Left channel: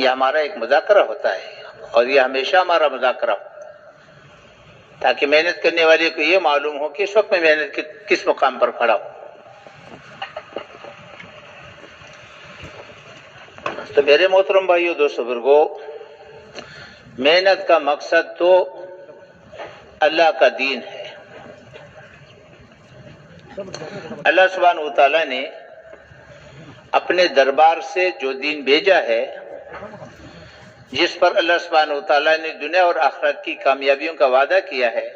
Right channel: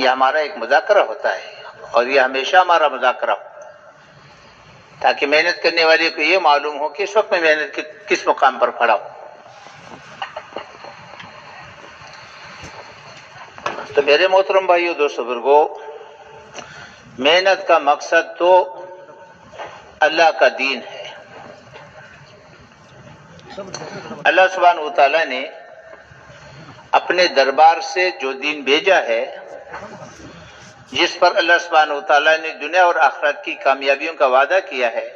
یہ ہمارا ایک مذاکرہ ہوتا ہے اور یہ ہمیشہ ہمارا مذاکرہ ہو، تاکہ محنت کرنے والے کو یہ معلوم ہو کہ اس وقت میں محنت کس مقام پر کھڑا ہوں۔ تو میرے محترم بھائیو، دوستو، بزرگو، محنت کا مقصد تو اللہ کا دین ہے۔ اللہ سبحانہ وتعالی نے اپنے دربار سے جو دین بھیجا ہے، جس پر اللہ سبحانہ وتعالی نے دنیا اور آخرت کی کامیابیوں کا وعدہ کیا ہے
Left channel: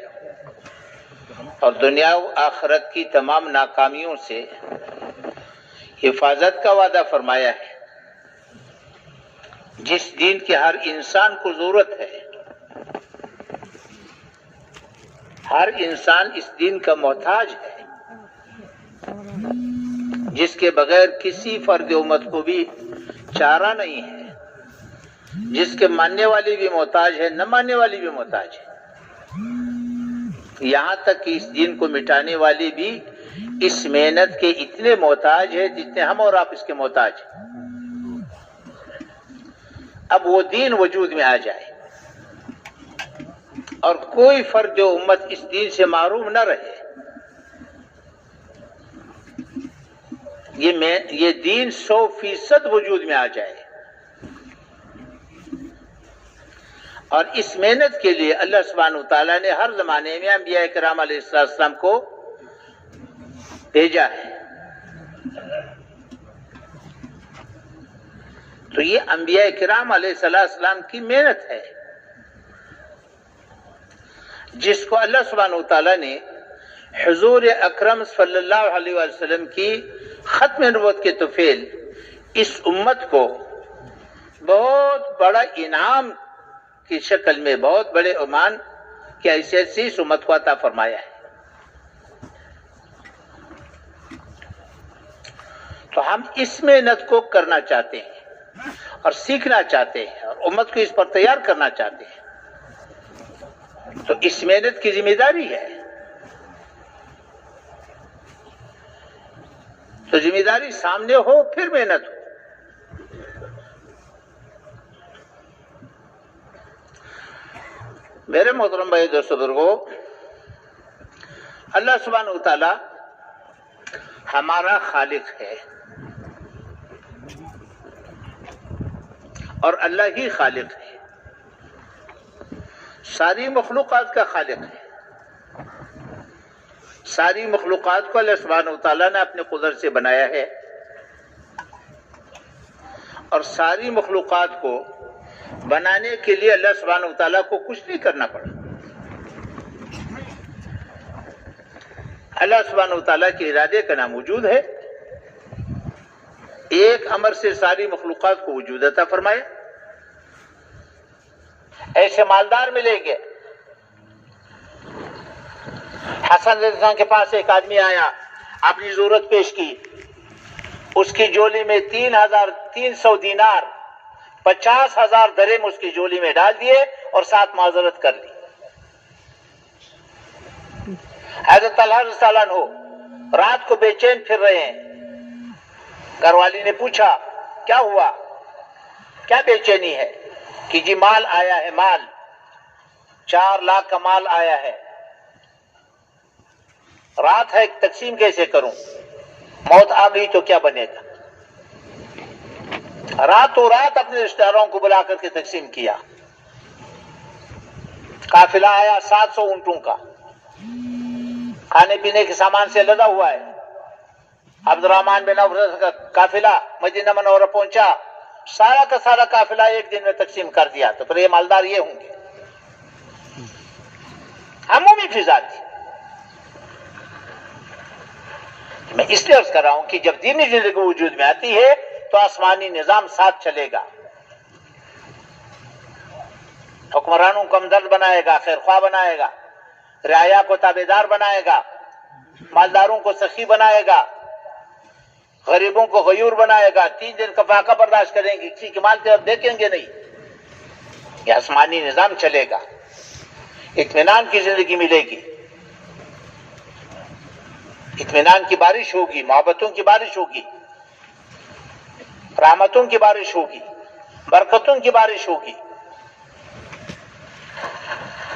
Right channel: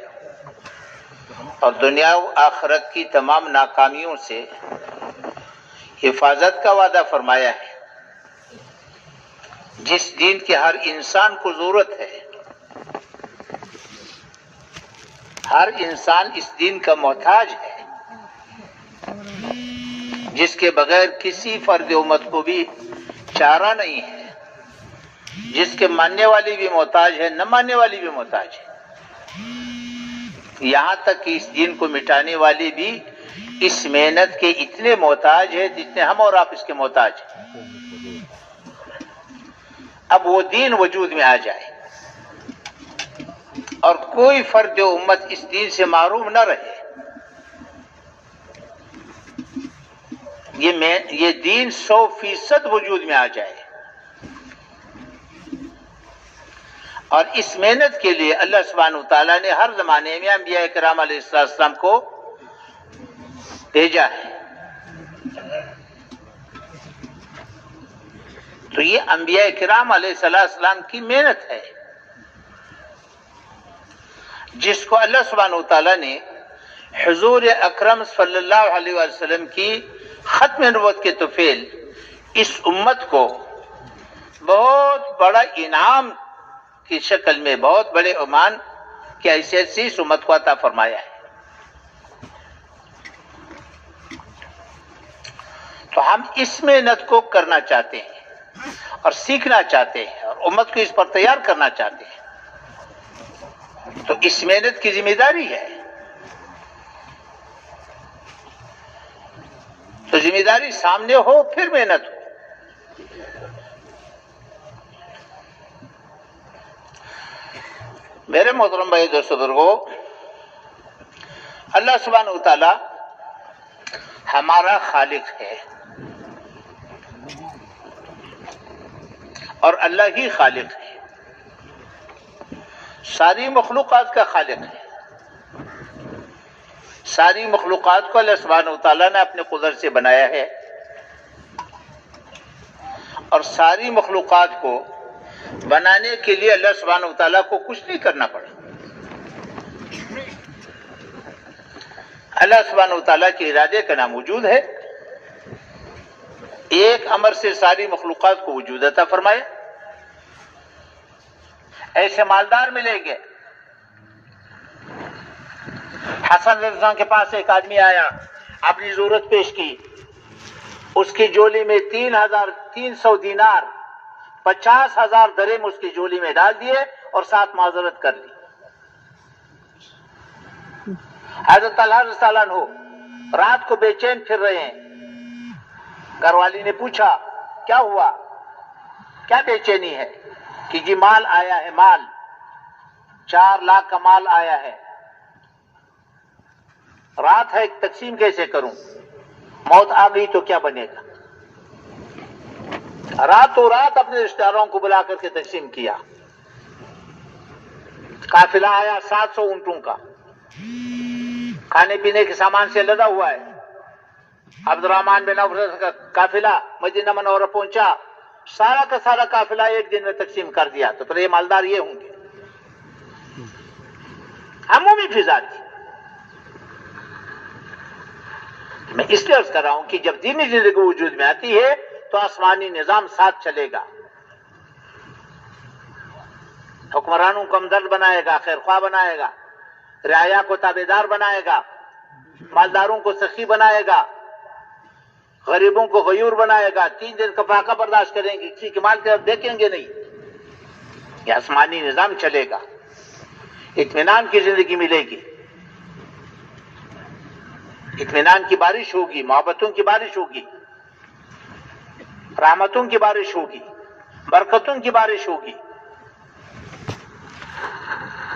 اور دنیا و آخرت کی تمام ناکامیوں سے حفاظت کا وعدہ فرمایا ہے، جس دین کی ہر انسان کو ضرورت ہے، ہر انسان اس دین کا محتاج ہے، جس کے بغیر کسی فرد امت کو بھی چارہ نہیں ہے، جس کے ماننے والی بھی محتاج ہے، نہ ماننے والی بھی محتاج ہے، یہاں تک کہ اس دین کو مٹانے والی بھی اس محنت کے اتنے محتاج ہے جتنے ہم اور آپ اس کے محتاج ہیں۔ اب وہ دین وجود میں آ جائے اور کوئی فرد امت اس دین سے محروم نہ رہے، یہ دین 100% وجود میں آ جائے، اور اس محنت کے لیے اللہ سبحانہ وتعالیٰ نے ہر زمانے میں انبیاء کرام علیہ السلام کو بھیجا ہے۔ تو یہ انبیاء کرام علیہ السلام کی محنت ہے، جس کو اللہ سبحانہ وتعالیٰ نے حضور اکرم صلی اللہ علیہ وسلم کی ختم نبوت کے طفیل اس امت کو بہت بڑا انعام کی شکل میں، بہت بڑے عنوان کی حیثیت سے اس امت کو عطا فرمایا ہے۔ تو ہم اس محنت کو کرنا چاہتے ہیں اور سیکھنا چاہتے ہیں اور امت کو اس پر تیار کرنا چاہتے ہیں، تو اس محنت کی ذمہ داری ہے۔ تو ذمہ داری سامنے ہو پھر محنت ہو۔ میرے محترم بھائی، دوستو، بزرگو، اللہ سبحانہ وتعالی ہمارا خالق ہے اور اللہ ہی خالق ہے، ساری مخلوقات کا خالق ہے۔ ساری مخلوقات کو اللہ سبحانہ وتعالی نے اپنے قدرت سے بنایا ہے، اور ساری مخلوقات کو بنانے کے لیے اللہ سبحانہ وتعالی کو کچھ نہیں کرنا پڑا۔ اللہ سبحانہ وتعالی کے ارادے کا نام وجود ہے، ایک امر سے ساری مخلوقات کو وجود عطا فرمایا۔ ایسے مالدار ملیں گے۔ حسن رضی اللہ عنہ کے پاس ایک آدمی آیا، اپنی ضرورت پیش کی، اس کی جولی میں 3,300 دینار، 50,000 درہم اس کی جولی میں ڈال دیے اور ساتھ معذرت کر لی۔ حضرت طلحہ رضی اللہ عنہ رات کو بے چین پھر رہے ہیں۔ گھر والی نے پوچھا کیا ہوا، کیا بے چینی ہے؟ کہ جی مال آیا ہے، مال 4 لاکھ کا مال آیا ہے، رات ہے تقسیم کیسے کروں، موت آ گئی تو کیا بنے گا؟ راتوں رات اپنے رشتہ داروں کو بلا کر کے تقسیم کیا۔ قافلہ آیا 700 اونٹوں کا، کھانے پینے کے سامان سے لدا ہوا ہے۔ عبد الرحمن بن عوف کا قافلہ مدینہ منورہ پہنچا، سارا کا سارا قافلہ ایک دن میں تقسیم کر دیا۔ تو پھر یہ مالدار یہ ہوں گے، عمومی فضا تھی۔ میں اس لیے عرض کر رہا ہوں کہ جب دینی زندگی وجود میں آتی ہے تو آسمانی نظام ساتھ چلے گا، حکمرانوں کو ہمدرد بنائے گا، خیر خواہ بنائے گا، رعایا کو تابعدار بنائے گا، مالداروں کو سخی بنائے گا، غریبوں کو غیور بنائے گا، 3 دن کا فاقہ برداشت کریں گے، کسی کے مال کی طرف دیکھیں گے نہیں۔ یہ آسمانی نظام چلے گا، اطمینان کی زندگی ملے گی، اطمینان کی بارش ہوگی، محبتوں کی بارش ہوگی، رحمتوں کی بارش ہوگی، برکتوں کی بارش ہوگی،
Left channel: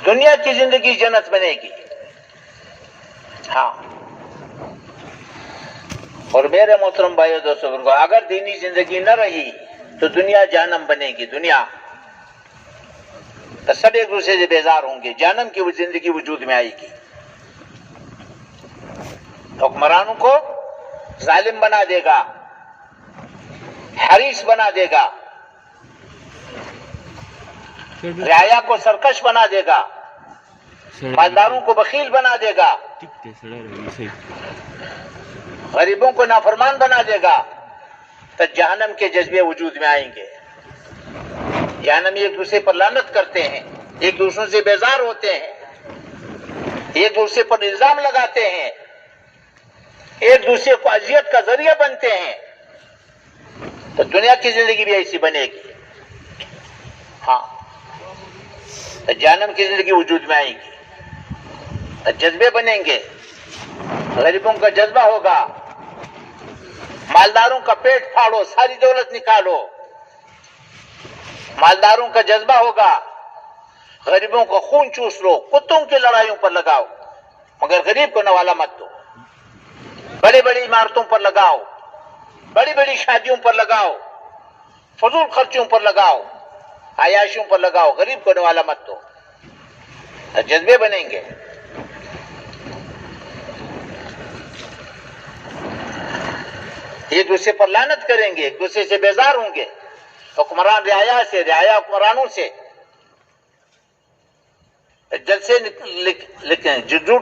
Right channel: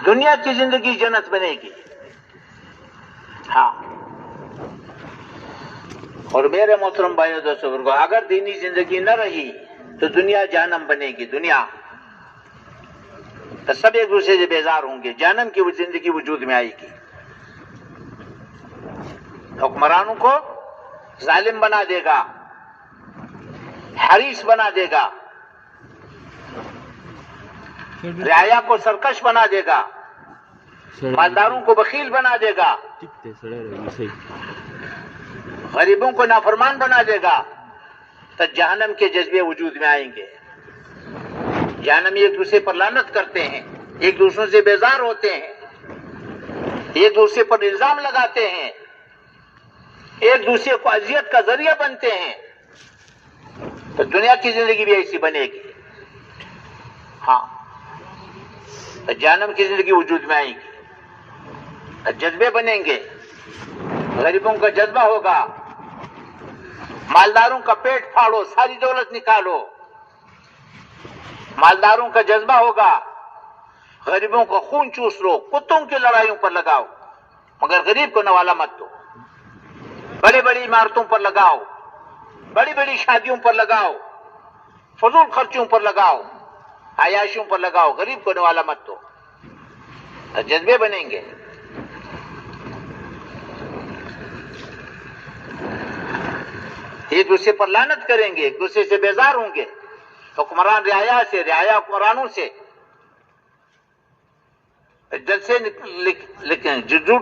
دنیا کی زندگی جنت بنے گی. ہاں، اور میرے محترم بھائیو دوستو، اگر دینی زندگی نہ رہی تو دنیا جہنم بنے گی. دنیا تو سب ایک دوسرے سے بیزار ہوں گے، جہنم کی وہ زندگی وجود میں آئے گی. حکمرانوں کو ظالم بنا دے گا، حریص بنا دے گا، رعایا کو سرکش بنا دے گا، مالداروں کو بخیل بنا دے گا، غریبوں کو نافرمان بنا دے گا. تو جہنم کے جذبے وجود میں آئیں گے. جہنمی ایک دوسرے پر لعنت کرتے ہیں، ایک دوسرے سے بیزار ہوتے ہیں، ایک دوسرے پر الزام لگاتے ہیں، ایک دوسرے کو اذیت کا ذریعہ بنتے ہیں. تو دنیا کی زندگی بھی ایسی بنے گی. ہاں، تو جہنم کی زندگی وجود میں آئے گی. تو جذبے بنیں گے، غریبوں کا جذبہ ہوگا، مالداروں کا پیٹ پھاڑو، ساری دولت نکالو. مالداروں کا جذبہ ہوگا، غریبوں کا خون چوس لو، کتوں کی لڑائیوں پر لگاؤ، مگر غریب کو نوالا مت دو. بڑی بڑی عمارتوں پر لگاؤ، بڑی بڑی شادیوں پر لگاؤ، فضول خرچوں پر لگاؤ، عیاشیوں پر لگاؤ، غریب کو نوالا مت دو. جذبے بنیں گے. ایک دوسرے پر لعنت کریں گے، ایک دوسرے سے بیزار ہوں گے، حکمران رعایا سے، رعایا حکمرانوں سے. جلسے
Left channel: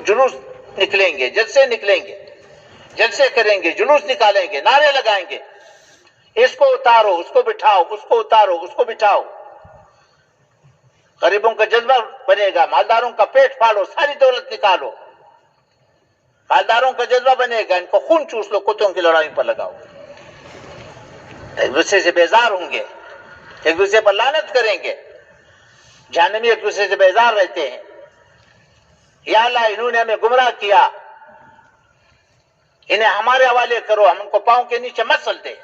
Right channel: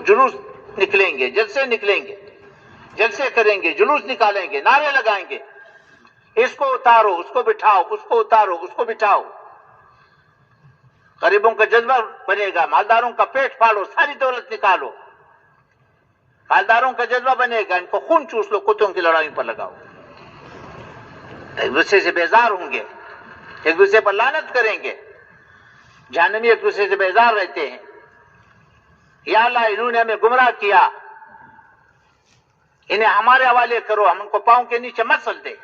جلوس نکلیں گے، جلسے نکلیں گے، جلسے کریں گے، جلوس نکالیں گے، نعرے لگائیں گے، اس کو اتارو، اس کو بٹھاؤ، اس کو اتارو، اس کو بٹھاؤ. غریبوں کا جذبہ بنے گا، مالداروں کا پیٹ پھاڑو، ساری دولت نکالو. مالداروں کا جذبہ بنے گا، ان کو خون چوس لو، کتوں کی لڑائیوں پر لگاؤ. ایک دوسرے سے بیزار ہوں گے، ایک دوسرے پر لعنت کریں گے. جہنمی ایک دوسرے سے بیزار رہتے ہیں. یا اللہ انہوں نے ہمیں گمراہ کیا، انہیں ہمارے حوالے کرو، ہم ان کو پاؤں کے نیچے مسل دے.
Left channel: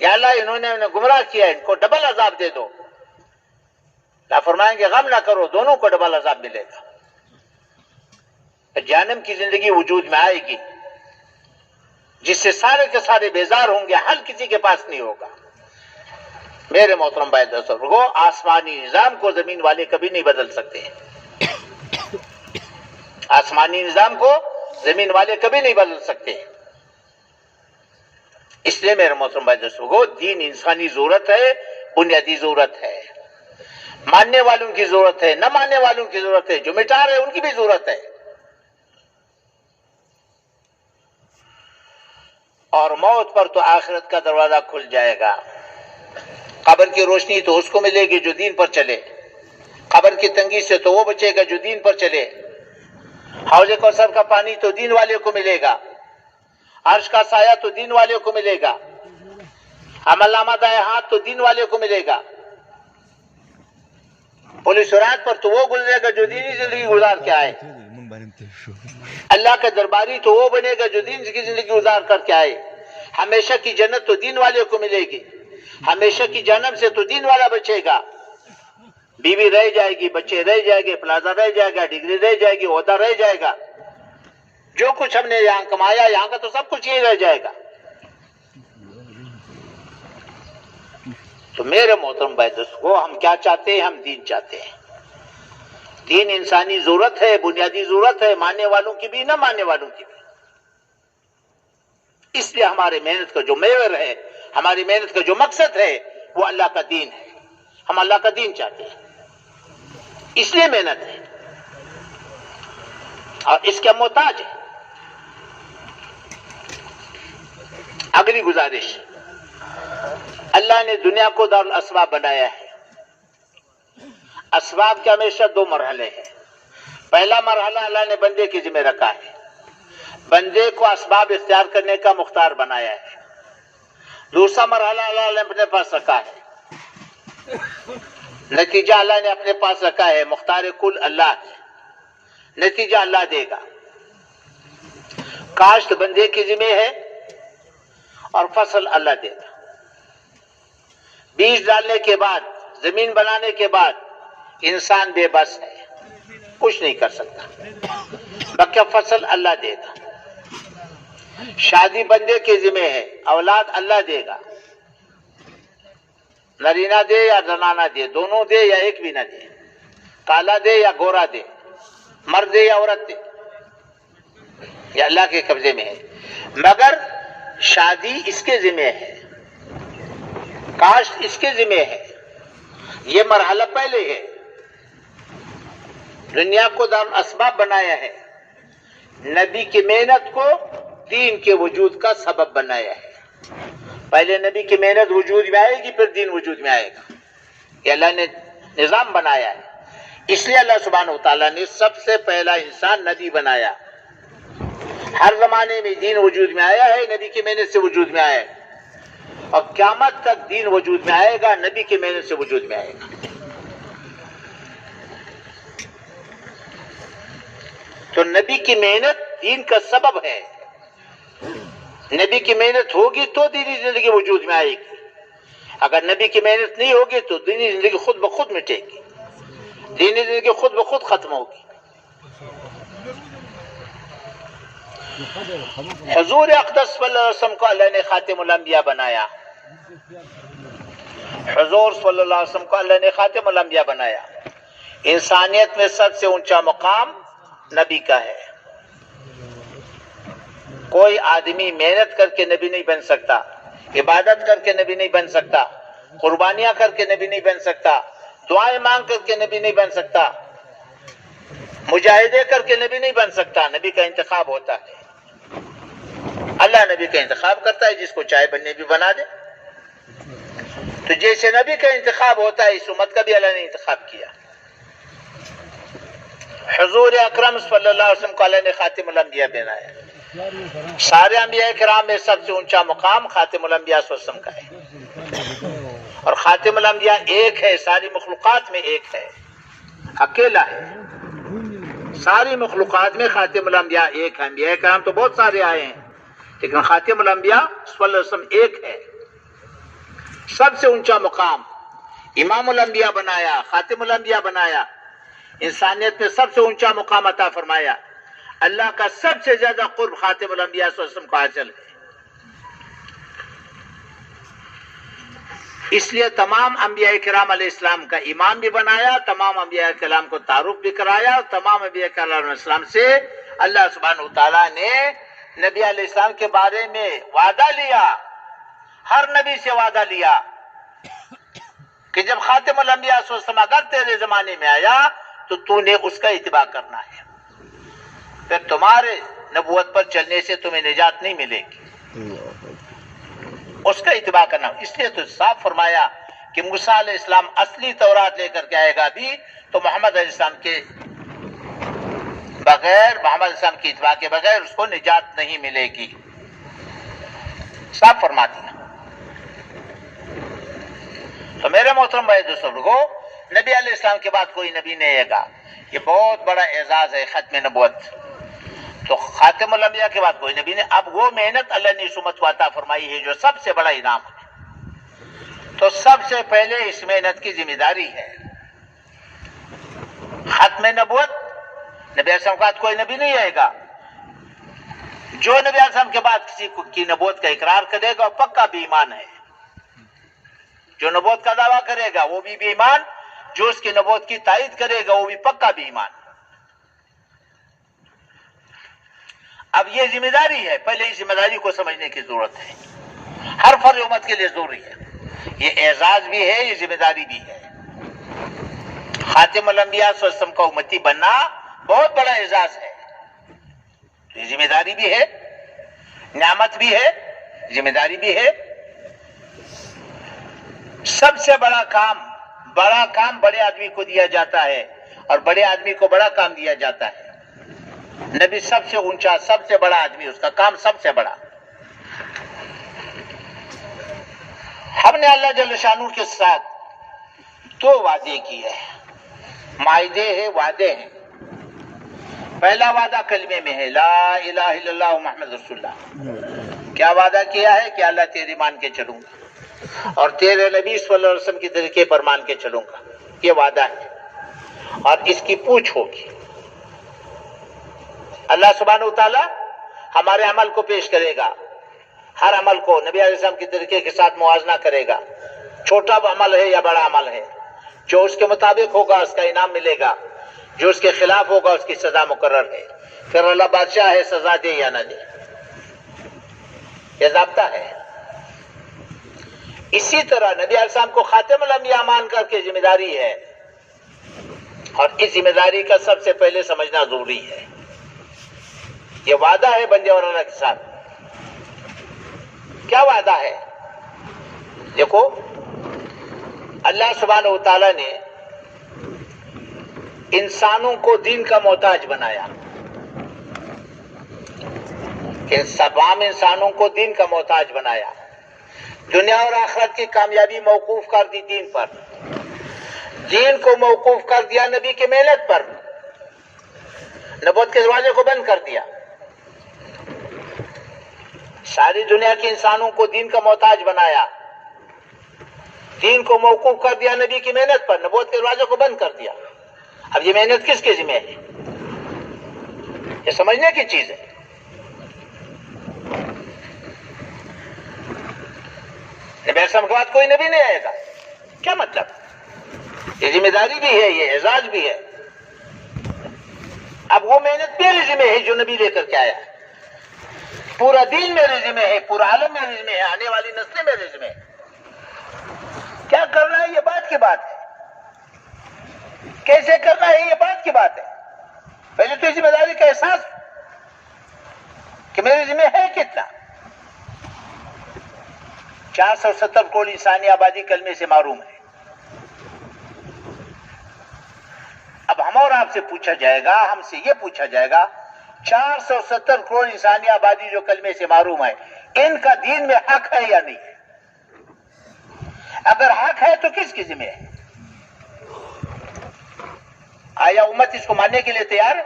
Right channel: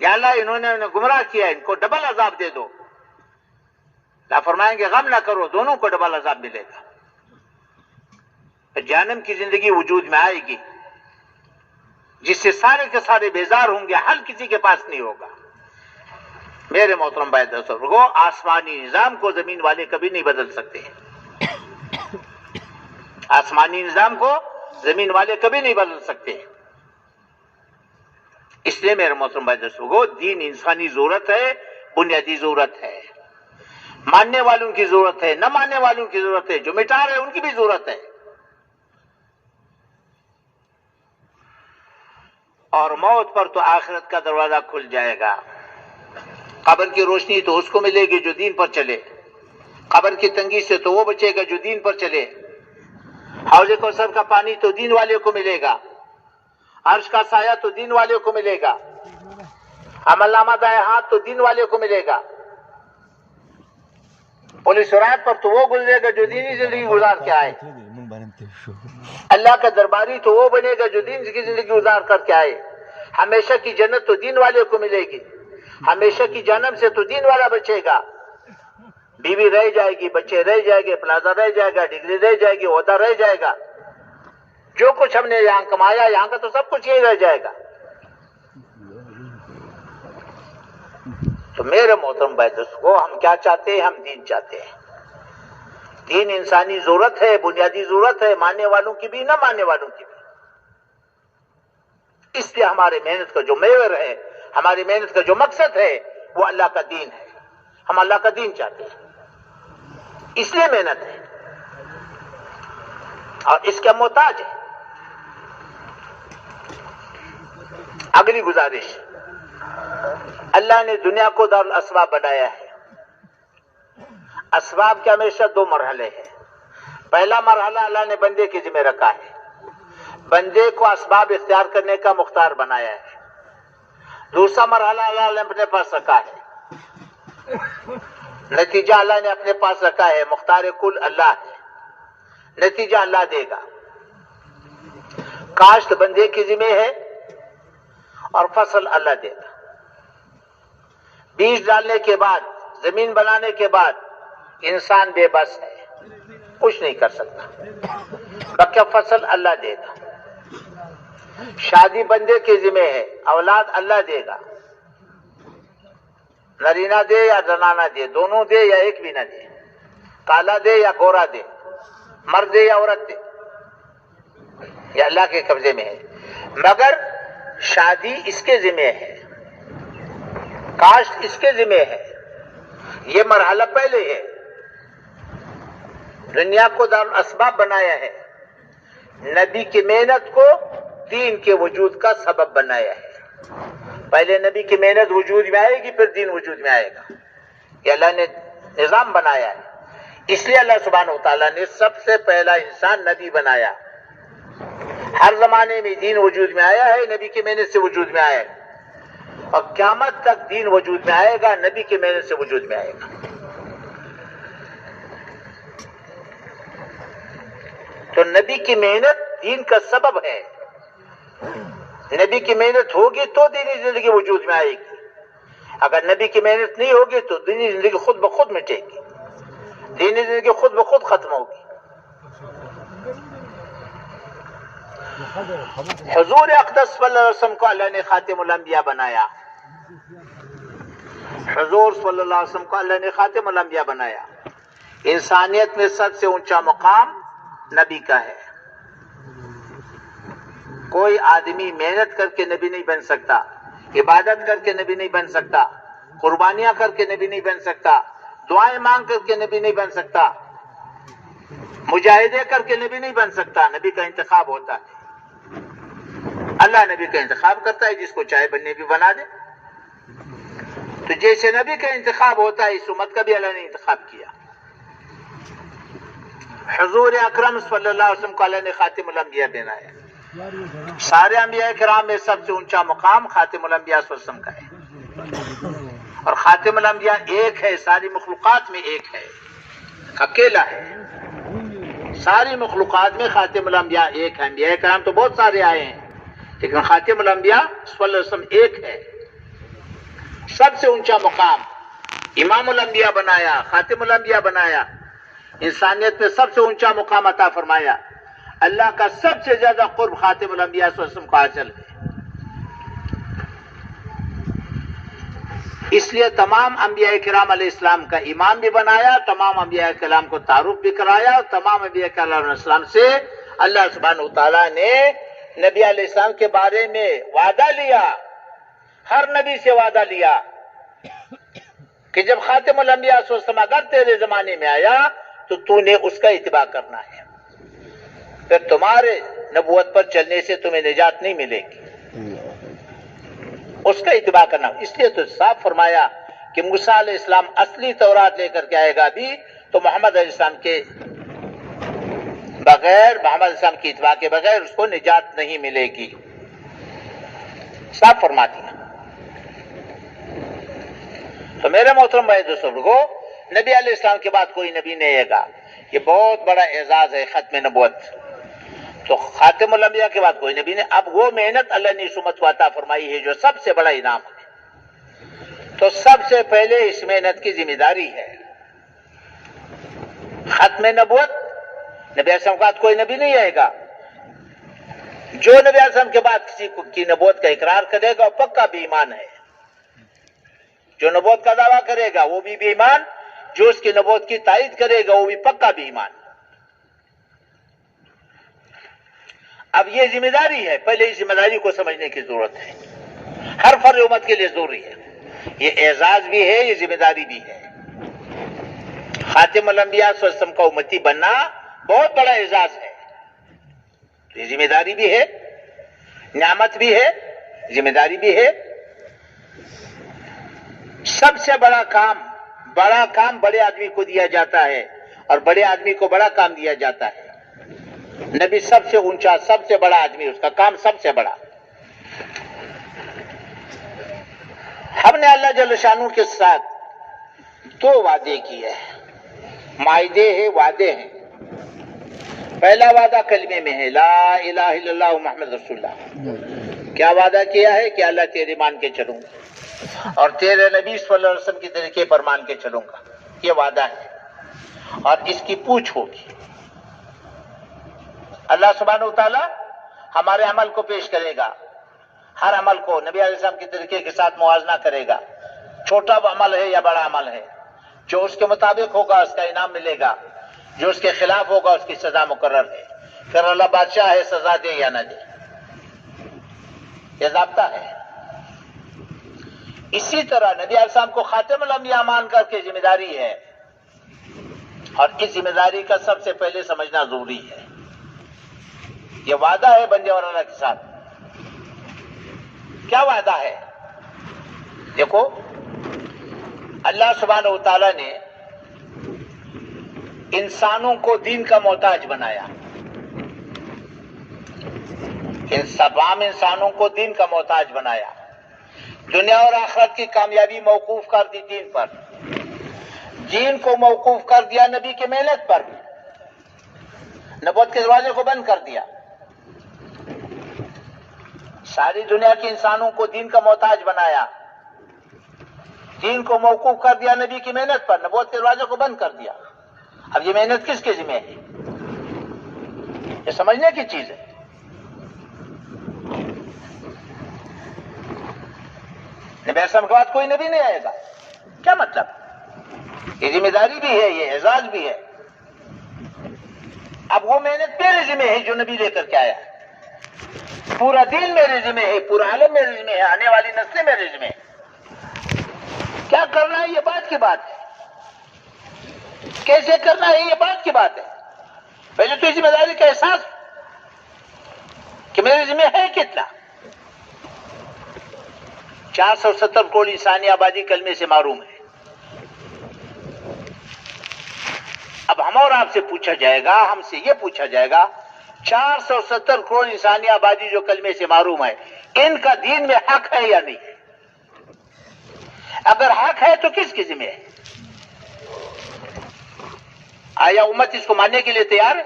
یا اللہ انہوں نے ہمیں گمراہ کیا، ان کو ڈبل عذاب دے دو. اللہ فرمائیں گے غم نہ کرو، دونوں کو ڈبل عذاب ملے گا. جہنم کی زندگی وجود میں آئے گی، جس سے سارے کے سارے بیزار ہوں گے، حل کسی کے پاس نہیں ہوگا. میرے محترم بھائی دوستو، آسمانی نظام کو زمین والے کبھی نہیں بدل سکتے. آسمانی نظام کو زمین والے کبھی نہیں بدل سکتے. اس لیے میرے محترم بھائی دوستو، دین انسانی ضرورت ہے، بنیادی ضرورت ہے. ماننے والوں کی ضرورت ہے، نہ ماننے والوں کی ضرورت ہے، جو مٹا رہے ان کی بھی ضرورت ہے. اور موت پر تو آخرت کا دروازہ کھل جائے گا. قبر کی روشنی تو اس کو ملے گی جو دین پر چلے، قبر کی تنگی سے تو وہ بچے گا جو دین پر چلے. حوض کوثر کا پانی تو دین والے کو ملے گا، عرش کا سایہ تو دین والے کو ملے گا، عمل نامہ دائیں ہاتھ تو دین والے کو ملے گا. پولیس رات پر تو وہ گزرے گا جو دینی زندگی گزار کے آئے. اللہ کا درباری تو وہ بنے گا جو دین کی زندگی گزار کر کے آئے. ہمیشہ کی جنت تو دین والے کو ملے گی، ہمیشہ کی جہنم سے تو دین والا بچے گا. بیوی رہ جائے گی، بچے رہ جائے گے، پلازا رہ جائے گا، ڈگری رہ جائے گی، عہدہ رہ جائے گا. جو کچھ ہم نے یہاں کمایا، یہاں کا تو سب کچھ یہی رہ جائے گا. تو میرے محترم بھائی دوستو، ہم کیا چاہتے ہیں؟ ہم دین چاہتے ہیں. دین انسانی ضرورت ہے، بنیادی ضرورت ہے، ماننے والوں کی بھی، نہ ماننے والوں کی بھی. اس لیے ہمارے محنت کا جو محور ہے، ہماری محنت کا جو مقصد ہے، وہ اللہ کا دین ہے. ہم اللہ کا دین چاہتے ہیں، اس لیے محنت ہے اور اس کے محتاج ہے. اگلی گزارش، اللہ نے دنیا کو دارالاسباب بنایا ہے. اسباب کے ہمیشہ دو مرحلے ہیں. پہلا مرحلہ اللہ نے بندے کے ذمہ رکھا ہے، بندے کو اسباب اختیار کرنے کا مختار بنایا ہے. دوسرا مرحلہ اللہ نے اپنے پاس رکھا ہے، نتیجہ اللہ نے اپنے پاس رکھا ہے. مختار کل اللہ ہے، نتیجہ اللہ دے گا. کاشت بندے کے ذمہ ہے اور فصل اللہ دے گا. بیج ڈالنے کے بعد، زمین بنانے کے بعد انسان بے بس ہے، کچھ نہیں کر سکتا، بقیہ فصل اللہ دے گا، شادی بندے کے ذمہ ہے، اولاد اللہ دے گا، نرینہ دے یا زنانہ دے، دونوں دے یا ایک بھی نہ دے، کالا دے یا گورا دے، مرد دے یا عورت دے، یہ اللہ کے قبضے میں ہے، مگر شادی اس کے ذمہ ہے، کاشت اس کے ذمہ ہے، یہ مرحلہ پہلے ہے، دنیا کو دار الاسباب بنایا ہے، نبی کی محنت کو دین کے وجود کا سبب بنایا ہے، پہلے نبی کی محنت وجود میں آئے گی، پھر دین وجود میں آئے گا، یہ اللہ نے نظام بنایا ہے، اس لیے اللہ سبحانہ وتعالیٰ نے سب سے پہلا انسان نبی بنایا، ہر زمانے میں دین وجود میں آیا ہے، نبی کی محنت سے وجود میں آیا ہے، اور قیامت تک دین وجود میں آئے گا، نبی کی محنت سے وجود میں آئے گا۔ تو نبی کی محنت دین کا سبب ہے، نبی کی محنت ہوگی تو دینی زندگی وجود میں آئے گی، اگر نبی کی محنت نہیں ہوگی تو دینی زندگی خود بخود مٹے گی، دینی زندگی خود بخود ختم ہوگی۔ حضور اقدس صلی اللہ علیہ وسلم کو اللہ نے خاتم الانبیاء بنایا، حضور صلی اللہ علیہ وسلم کو اللہ نے خاتم الانبیاء بنایا، انسانیت میں سب سے اونچا مقام نبی کا ہے، کوئی آدمی محنت کر کے نبی نہیں بن سکتا، عبادت کر کے نبی نہیں بن سکتا، قربانیاں کر کے نبی نہیں بن سکتا، دعائیں مانگ کر کے نبی نہیں بن سکتا، مجاہدے کر کے نبی نہیں بن سکتا، نبی کا انتخاب ہوتا ہے، اللہ نبی کا انتخاب کرتا ہے، جس کو چاہے بننے بھی بنا دے، تو جیسے نبی کا انتخاب ہوتا ہے اس امت کا بھی اللہ نے انتخاب کیا۔ حضور اکرم صلی اللہ علیہ وسلم کو اللہ نے خاتم الانبیاء بنایا، سارے انبیاء کرام میں سب سے اونچا مقام خاتم الانبیاء صلی اللہ علیہ وسلم کا ہے، اور خاتم الانبیاء ایک ہے، ساری مخلوقات میں ایک ہے، اکیلا ہے، ساری مخلوقات میں خاتم الانبیاء ایک ہے، انبیاء کرام تو بہت سارے آئے ہیں لیکن خاتم الانبیاء صلی اللہ علیہ وسلم ایک ہے، سب سے اونچا مقام، امام الانبیاء بنایا، خاتم الانبیاء بنایا، انسانیت میں سب سے اونچا مقام عطا فرمایا، اللہ کا سب سے زیادہ قرب خاتم الانبیاء صلی اللہ علیہ وسلم کو حاصل ہے، اس لیے تمام انبیاء کرام علیہ السلام کا امام بھی بنایا، تمام انبیاء کرام کو تعارف بھی کرایا، تمام انبیاء کرام علیہ السلام سے اللہ سبحانہ وتعالیٰ نے نبی علیہ السلام کے بارے میں وعدہ لیا، ہر نبی سے وعدہ لیا کہ جب خاتم الانبیاء صلی اللہ علیہ وسلم اگر تیرے زمانے میں آیا تو نے اس کا اتباع کرنا ہے، پھر تمہارے نبوت پر چلنے سے تمہیں نجات نہیں ملے گی، اس کا اتباع کرنا، اس لیے تو صاف فرمایا کہ موسیٰ علیہ السلام اصلی تورات لے کر کے آئے گا بھی تو محمد علیہ السلام کے بغیر، محمد علیہ السلام کی اتباع کے بغیر اس کو نجات نہیں ملے گی، صاف فرما دیا۔ تو میرے محترم بھائی دوستو، نبی علیہ السلام کے بعد کوئی نبی نہیں آئے گا، یہ بہت بڑا اعزاز ہے ختم نبوت، تو خاتم الانبیاء کے بعد کوئی نبی نہیں، اب وہ محنت اللہ نے اس امت کو عطا فرمائی ہے جو سب سے بڑا انعام ہے، تو سب سے پہلے اس محنت کی ذمہ داری ہے ختم نبوت، نبی علیہ السلام کے بعد کوئی نبی نہیں آئے گا، جو نبی علیہ السلام کے بعد کسی کی نبوت کا اقرار کرے گا پکا بے ایمان ہے، جو نبوت کا دعویٰ کرے گا وہ بھی بے ایمان، جو اس کی نبوت کی تائید کرے گا وہ بھی پکا بے ایمان۔ اب یہ ذمہ داری ہے، پہلے اس ذمہ داری کو سمجھنے کی ضرورت ہے، ہر فرد امت کے لیے ضروری ہے، یہ اعزاز بھی ہے، یہ ذمہ داری بھی ہے، خاتم الانبیاء صلی اللہ علیہ وسلم کا امتی بننا بہت بڑا اعزاز ہے، یہ ذمہ داری بھی ہے، نعمت بھی ہے، ذمہ داری بھی ہے، سب سے بڑا کام بڑے آدمی کو دیا جاتا ہے اور بڑے آدمی کو بڑا کام دیا جاتا ہے، نبی سب سے اونچا، سب سے بڑا آدمی، اس کا کام سب سے بڑا۔ ہم نے اللہ جل شانہ کے ساتھ دو وعدے کیے ہیں، معاہدے ہیں، وعدے ہیں۔ پہلا وعدہ کلمے میں ہے، لا الہ الا اللہ محمد رسول اللہ، کیا وعدہ کیا ہے کہ اللہ تیرے مان کے چلوں گا، اور تیرے نبی صلی اللہ علیہ وسلم کے طریقے پر مان کے چلوں گا، یہ وعدہ ہے، اور اس کی پوچھ ہوگی۔ اللہ سبحانہ وتعالی ہمارے عمل کو پیش کرے گا، ہر عمل کو نبی علیہ السلام کے طریقے کے ساتھ موازنہ کرے گا، چھوٹا عمل ہے یا بڑا عمل ہے، جو اس کے مطابق ہوگا اس کا انعام ملے گا، جو اس کے خلاف ہوگا اس کی سزا مقرر ہے۔ پھر اللہ بادشاہ ہے، سزا دے یا نہ دے، یہ ضابطہ ہے۔ اسی طرح نبی علیہ السلام کو خاتم الانبیاء مان کر کے ذمہ داری ہے، اور اس ذمہ داری کا سب سے پہلے سمجھنا ضروری ہے۔ یہ وعدہ ہے بندے اور اللہ کے ساتھ۔ کیا وعدہ ہے؟ دیکھو، اللہ سبحانہ وتعالی نے انسانوں کو دین کا محتاج بنایا، تمام انسانوں کو دین کا محتاج بنایا، دنیا اور آخرت کی کامیابی موقوف کر دی دین پر، دین کو موقوف کر دیا نبی کی محنت پر، نبوت کے دروازے کو بند کر دیا۔ ساری دنیا کے انسانوں کو دین کا محتاج بنایا، دین کو موقوف کر دیا نبی کی محنت پر، نبوت کے دروازے کو بند کر دیا۔ اب یہ محنت کس کے ذمہ ہے؟ یہ سمجھنے کی چیز ہے۔ نبی علیہ السلام کے بعد کوئی نبی نہیں آئے گا، کیا مطلب؟ یہ ذمہ داری بھی ہے، یہ اعزاز بھی ہے۔ اب وہ محنت میرے ذمہ ہے جو نبی لے کر کے آیا، پورا دین میرے ذمہ ہے، پورا عالم میرے ذمہ ہے، آنے والی نسلیں میرے ذمہ ہے۔ کیا کرنا ہے یہ بات کی بات ہے، کیسے کرنا ہے یہ بات کی بات ہے۔ پہلے تو ذمہ داری کا احساس کہ میرے ذمہ ہے کتنا۔ 470 کروڑ انسانی آبادی کلمے سے محروم ہے۔ اب ہم اور آپ سے پوچھا جائے گا، ہم سے یہ پوچھا جائے گا، 470 کروڑ انسانی آبادی جو کلمے سے محروم ہے، ان کا دین میں حق ہے یا نہیں؟ اگر حق ہے تو کس کی ذمہ ہے؟ آیا امت اس کو ماننے کے لیے تیار ہے؟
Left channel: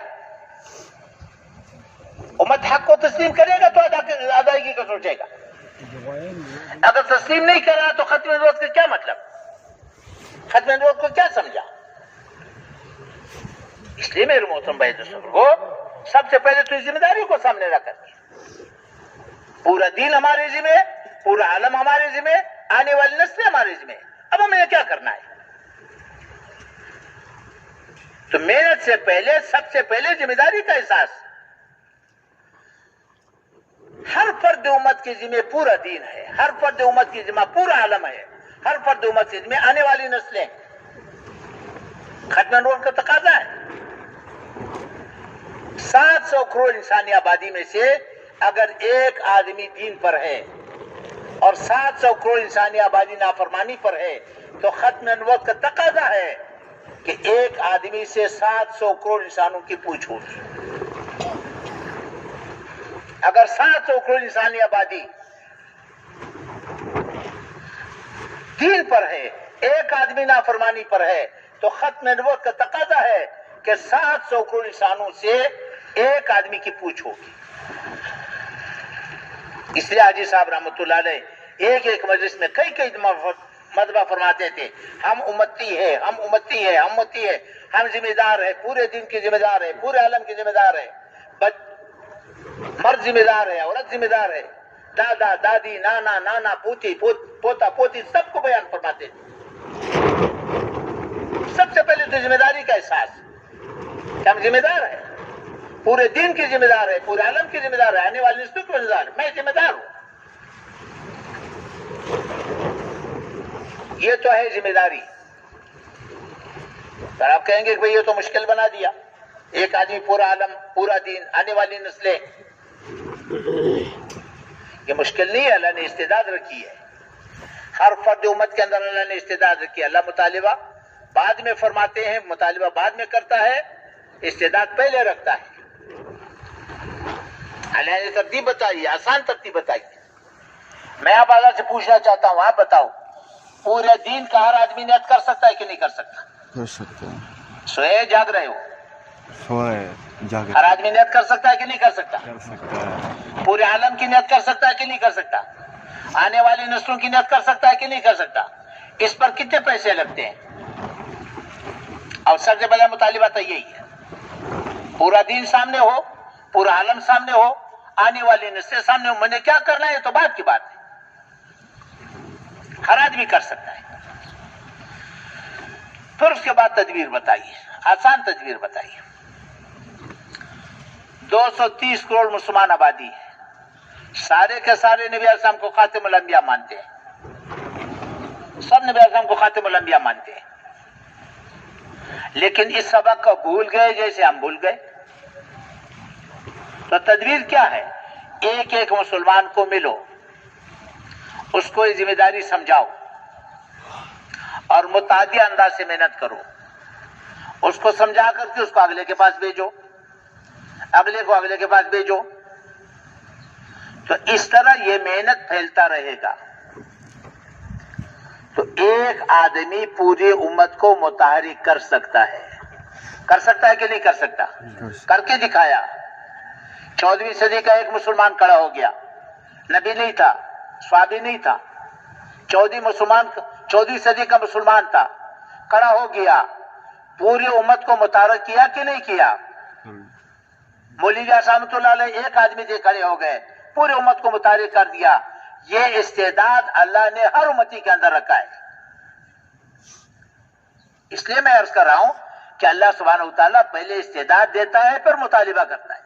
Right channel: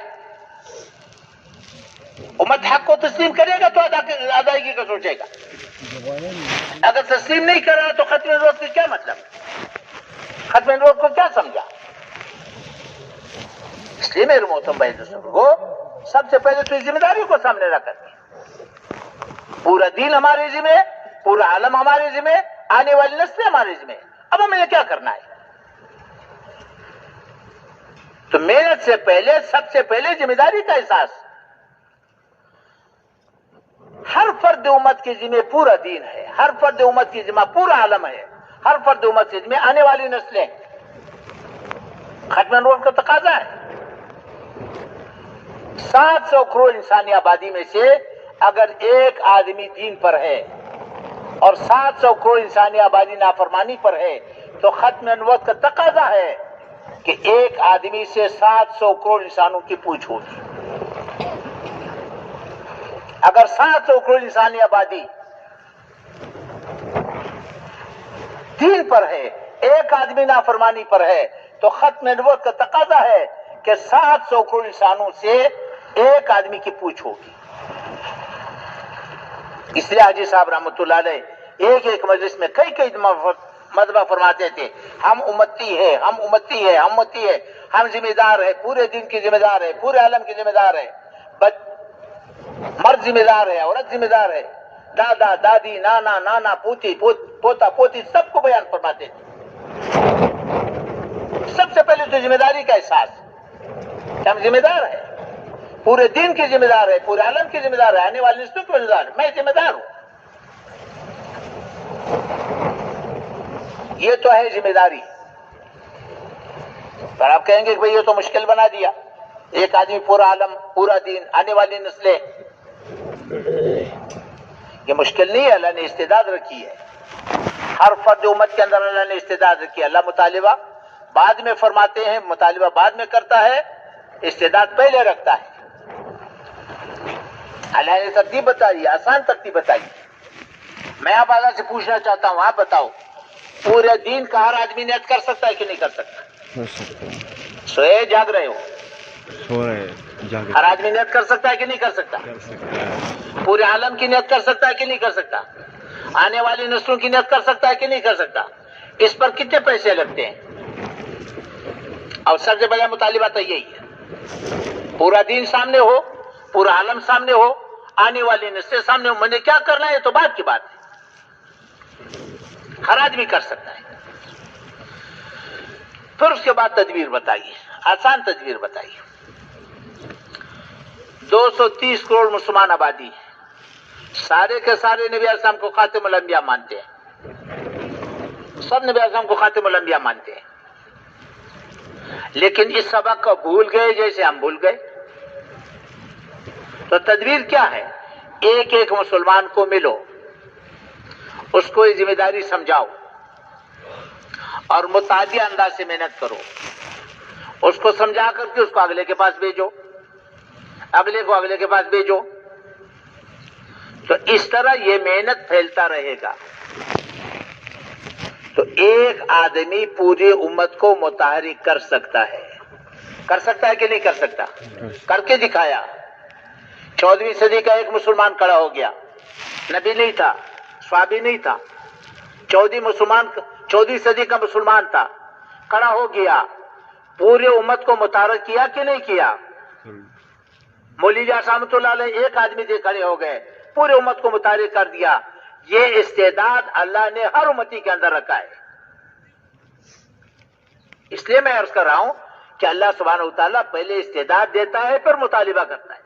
امت حق کو تسلیم کرے گا تو ادائیگی کا سوچے گا۔ اگر تسلیم نہیں کرا تو ختم نبوت سے کیا مطلب؟ ختم نبوت کو کیا سمجھا؟ اس لیے میرے محترم بھائی کو سب سے پہلے تو اس ذمہ داری کو سامنے رکھ کر، پورا دین ہمارے ذمہ، پورا عالم ہمارے ذمہ، آنے والی نسلیں ہمارے ذمہ۔ اب ہمیں کیا کرنا ہے؟ تو محنت سے پہلے سب سے پہلے ذمہ داری کا احساس۔ ہر فرد امت کے ذمہ پورا دین ہے، ہر فرد امت کی ذمہ پورا عالم ہے، ہر فرد امت کے ذمہ آنے والی نسلیں۔ ختم نبوت کا تقاضا ہے۔ 700 کروڑ انسانی آبادی میں سے اگر ایک آدمی دین پر ہے اور 700 کروڑ انسانی آبادی نافرمانی پر ہے تو ختم نبوت کا تقاضا ہے کہ ایک آدمی سے 700 کروڑ انسانوں کی پوچھ ہوگی۔ اگر 700 کروڑ انسانی آبادی دین پر ہے، ایک آدمی نافرمانی پر ہے، تو ختم نبوت کا تقاضا ہے کہ 700 کروڑ انسانوں سے ایک آدمی کی پوچھ ہوگی۔ اس لیے حاجی صاحب رحمۃ اللہ علیہ ایک مجلس میں کئی مرتبہ فرماتے تھے، ہم امتی ہے، ہم امتی ہے، ہم امتی ہے، ہم ذمہ دار ہے، پورے دین کی ذمہ دار ہے، پورے عالم کی ذمہ دار ہے، مرد ذمہ دار ہے، عورت ذمہ دار ہے، دادا دادی نانا نانا پوتی پوتا پوتی سب کو بیان فرماتے تھے۔ سب سے پہلے تو ذمہ داری کا احساس کہ ہم ذمہ دار ہیں، پورے دین کی ذمہ دار ہے، پورے عالم کی ذمہ دار ہے، آنے والی نسلوں کی ذمہ دار ہے، میں ذمہ دار ہوں۔ یہ تو ہے ذمہ داری۔ پر آپ کہیں گے کہ بھئی یہ تو مشکل بنا دیا، ایک آدمی پورا عالم، پورا دین، آنے والی نسلیں۔ یہ مشکل نہیں ہے، اللہ نے استعداد رکھی ہے، ہر فرد امت کے اندر اللہ نے استعداد رکھی ہے۔ اللہ مطالبہ بعد میں فرماتے ہیں، مطالبہ بعد میں کرتا ہے، استعداد پہلے رکھتا ہے۔ اللہ نے ترتیب بتائی، آسان ترتیب بتائی۔ میں آپ آزاد سے پوچھنا چاہتا ہوں، آپ بتاؤ، پورے دین کا ہر آدمی نیت کر سکتا ہے کہ نہیں کر سکتا؟ کر سکتا ہے۔ سوئے جاگ رہے ہو؟ سوئے جاگ ہر آدمی نیت کر سکتا ہے کہ نہیں کر سکتا؟ کر سکتا ہے۔ پورے عالم کی نیت کر سکتا ہے کہ نہیں کر سکتا؟ آنے والی نسلوں کی نیت کر سکتا ہے کہ نہیں کر سکتا؟ اس پر کتنے پیسے لگتے ہیں؟ اور سب سے بڑا مطالبہ تو یہی ہے، پورا دین سامنے ہو، پورا عالم سامنے ہو، آنے والی نسلیں سامنے ہو. میں نے کیا کرنا ہے یہ تو بات کی بات ہے، ہر آدمی کر سکتا ہے. پھر اس کے بعد تدبیر بتائیے، آسان تدبیر بتائیے. 230 کروڑ مسلمان آبادی ہے، سارے کے سارے نبی علیہ السلام کو خاتم الانبیاء مانتے ہیں، سب نبی علیہ السلام کو خاتم الانبیاء مانتے ہیں، لیکن اس سبق کو بھول گئے جیسے ہم بھول گئے. تو تدبیر کیا ہے؟ ایک ایک مسلمان کو ملو، اس کو یہ ذمہ داری سمجھاؤ اور متعدی انداز سے محنت کرو. اس کو سمجھا کر کے اس کو اگلے کے پاس بھیجو، اگلے کو اگلے کے پاس بھیجو. تو اس طرح یہ محنت پھیلتا رہے گا. تو ایک آدمی پوری امت کو متحرک کر سکتا ہے. کر سکتا ہے کہ نہیں کر سکتا؟ کر کے دکھایا. 14ویں صدی کا ایک مسلمان کھڑا ہو گیا، نبی نہیں تھا، صحابی نہیں تھا، 14ویں صدی کا مسلمان تھا، کھڑا ہو گیا، پوری امت کو متحرک کیا کہ نہیں کیا؟ مولوی رحمۃ اللہ علیہ ایک آدمی سے کھڑے ہو گئے، پوری امت کو متحرک کر دیا. یہ استعداد اللہ نے ہر امتی کے اندر رکھا ہے. اس لیے میں عرض کر رہا ہوں کہ اللہ سبحانہ وتعالیٰ پہلے استعداد دیتا ہے پھر مطالبہ کرتا ہے.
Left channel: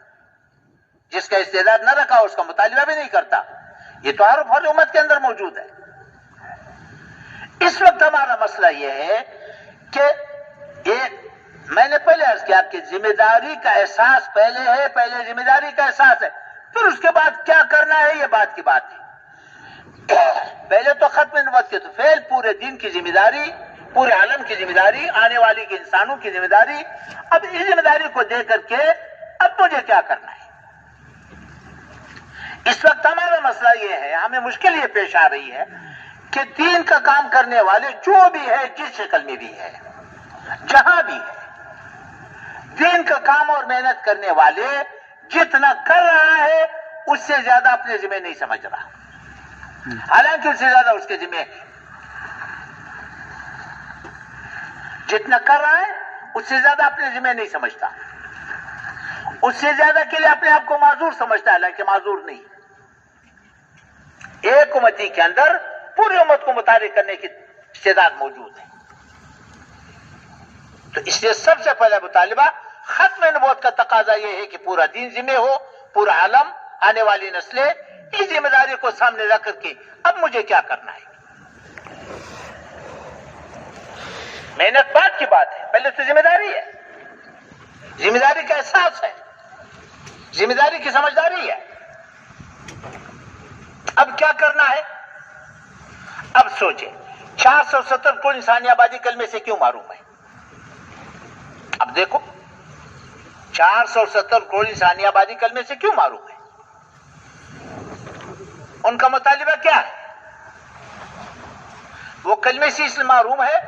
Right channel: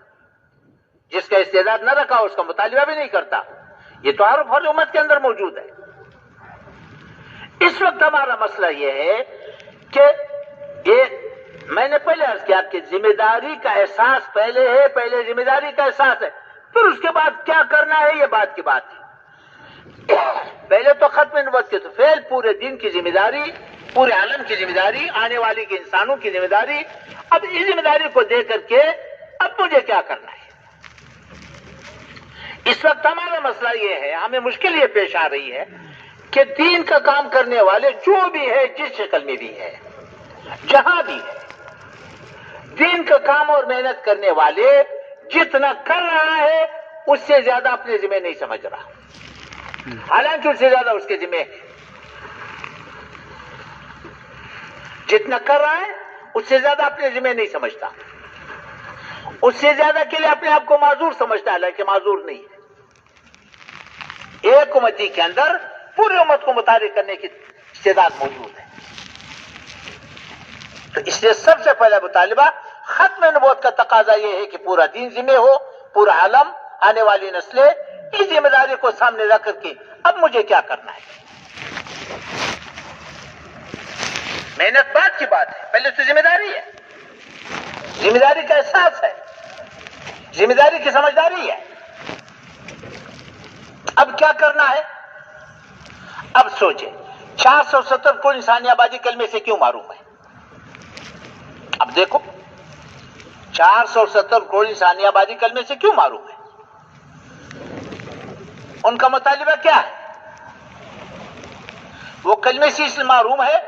جس کا استعداد نہ رکھا اس کا مطالبہ بھی نہیں کرتا. یہ تو ہر امت کے اندر موجود ہے. اس وقت ہمارا مسئلہ یہ ہے کہ میں نے پہلے عرض کیا کہ ذمہ داری کا احساس پہلے ہے، پہلے ذمہ داری کا احساس ہے، پھر اس کے بعد کیا کرنا ہے یہ بات کی بات ہے. پہلے تو ختم نبوت کے تو فعل، پورے دین کی ذمہ داری، پورے عالم کی ذمہ داری، آنے والی کے انسانوں کی ذمہ داری. اب اس ذمہ داری کو دے کر کے اب مجھے کیا کرنا ہے؟ اس وقت ہمارا مسئلہ یہ ہے، ہمیں مشکل یہ پیش آ رہی ہے کہ دین کا کام کرنے والے جو بھی ہے، جس شکل میں بھی ہے، جہاں بھی ہے، دین کا کام اور محنت کرنے والے جتنا کر رہا ہے اس سے زیادہ اپنے ذمہ نہیں سمجھ رہا، حالانکہ اس سے زیادہ اس کے ذمہ ہے. جتنا کر رہا ہے اس سے زیادہ اپنے ذمہ نہیں سمجھتا، اس سے زیادہ کے لیے اپنے آپ کو معذور سمجھتا ہے، حالانکہ معذور نہیں ہے. ایک امتی کے اندر پوری امت کو متحرک کرنے کی استعداد موجود ہے. تو اس لیے سب سے پہلا مطالبہ ختم نبوت کا تقاضا یہ ہے کہ پورا دین ذمہ ہو، پورا عالم، آنے والی نسلیں اس ذمہ داری کو سامنے رکھ کر کے اب مجھے کیا کرنا ہے. محنت بعد کی بات ہے، پہلے تو ذمہ داری ہے، ذمہ داری کا احساس ہے، ذمہ داری کی سمجھداری ہے. اب کیا کرنا ہے؟ اب سوچیں، 470 کروڑ انسانی آبادی کلمے سے کیوں محروم ہے؟ اب دیکھو 470 کروڑ انسانی آبادی کلمے سے کیوں معروف ہے؟ ان کا مطالبہ کیا ہے؟ وہ کلمے سے اس لیے معروم ہے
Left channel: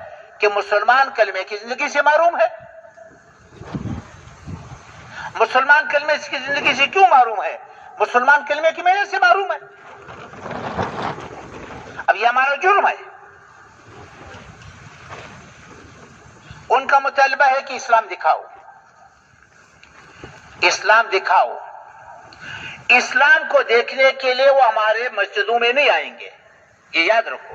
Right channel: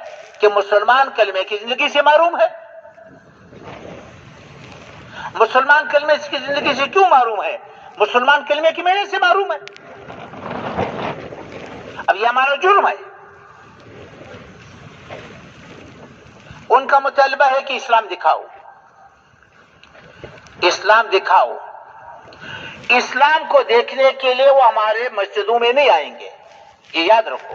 کہ مسلمان کلمے کی زندگی سے معروم ہے. مسلمان کلمے کی زندگی سے کیوں معروم ہے؟ مسلمان کلمے کی محنت سے معروم ہے. اب یہ ہمارا جرم ہے. ان کا مطالبہ ہے کہ اسلام دکھاؤ، اسلام دکھاؤ. اسلام کو دیکھنے کے لیے وہ ہمارے مسجدوں میں نہیں آئیں گے، یہ یاد رکھو.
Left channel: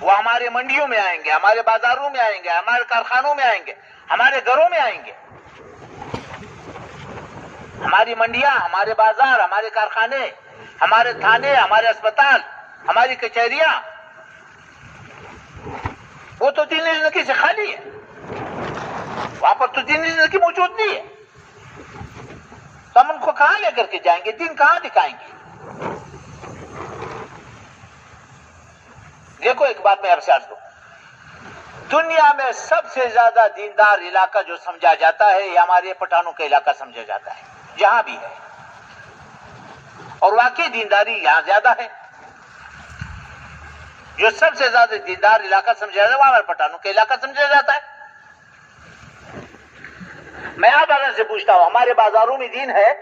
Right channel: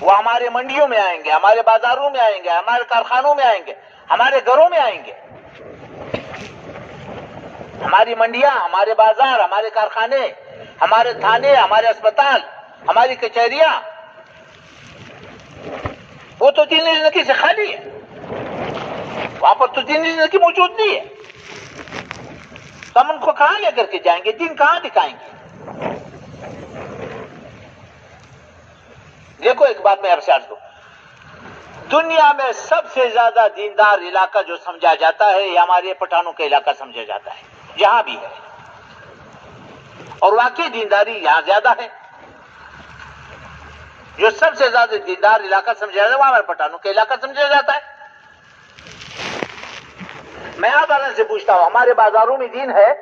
وہ ہمارے منڈیوں میں آئیں گے، ہمارے بازاروں میں آئیں گے، ہمارے کارخانوں میں آئیں گے، ہمارے گھروں میں آئیں گے. ہماری منڈیاں، ہمارے بازار، ہمارے کارخانے، ہمارے تھانے، ہمارے اسپتال، ہماری کچہریاں، وہ تو دینی زندگی سے خالی ہے. وہاں پر تو دینی زندگی موجود نہیں ہے. تو ہم ان کو کہاں لے کر کے جائیں گے؟ دین کہاں دکھائیں گے؟ دیکھو ایک بات میں آپ سے عرض کروں، دنیا میں سب سے زیادہ دیندار علاقہ جو سمجھا جاتا ہے یہ ہمارے پٹھانوں کا علاقہ سمجھا جاتا ہے، جہاں بھی ہے. اور واقعی دینداری یہاں زیادہ ہے. جو سب سے زیادہ دیندار علاقہ سمجھا جاتا ہے وہ ہمارے پٹھانوں کا علاقہ سمجھا جاتا ہے. میں آپ سے پوچھتا ہوں، ہمارے بازاروں میں دین ہے؟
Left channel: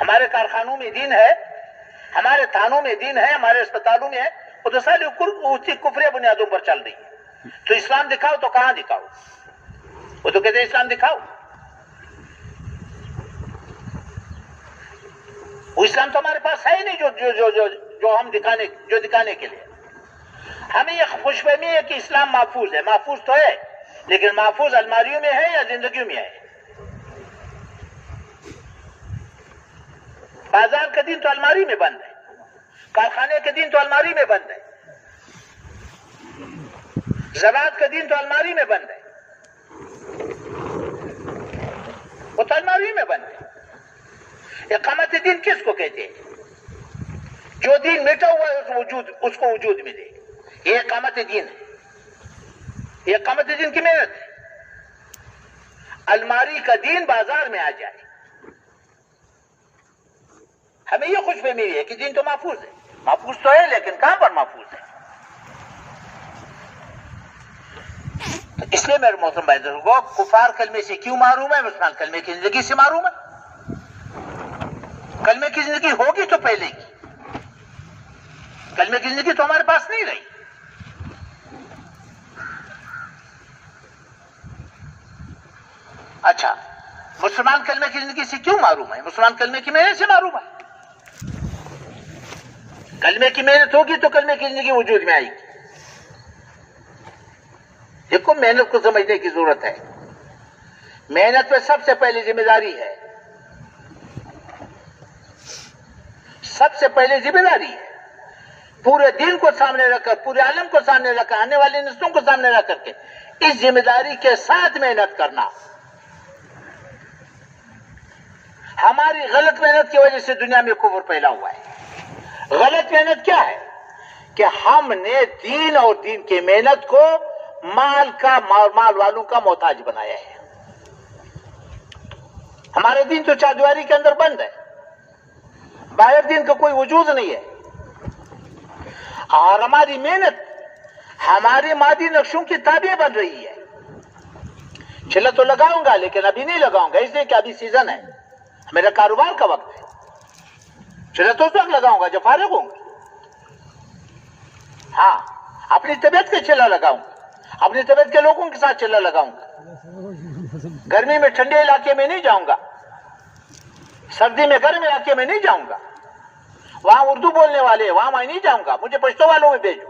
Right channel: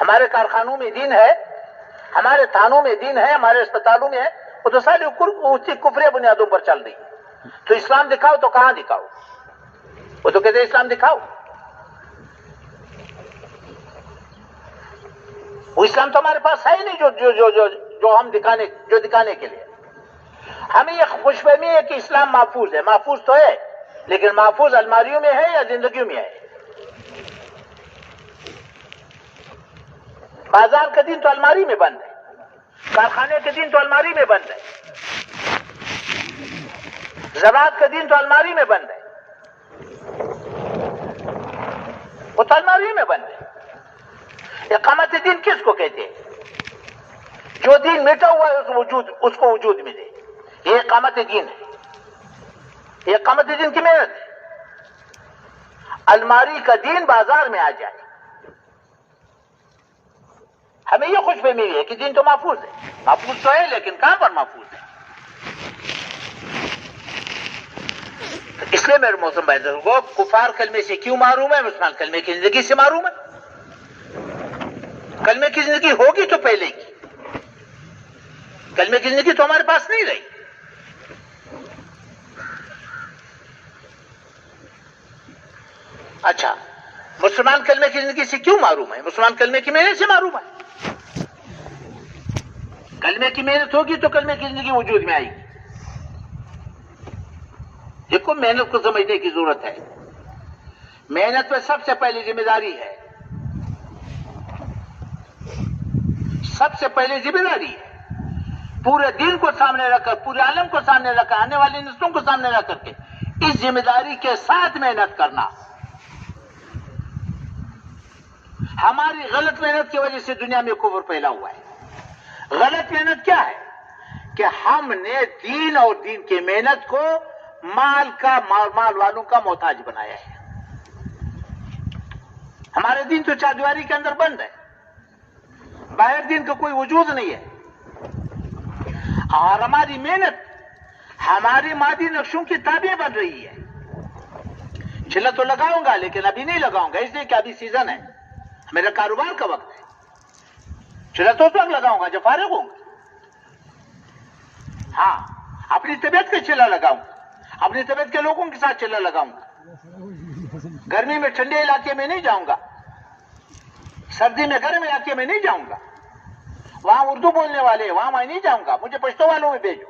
ہمارے کارخانوں میں دین ہے؟ ہمارے تھانوں میں دین ہے، ہمارے اسپتالوں میں ہے، وہ تو ساری اسی کفری بنیادوں پر چل رہی ہے. تو اسلام دکھاؤ تو کہاں دکھاؤ؟ وہ تو کہتے ہیں اسلام دکھاؤ. وہ اسلام تو ہمارے پاس ہے ہی نہیں جو ہم دکھانے کے لیے. ہمیں یہ خوش فہمی ہے کہ اسلام محفوظ ہے. محفوظ تو ہے، لیکن محفوظ الماریوں میں ہے یا زندگیوں میں ہے؟ بازار کا دین تو الماری میں بند ہے، کارخانے کے دین تو الماری میں بند ہے، زراعت کا دین تو الماری میں بند ہے، وہ تو الماری میں بند ہے. اقامت دین کس کو کہتے ہیں؟ جو دین مٹا ہوا ہے اس کو وجود ملے، یہ اقامت دین ہے. یہ اقامت دین کی محنت ہے. الماری کا دین بازار میں آ جائے. ہمیں یہ خوش فہمی ہے کہ دین تو محفوظ ہے. محفوظ تو ہے، لیکن کہاں پر محفوظ ہے؟ اس لیے میرے محترم بھائی کو کفار کلمے سے کیوں معروم ہے؟ مسلمان کلمے کی زندگی سے معروم ہے. کلمے کی زندگی ہوگی تو پہلے کی، کلمے کی زندگی تو ہمارے پاس نہیں رہی. اچھا، مسلمان کلمے کی زندگی سے کیوں معروم ہے؟ مسلمان کلمے کی محنت سے معروم ہے. کلمے کی محنت ہوگی تو کلمے کی زندگی وجود میں آئے گی. دیکھو، محنت کو سمجھنے کی ضرورت ہے. محنت پہ سب سے پہلی ذمہ داری ہے، سب سے پہلے ذمہ داری ہے پورے دین کو سامنے رکھ کر، پورے عالم کو سامنے رکھ کر، آنے والی نسلوں کو سامنے رکھ کر کے اس ذمہ داری کے ساتھ محنت کرنا. ہماری غلط محنت کی وجہ سے دنیا میں کفر پھیلا ہوا ہے. غلط محنت کیا ہے؟ کہ ہم نے دین اور دین کی محنت کو مال والوں کا محتاج بنایا ہے. ہمارے دین تو چاردیواری کے اندر بند ہے، باہر دین کا کوئی وجود نہیں ہے. اور ہماری محنت ہماری مادی نقشوں کی تابع بن رہی ہے. چلا تو لگاؤں گا، لیکن ابھی نہیں لگاؤں گا، اس لیے کہ ابھی سیزن ہے، میرا کاروبار کا وقت ہے. چلا تو اس وقت لگاؤں گا جب فارغ ہوں گا. ہاں، اپنی طبیعت کا چلا لگاؤں گا، اپنی طبیعت کے لوگوں کے ساتھ چلا لگاؤں گا. گرمی میں ٹھنڈے علاقے میں نہیں جاؤں گا، سردی میں گرم علاقے میں نہیں جاؤں گا. وہاں اردو بولنے والے وہاں میں نہیں جاؤں گا، مجھے پشتو والوں میں بھیجو.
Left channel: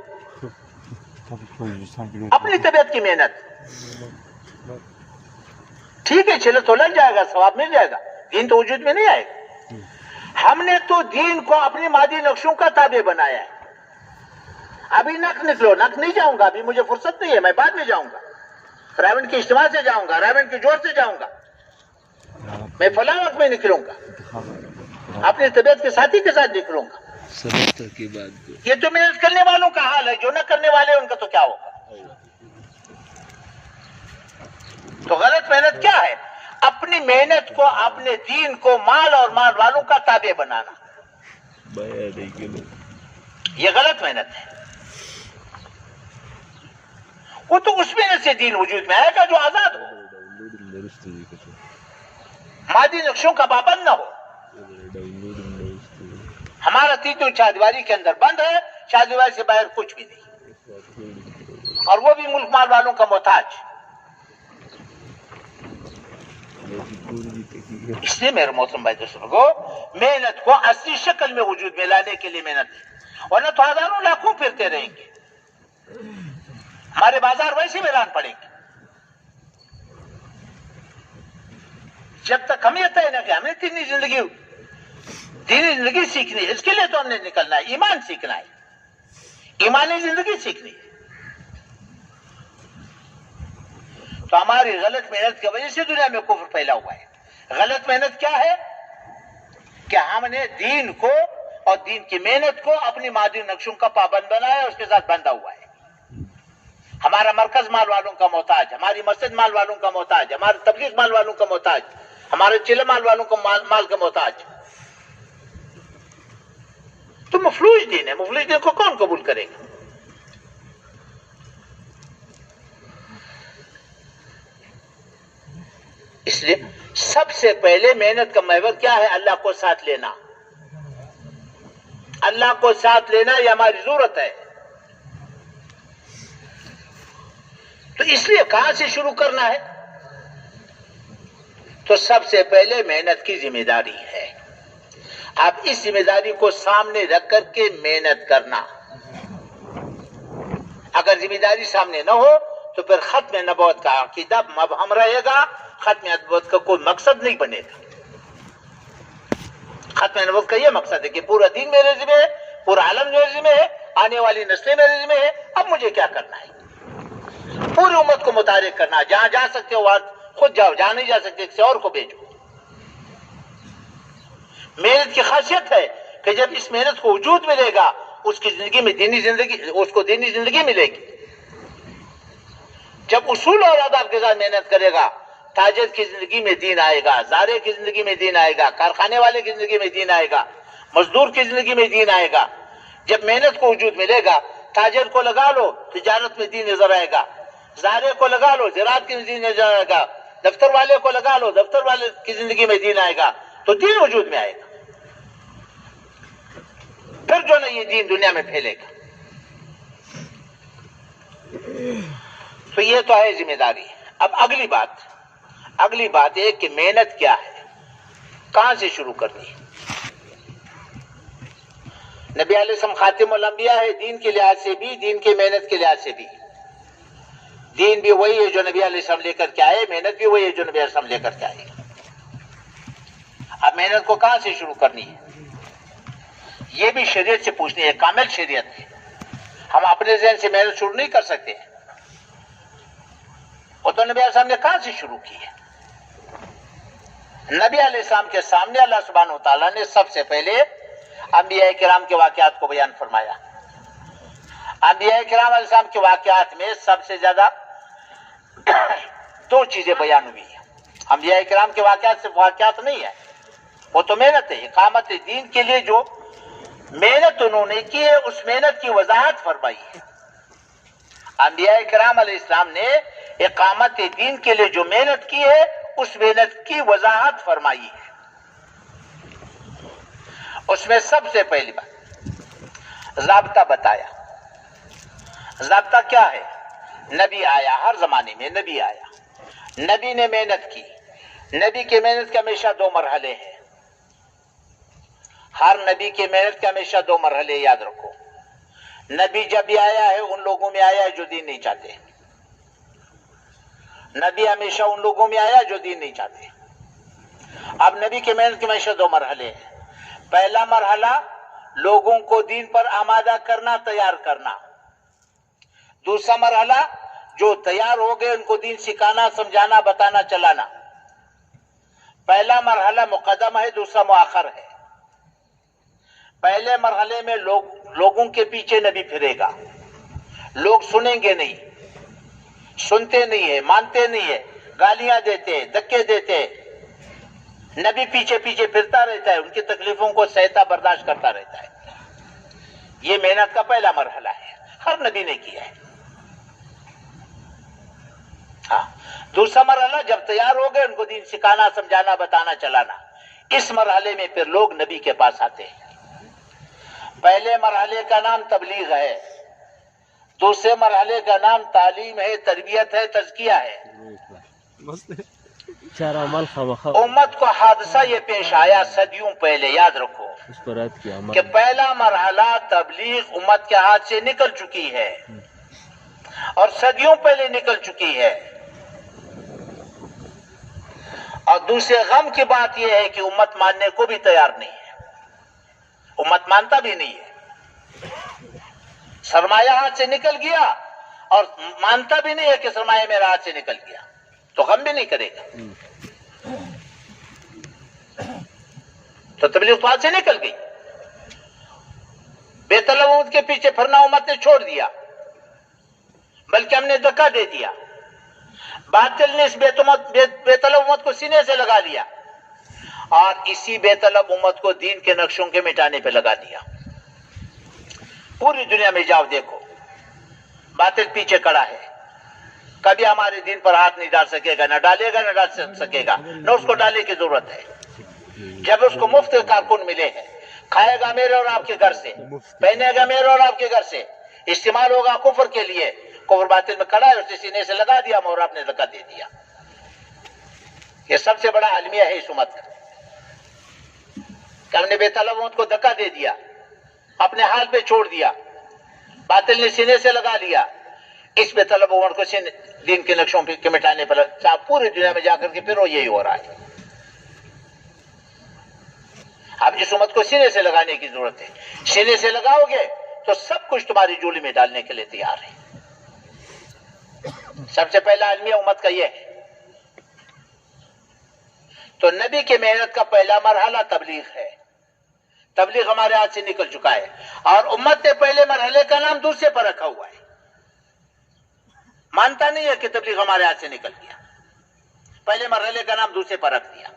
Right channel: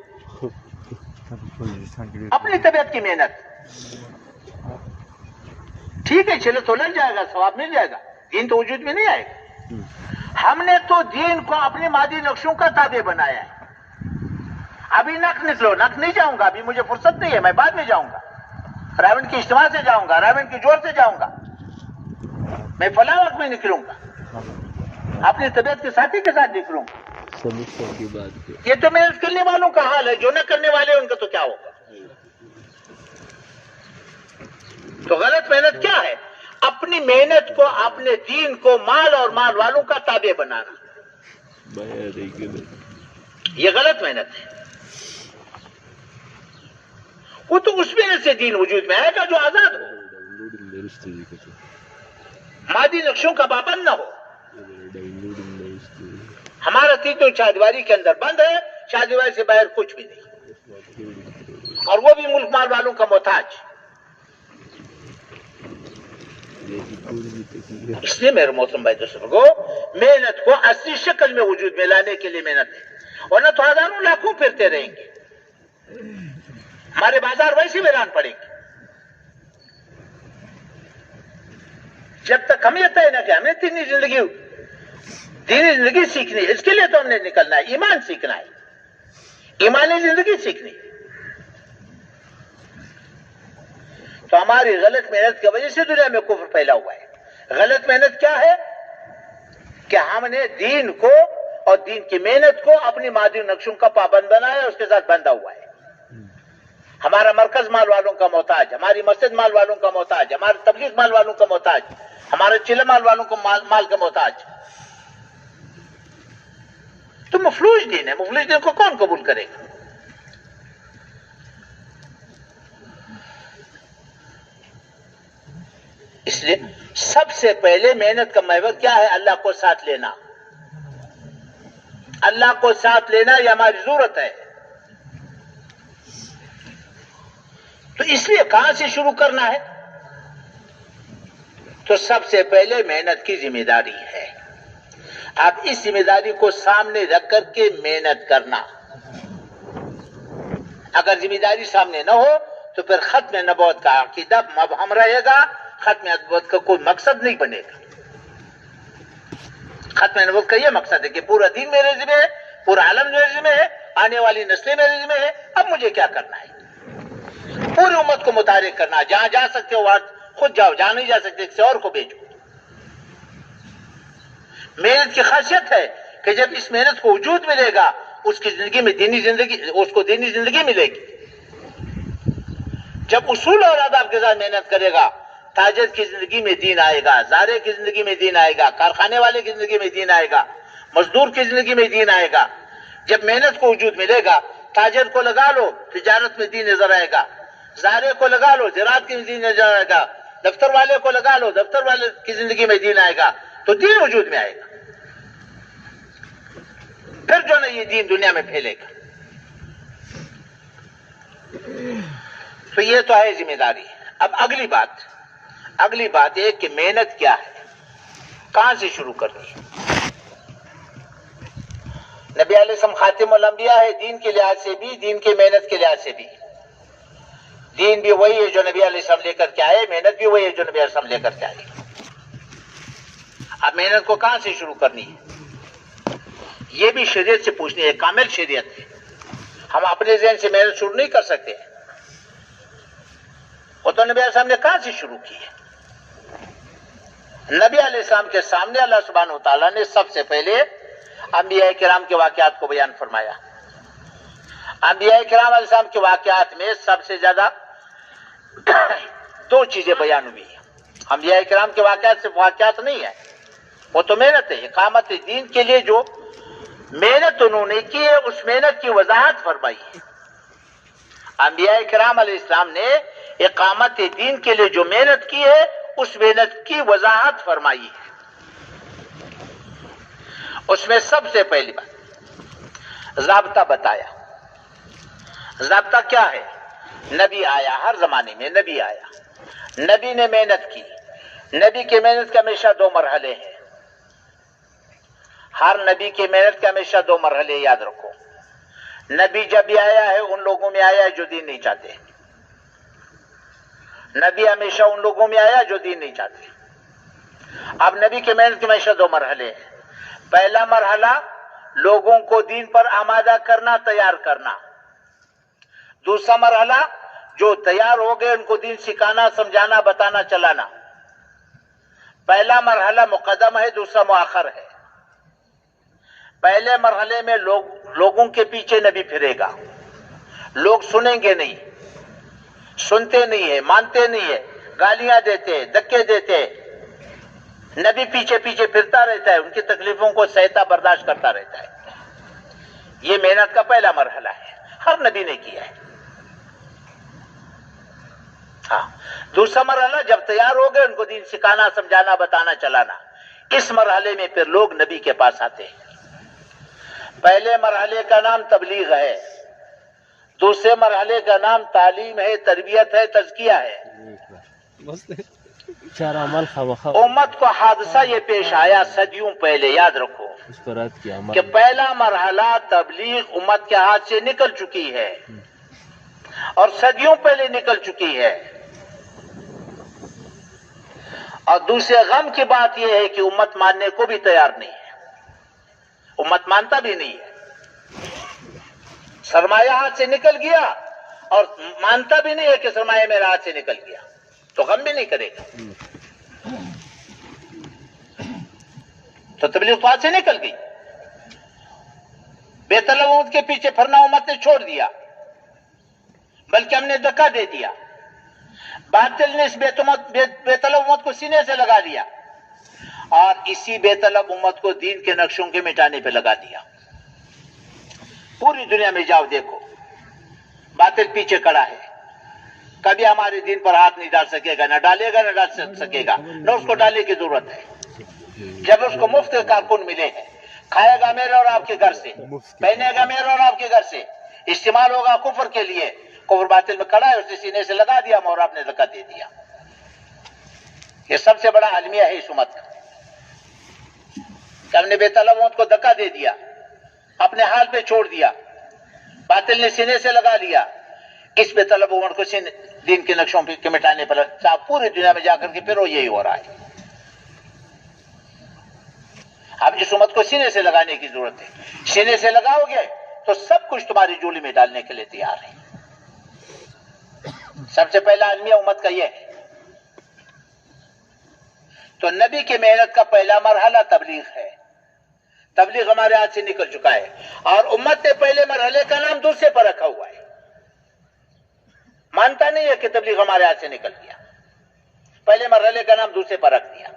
اپنی طبیعت کی محنت. ٹھیک ہے، چلو تو لگ جائے گا، ثواب مل جائے گا، دین تو وجود میں نہیں آئے گا. ہم نے تو دین کو اپنی مادی نقشوں کا تابع بنایا ہے. ابھی نق نکلو، نق نہیں جاؤں گا، ابھی مجھے فرصت نہیں ہے، میں بعد میں جاؤں گا. رائے کے اجتماع سے جاؤں گا، رائے کے جوڑ سے جاؤں گا، میں فلاں وقت میں نکلوں گا، اپنی طبیعت کے ساتھی کے ساتھ نکلوں گا. یہ تو محنت کرنے والوں کا حال ہے، جو نہ کرنے والے ان کا تو کیا ہوگا. تو غلط محنت کیا ہے؟ اپنی محنت کو، اپنے دین کو مال اور مال والوں کا تابع بنانا، یہ غلط محنت ہے. وہ تو اس محنت سے دین وجود میں آئے گا جو آزاد ہو، مادی نقشوں کا پابند نہ ہو. ہمارا تیتو چاردیواری کے اندر بند ہے، چاردیواری سے باہر کچھ بھی نہیں، اور وہ بھی ملک مال والوں کا محتاج. اس لیے میرے محترم بھائی دوستوں کو محنت کو اصلی شکل میں وجود میں لانے کے لیے محنت ہے، ورنہ تو ہزاروں لاکھوں پھرتے رہیں گے، ہمارے بازار ویسے ویران پڑیں گے. جب تک ہم یہ طے نہ کہ ہمیں دینی زندگی سیکھنی ہے، اس کے لیے تو ہم نے نکلنا ہے، ایمان سیکھنا ہے، ایمانی زندگی سیکھنی ہے. تو ہماری غلط محنت کی وجہ سے دنیا میں کفر پھیلا ہوا ہے. غلط محنت کیا ہے؟ کہ ہم نے دین کو اور دین کی محنت کو اپنی مادی نقشوں کا پابند بنایا، اس کے ساتھ بندھا ہوا ہے. ہمارا مرکز مال والوں کا محتاج، ہماری مسجد مال والوں کا محتاج، ہمارے تبلیغ مال والوں کا محتاج، ہمارے چلے مال والوں کا مال کا محتاج. تو مفلوج دین ہے، مفلوج دین کو کون قبول کرے گا؟ اس لیے سب سے پہلے محنت کا محور کیا ہے؟ اللہ کو ساتھ لینا. اللہ کو ساتھ لینا یہ ہماری ضرورت ہے. تو اس لیے کہاں سے شروع کرنا ہے؟ تو سب سے پہلے محنت کی ذمہ داری ہے. آپ اس ذمہ داری کو سامنے رکھ کر کے محنت کرنا. اگر ذمہ داری سامنے نہ ہو تو پھر ختم نبوت کا عقیدہ مبہم رہے گا، ختم نبوت کا کوئی مقصد نہیں بنے گا. ختم نبوت کا یہ مقصد ہے کہ پورا دین میرے ذمہ ہے، پورا عالم میرے ذمہ ہے، آنے والی نسلیں میرے ذمہ ہے، اب مجھے کیا کرنا ہے؟ پوری امت کو متحرک کرنا. جہاں جا سکتے ہو وہاں خود جاؤ، جہاں نہیں جا سکتے کسی اور کو بھیجو. محنت کی خاصیت ہے کہ جب اس محنت کو وجود ملے گا اس کی زندگی میں دینی زندگی، اس کو دینی زندگی ملے گی. جب اصول اور آداب کے ساتھ محنت کرے گا تاجر کی زندگی میں دین آئے گا، زارے کی زندگی میں دین آئے گا، کارخانے والے کی زندگی میں دین آئے گا، مزدور کی زندگی میں دین آئے گا. جب محنت کو وجود ملے گا تاجر کو لگا لو تجارت میں دین نظر آئے گا، زارے کو لگا لو زراعت کی دین نظر آئے گا، دفتر والے کو لگا لو دفتر والے کی زندگی میں دین آئے گا، تو دین وجود میں آئے گا. پھر جو نا یہ دین دنیا میں پھیلے گا. تو یہ تو ہے ذمہ داری. اب اگلی بات ہے کہ محنت کیا ہے، کہاں سے شروع کرنی ہے. نبی علیہ السلام خاتم الانبیاء ہے، دین کے لحاظ سے بھی، دین کی محنت کے لحاظ سے بھی. دین بھی وہی ہے جو نبی علیہ السلام لے کر کے آئے، محنت بھی وہی ہے جو نبی علیہ السلام لے کر کے آئے. اب محنت کو کہاں سے شروع کرنی ہے یہ بھی شریعت سے پوچھنی ہے. کامل شریعت ہے. ہم اپنے ذہن سے محنت شروع نہیں کر سکتے. وہ تو نبی علیہ السلام نے کہاں سے شروع کی ہے؟ نبی علیہ السلام کے سامنے اللہ سبحانہ وتعالیٰ نے سب سے پہلے انبیاء کرام کے واقعات کو بیان فرمایا. انبیاء کرام علیہ السلام کے واقعات میں سب سے زیادہ دو چیزیں بیان ہوئی ہیں. انبیاء کرام کے واقعات صرف واقعات نہیں ہے، وہ تو محنت ہے. اقامت دین کے لیے جو محنت انہوں نے کی ہے اس محنت کی وضاحت فرمائی ہے. انبیاء کرام علیہ السلام نے اقامت دین کے لیے جو محنت کی ہے اس محنت کی وضاحت فرمائی ہے. اس میں سب سے پہلی بات ضابطہ بتایا. ضابطہ کیا ہے؟ نبی آیا، ہر زمانے میں نبی آیا، نبی نے محنت کی. نبی کی محنت کے ہمیشہ دو مرحلے ہیں. ہر نبی کی محنت کے ہمیشہ دو مرحلے یاد رکھو. نبی جب بھی آیا ہے ان لوگوں میں آیا ہے جو دین نہیں چاہتے. نبی ہمیشہ ان لوگوں میں آیا جو دین نہیں چاہتے. اب نبی کی محنت کے ہمیشہ دو مرحلے ہیں. پہلا مرحلہ لوگوں کو دین پر آمادہ کرنا، تیار کرنا. دوسرا مرحلہ جو تیار ہو گئے ان کو دین سکھانا، سمجھانا، بتانا، چلانا. پہلا مرحلہ مقدم ہے، دوسرا مؤخر ہے. پہلے مرحلے میں لوگوں کے پیچھے نبی پھرے گا. لوگ سنیں گے نہیں، سنتے نہیں ہے، مانتے نہیں ہے، گالیاں دیتے، دھکے دیتے. نبی پیچھے پیچھے پھرتا رہتا ہے، ان کی تکلیفوں کو سہتا برداشت کرتا رہتا ہے. یہ محنت کا پہلا مرحلہ ہے، ہر نبی نے کیا ہے. ہاں، دوسرا مرحلہ جب تیار ہو گئے ان کو دین سکھانا، سمجھانا، بتانا، چلانا. اس مرحلے میں پھر لوگ نبی کے پاس آتے ہیں. پہلے مرحلے کا نام تبلیغ ہے، دوسرے مرحلے کا نام تعلیم ہے، تربیت ہے، تزکیہ ہے. امت کو حادثہ یہ پیش آیا صدیوں پہلے، یاد رکھو کہ پہلا مرحلہ تبلیغ امت کے ہاتھ سے نکل چکی ہے اور صدیوں پہلے نکل چکی ہے. اور دوسرے غم کی بات یہ ہے کہ امت ماننے کو بھی تیار نہیں ہے. امت مانتا بھی نہیں ہے. سرمایہ ہاتھ سے نکل گیا اور مانتا بھی نہیں ہے کہ سرمایہ میرا ہاتھ سے نکل گیا، تو غم بھی نہیں کرے گا. تو تبلیغ تو ہاتھ سے نکل گئی. بے طلب امت کے پیچھے پھرنا امت نے چھوڑ دیا، بلکہ ہم نے دھکا دے دیا. باطل نے اس بے طلب امت کو سینے سے لگا لیا اور اسی بے طلب امت کو دین کے نقشوں کے مٹانے پہ لگا دیا. پوری دنیا میں جاؤ دیکھو، باطل پیچھے کڑا ہے. کبھی ہمارے دین پر ہاتھ نہیں ڈال سکے گا، نہ ڈالے گا، نہ ڈال سکے گا، نہ اس کو ڈالنے کی ضرورت ہے. جب اس کو مفت کارکن ملے ہیں، کھائے گا میرے اور آپ کے گھر سے، پہنے گا میرے اور آپ کے گھر سے، استعمال ہوگا کفر کے لیے، کفر باطل میں کھڑا ہے، اسے سینے سے لگا دیا مہر، آپ نے زکات دے دیا۔ یہ سب سے بڑا المیہ ہے اس امت کا کہ ہم نے بے طلب امت کو دھکا دے دیا، اپنے حال پہ چھوڑ دیا، باطل نے سینے سے لگا لیا۔ اس بے طلب امت کو دین کے نقشوں کے مٹانے پر پوری دنیا میں جا کر کے پھر وہ یہی ہو رہا ہے۔ اب اس امت کو سینے سے لگانے کی ضرورت ہے، سینے سے لگاؤ گے تو سب کچھ تمہاری جولی میں ڈالنے کے لیے تیار ہے۔ سب سے پہلا المیہ امت کا یہ ہے۔ تو نبی کی محنت کا پہلا مرحلہ تبلیغ ہے، تبلیغ ہمارے ہاتھ سے نکل چکا ہے، اور امت نے پہلے مرحلے کا نام دوسرے پر رکھا ہوا ہے، مانتا نہیں ہے کہ تبلیغ ہمارے ہاتھ سے نکل گیا، پہلے مرحلے کا نام دوسرے پر رکھ دیا۔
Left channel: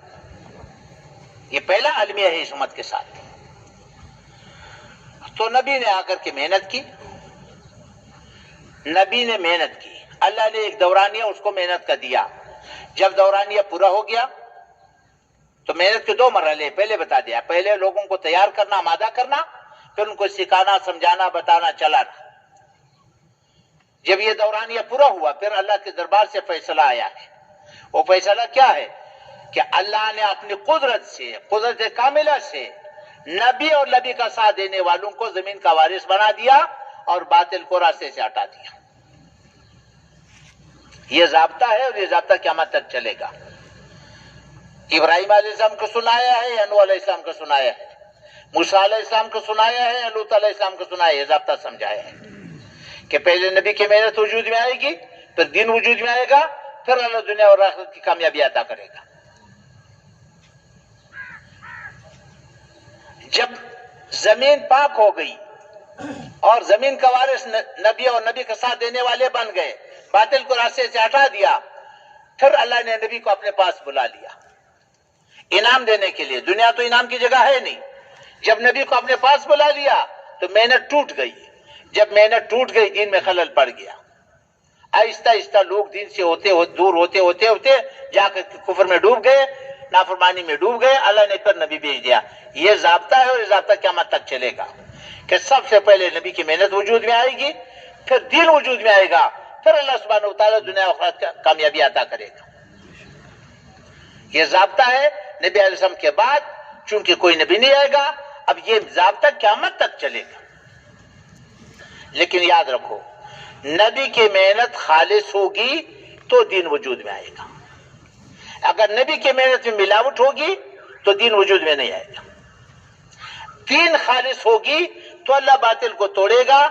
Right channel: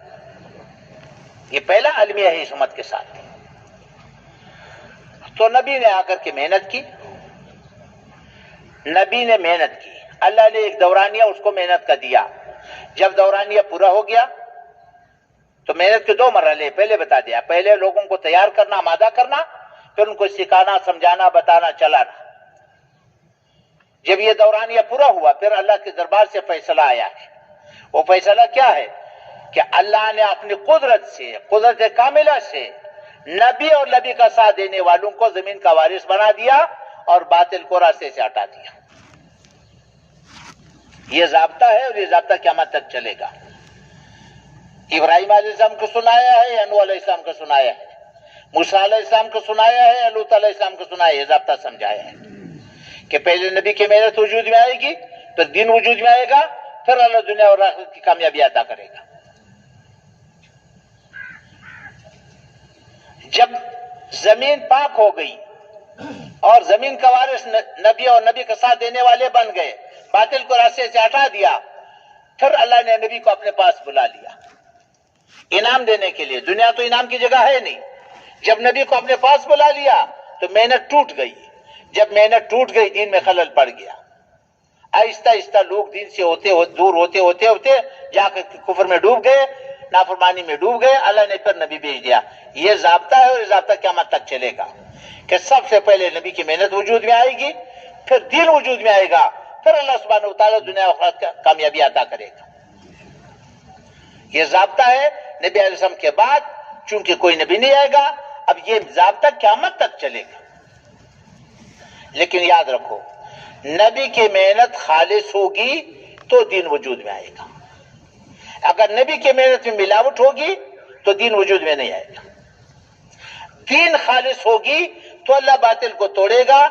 یہ پہلا المیہ ہے اس امت کے ساتھ۔ تو نبی نے آ کر کے محنت کی، نبی نے محنت کی، اللہ نے ایک دورانیہ اس کو محنت کا دیا۔ جب دورانیہ پورا ہو گیا تو محنت کے دو مرحلے پہلے بتا دیا، پہلے لوگوں کو تیار کرنا، آمادہ کرنا، پھر ان کو سکھانا، سمجھانا، بتانا، چلانا۔ جب یہ دورانیہ پورا ہوا پھر اللہ کے دربار سے فیصلہ آیا ہے۔ وہ فیصلہ کیا ہے کہ اللہ نے اپنی قدرت سے، قدرت کاملہ سے نبی اور نبی کا ساتھ دینے والوں کو زمین کا وارث بنا دیا اور باطل کو راستے سے ہٹا دیا۔ یہ ضابطہ ہے اور یہ ضابطہ قیامت تک چلے گا۔ ابراہیم علیہ السلام کو سنایا ہے، نوح علیہ السلام کو سنایا ہے، موسیٰ علیہ السلام کو سنایا ہے، لوط علیہ السلام کو سنایا ہے، یہ ضابطہ سمجھایا ہے کہ پہلے نبی کی محنت وجود میں آئے گی، پھر دین وجود میں آئے گا، پھر اللہ دنیا اور آخرت کی کامیابی عطا کرے گا۔ جب زمین پاک ہو گئی اور زمین کا وارث نبی اور نبی کا ساتھ دینے والے بن گئے، باطل کو راستے سے ہٹا دیا، پھر اللہ نے نبی کو اپنے پاس بلا لیا انعام دینے کے لیے۔ دنیا تو انعام کی جگہ ہے نہیں۔ جب نبی کو اپنے پاس بلا لیا تو محنت ٹوٹ گئی، جب محنت ٹوٹ گئی دین میں خلل پڑ گیا، آہستہ آہستہ لوگ دین سے دور ہوتے جا کر کفر میں ڈوب گئے، نافرمانی میں ڈوب گئے۔ اللہ نے پھر نبی بھیج دیا۔ یہ ضابطہ ہے اور یہ ضابطہ قیامت تک چلے گا کہ سب سے پہلے نبی کی محنت وجود میں آئے گی، پھر دین وجود میں آئے گا، پھر اللہ سبحانہ وتعالی دنیا و آخرت کا کامیابی عطا کرے گا۔ یہ ضابطہ ہے نبی علیہ السلام کے بعد، چونکہ کوئی نبی نہیں آئے گا، اب یہ ضابطہ قیامت تک چلے گا۔ لیکن یاد رکھو، نبی کی محنت خالص ہوگی تو دین وجود میں آئے گا، اگر نبی کی محنت میں ملاوٹ ہوگی تو دین وجود میں نہیں آئے گا۔ دین خالص ہوگی تو اللہ باطل کو توڑے گا،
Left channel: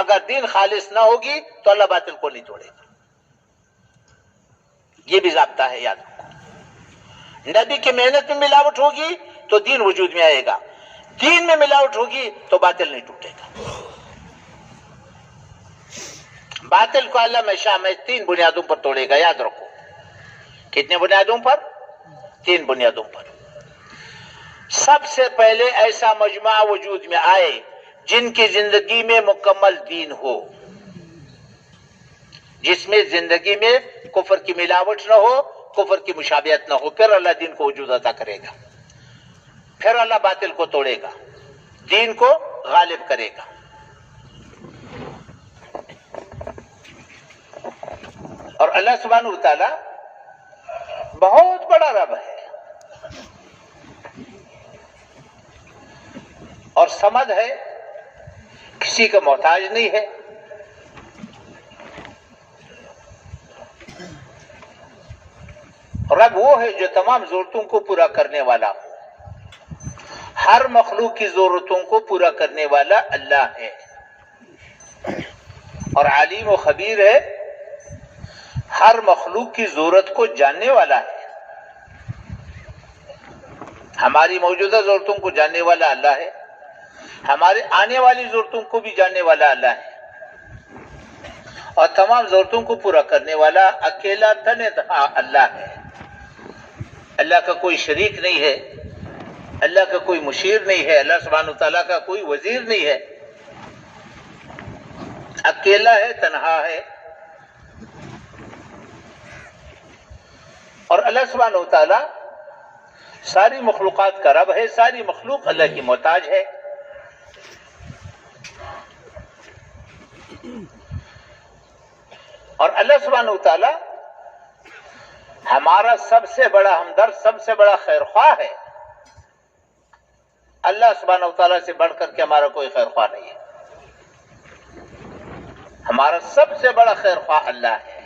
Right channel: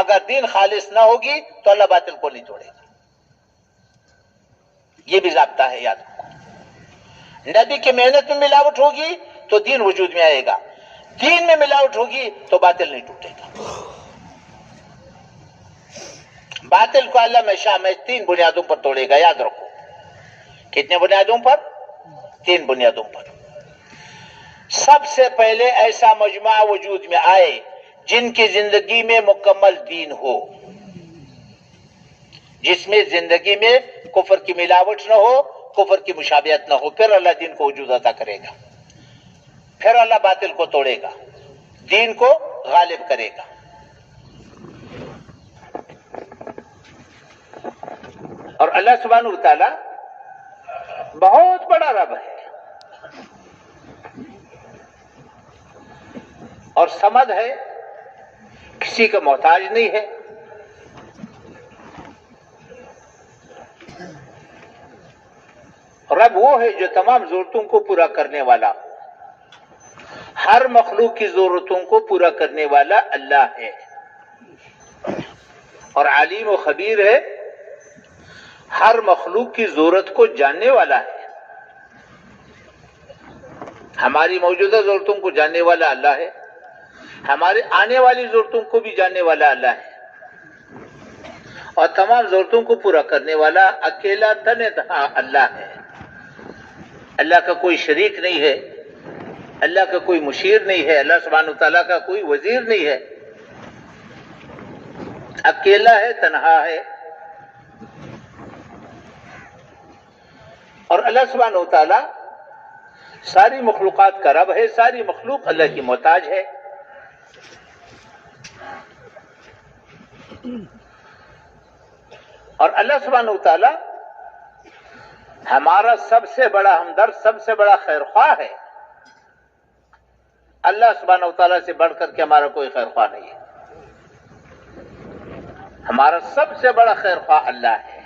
اگر دین خالص نہ ہوگی تو اللہ باطل کو نہیں توڑے گا۔ یہ بھی ضابطہ ہے، یاد رکھو۔ نبی کی محنت میں ملاوٹ ہوگی تو دین وجود میں آئے گا، دین میں ملاوٹ ہوگی تو باطل نہیں ٹوٹے گا۔ باطل کو اللہ ہمیشہ میں 3 بنیادوں پر توڑے گا، یاد رکھو۔ کتنے بنیادوں پر؟ 3 بنیادوں پر۔ سب سے پہلے ایسا مجمع وجود میں آئے جن کی زندگی میں مکمل دین ہو، جس میں زندگی میں کفر کی ملاوٹ نہ ہو، کفر کی مشابہت نہ ہو، پھر اللہ دین کو وجود عطا کرے گا، پھر اللہ باطل کو توڑے گا، دین کو غالب کرے گا۔ اور اللہ سبحانہ وتعالی بہت بڑا رب ہے اور سمد ہے، کسی کا محتاج نہیں ہے۔ رب وہ ہے جو تمام ضرورتوں کو پورا کرنے والا ہو، ہر مخلوق کی ضرورتوں کو پورا کرنے والا اللہ ہے، اور علیم و خبیر ہے، ہر مخلوق کی ضرورت کو جاننے والا ہے۔ ہماری موجودہ ضرورتوں کو جاننے والا اللہ ہے، ہمارے آنے والی ضرورتوں کو بھی جاننے والا اللہ ہے، اور تمام ضرورتوں کو پورا کرنے والا اکیلا تنہا اللہ ہے۔ اللہ کا کوئی شریک نہیں ہے، اللہ کا کوئی مشیر نہیں ہے، اللہ سبحانہ وتعالیٰ کا کوئی وزیر نہیں ہے، اکیلا ہے، تنہا ہے۔ اور اللہ سبحانہ وتعالیٰ ساری مخلوقات کا رب ہے، ساری مخلوق اللہ کی محتاج ہے. اور اللہ سبحانہ وتعالی ہمارا سب سے بڑا ہمدرد، سب سے بڑا خیر خواہ ہے. اللہ سبحانہ وتعالی سے بڑھ کر کے ہمارا کوئی خیر خواہ نہیں ہے. ہمارا سب سے بڑا خیر خواہ اللہ ہے.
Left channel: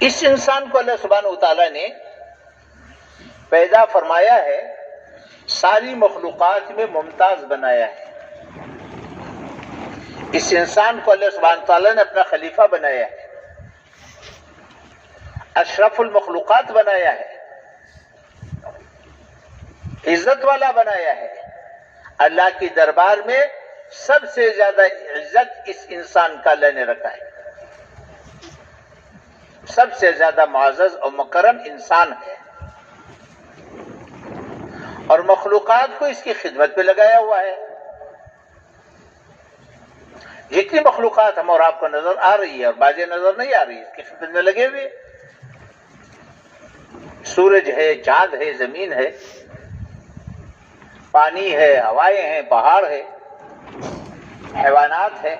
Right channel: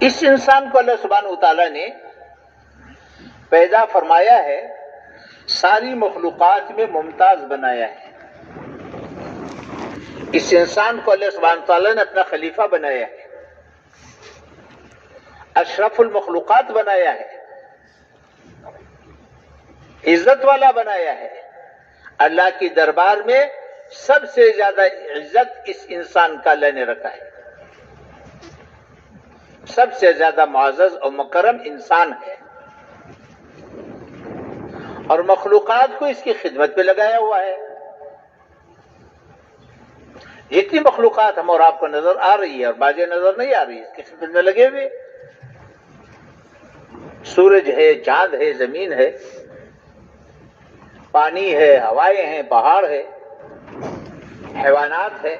اس انسان کو اللہ سبحانہ وتعالی نے پیدا فرمایا ہے، ساری مخلوقات میں ممتاز بنایا ہے. اس انسان کو اللہ سبحانہ وتعالی نے اپنا خلیفہ بنایا ہے، اشرف المخلوقات بنایا ہے، عزت والا بنایا ہے. اللہ کی دربار میں سب سے زیادہ عزت اس انسان کا اللہ نے رکھا ہے. سب سے زیادہ معزز اور مکرم انسان ہے، اور مخلوقات کو اس کی خدمت پہ لگایا ہوا ہے. جتنی مخلوقات ہم اور آپ کو نظر آ رہی ہے اور بازیں نظر نہیں آ رہی ہے، اس کی خدمت میں لگے ہوئے. سورج ہے، چاند ہے، زمین ہے، پانی ہے، ہوائیں ہیں، پہاڑ ہے، حیوانات ہے،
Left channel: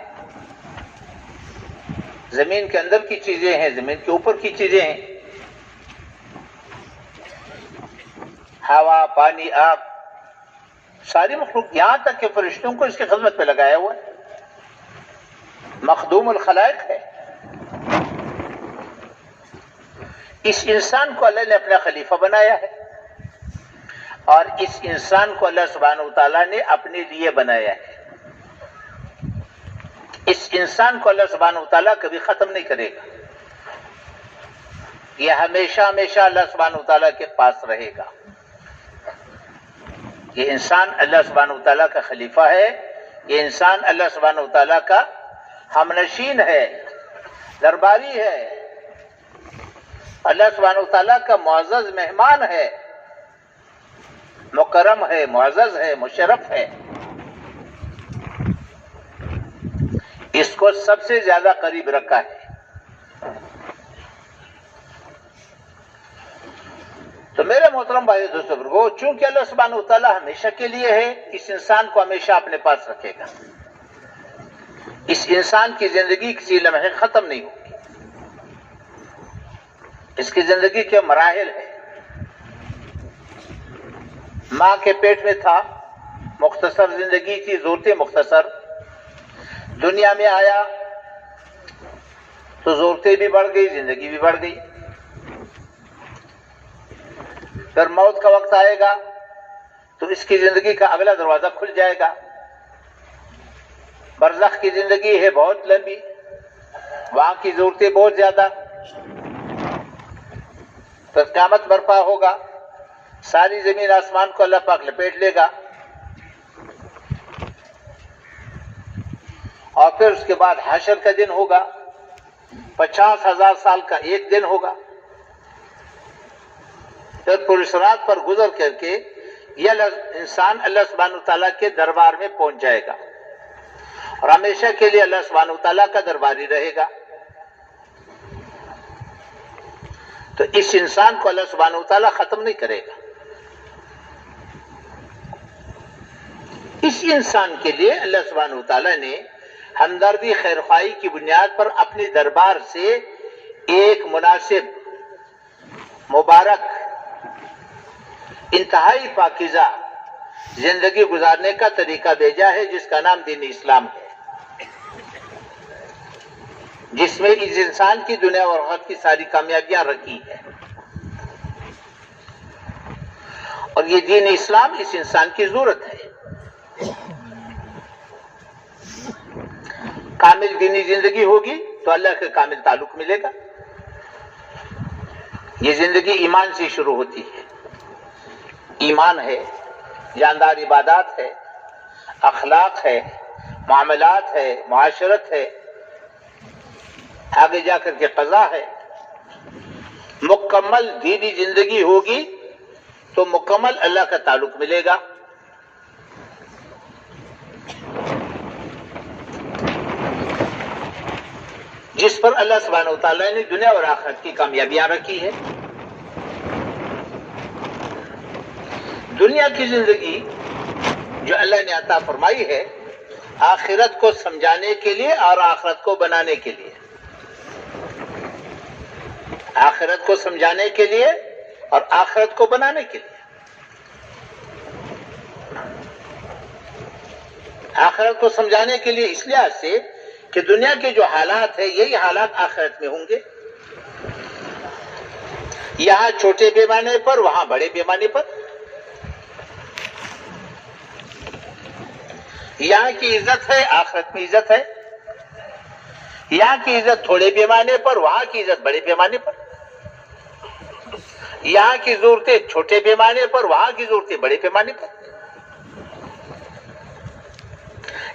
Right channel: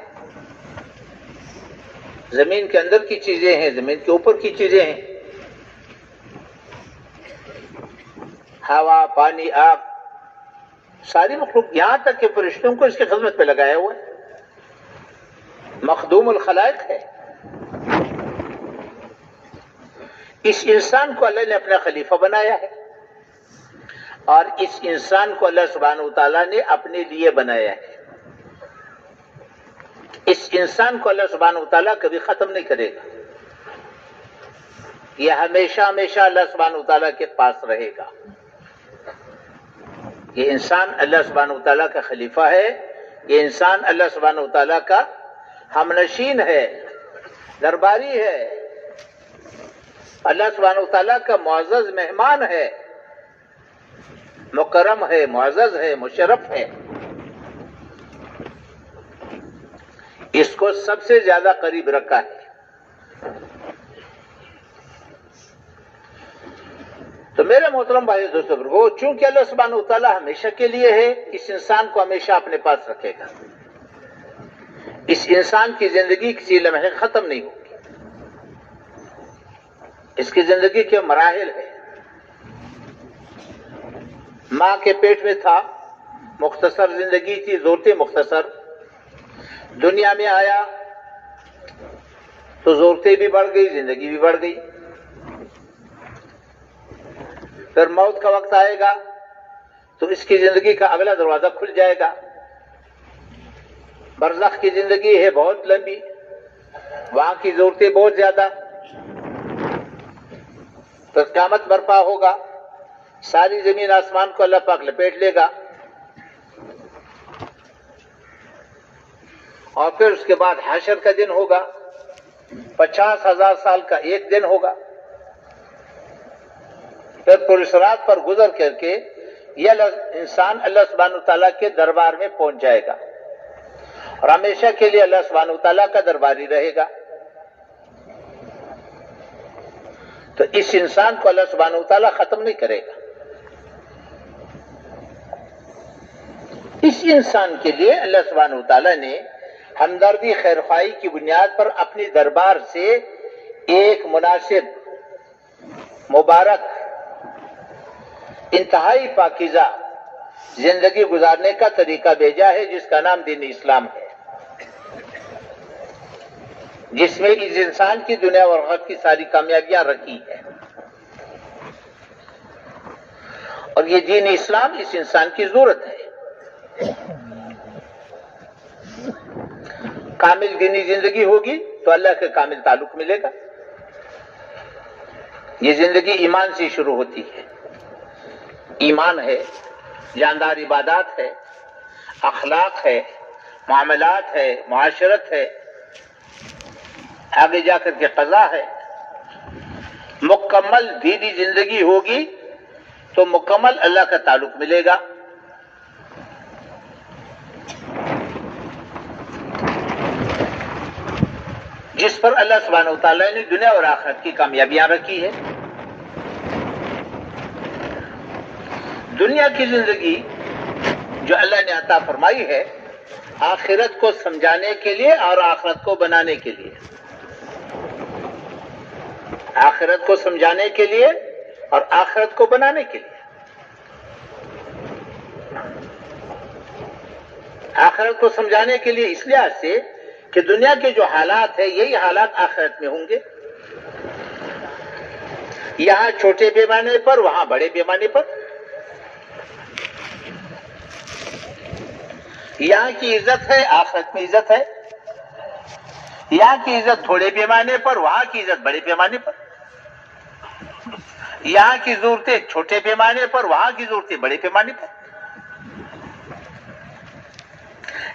زمین کے اندر کی چیزیں ہیں، زمین کے اوپر کی چیزیں ہیں، ہوا، پانی، آب، ساری مخلوق، یہاں تک کہ فرشتوں کو اس کی خدمت پہ لگایا ہوا ہے. مخدوم الخلائق ہے. اس انسان کو اللہ نے اپنا خلیفہ بنایا ہے، اور اس انسان کو اللہ سبحانہ وتعالی نے اپنے لیے بنایا ہے. اس انسان کو اللہ سبحانہ وتعالی کبھی ختم نہیں کرے گا. یہ ہمیشہ ہمیشہ اللہ سبحانہ وتعالی کے پاس رہے گا. یہ انسان اللہ سبحانہ وتعالی کا خلیفہ ہے. یہ انسان اللہ سبحانہ وتعالی کا ہمنشین ہے، درباری ہے، اللہ سبحانہ وتعالی کا معزز مہمان ہے، مکرم ہے، معزز ہے، مشرف ہے. اس کو سب سے زیادہ قریب رکھا ہے. تو میرے محترم بھائی دوستو بزرگو، چونکہ اللہ سبحانہ وتعالی ہمیشہ کے لیے ہے، اس انسان کو ہمیشہ اپنے پاس رکھے گا. اس انسان کی زندگی کسی لمحے ختم نہیں ہوگی. اس کی زندگی کے مراحل ہیں. ماں کے پیٹ میں تھا، مختصر زندگی تھی، ضرورتیں مختصر. دنیا میں آیا تو ضرورتیں بھی بڑھ گئی، زندگی بھی بڑھ گئی. پھر موت کا وقت آئے گا تو اس کی زندگی کا اگلا دروازہ کھل جائے گا. برزخ کی زندگی ہے بہت لمبی، وہاں کی ضرورتیں بہت زیادہ. پھر قیامت برپا ہوگا، ساری زمین آسمان کو اللہ پاک لپیٹ لے گا، اور پھر اس کے بعد حشر کا دن ہوگا. 50,000 سال کا ایک دن ہوگا. پھر پرصراط پر گزر کر کے یہ انسان اللہ سبحانہ وتعالی کے دربار میں پہنچ جائے گا، اور ہمیشہ کے لیے اللہ سبحانہ وتعالی کا درباری رہے گا. تو اس انسان کو اللہ سبحانہ وتعالی ختم نہیں کرے گا. اس انسان کے لیے اللہ سبحانہ وتعالی نے ہمدردی، خیرخواہی کی بنیاد پر اپنی دربار سے ایک مناسب، مبارک، انتہائی پاکیزہ زندگی گزارنے کا طریقہ بھیجا ہے، جس کا نام دین اسلام ہے، جس میں اس انسان کی دنیا اور آخرت کی ساری کامیابیاں رکھی ہیں. اور یہ دین اسلام اس انسان کی ضرورت ہے. کامل دینی زندگی ہوگی تو اللہ کا کامل تعلق ملے گا. یہ زندگی ایمان سے شروع ہوتی ہے. ایمان ہے، جاندار عبادات ہے، اخلاق ہے، معاملات ہے، معاشرت ہے، آگے جا کر کے قضا ہے. مکمل دینی زندگی ہوگی تو مکمل اللہ کا تعلق ملے گا. جس پر اللہ سبحانہ و تعالیٰ نے دنیا اور آخرت کی کامیابیاں رکھی ہے. دنیا کی زندگی جو اللہ نے عطا فرمائی ہے آخرت کو سمجھانے کے لیے اور آخرت کو بنانے کے لیے. آخرت کو سمجھانے کے لیے اور آخرت کو بنانے کے لیے. آخرت کو سمجھانے کے لیے اس لحاظ سے کہ دنیا کے جو حالات ہیں یہی حالات آخرت میں ہوں گے. یہاں چھوٹے پیمانے پر وہاں بڑے پیمانے پر. یہاں کی عزت ہے آخرت میں عزت ہے. یہاں کی عزت تھوڑے پیمانے پر وہاں کی عزت بڑے پیمانے پر. یہاں کی ضرورتیں چھوٹے پیمانے پر وہاں کی ضرورتیں بڑے پیمانے پر.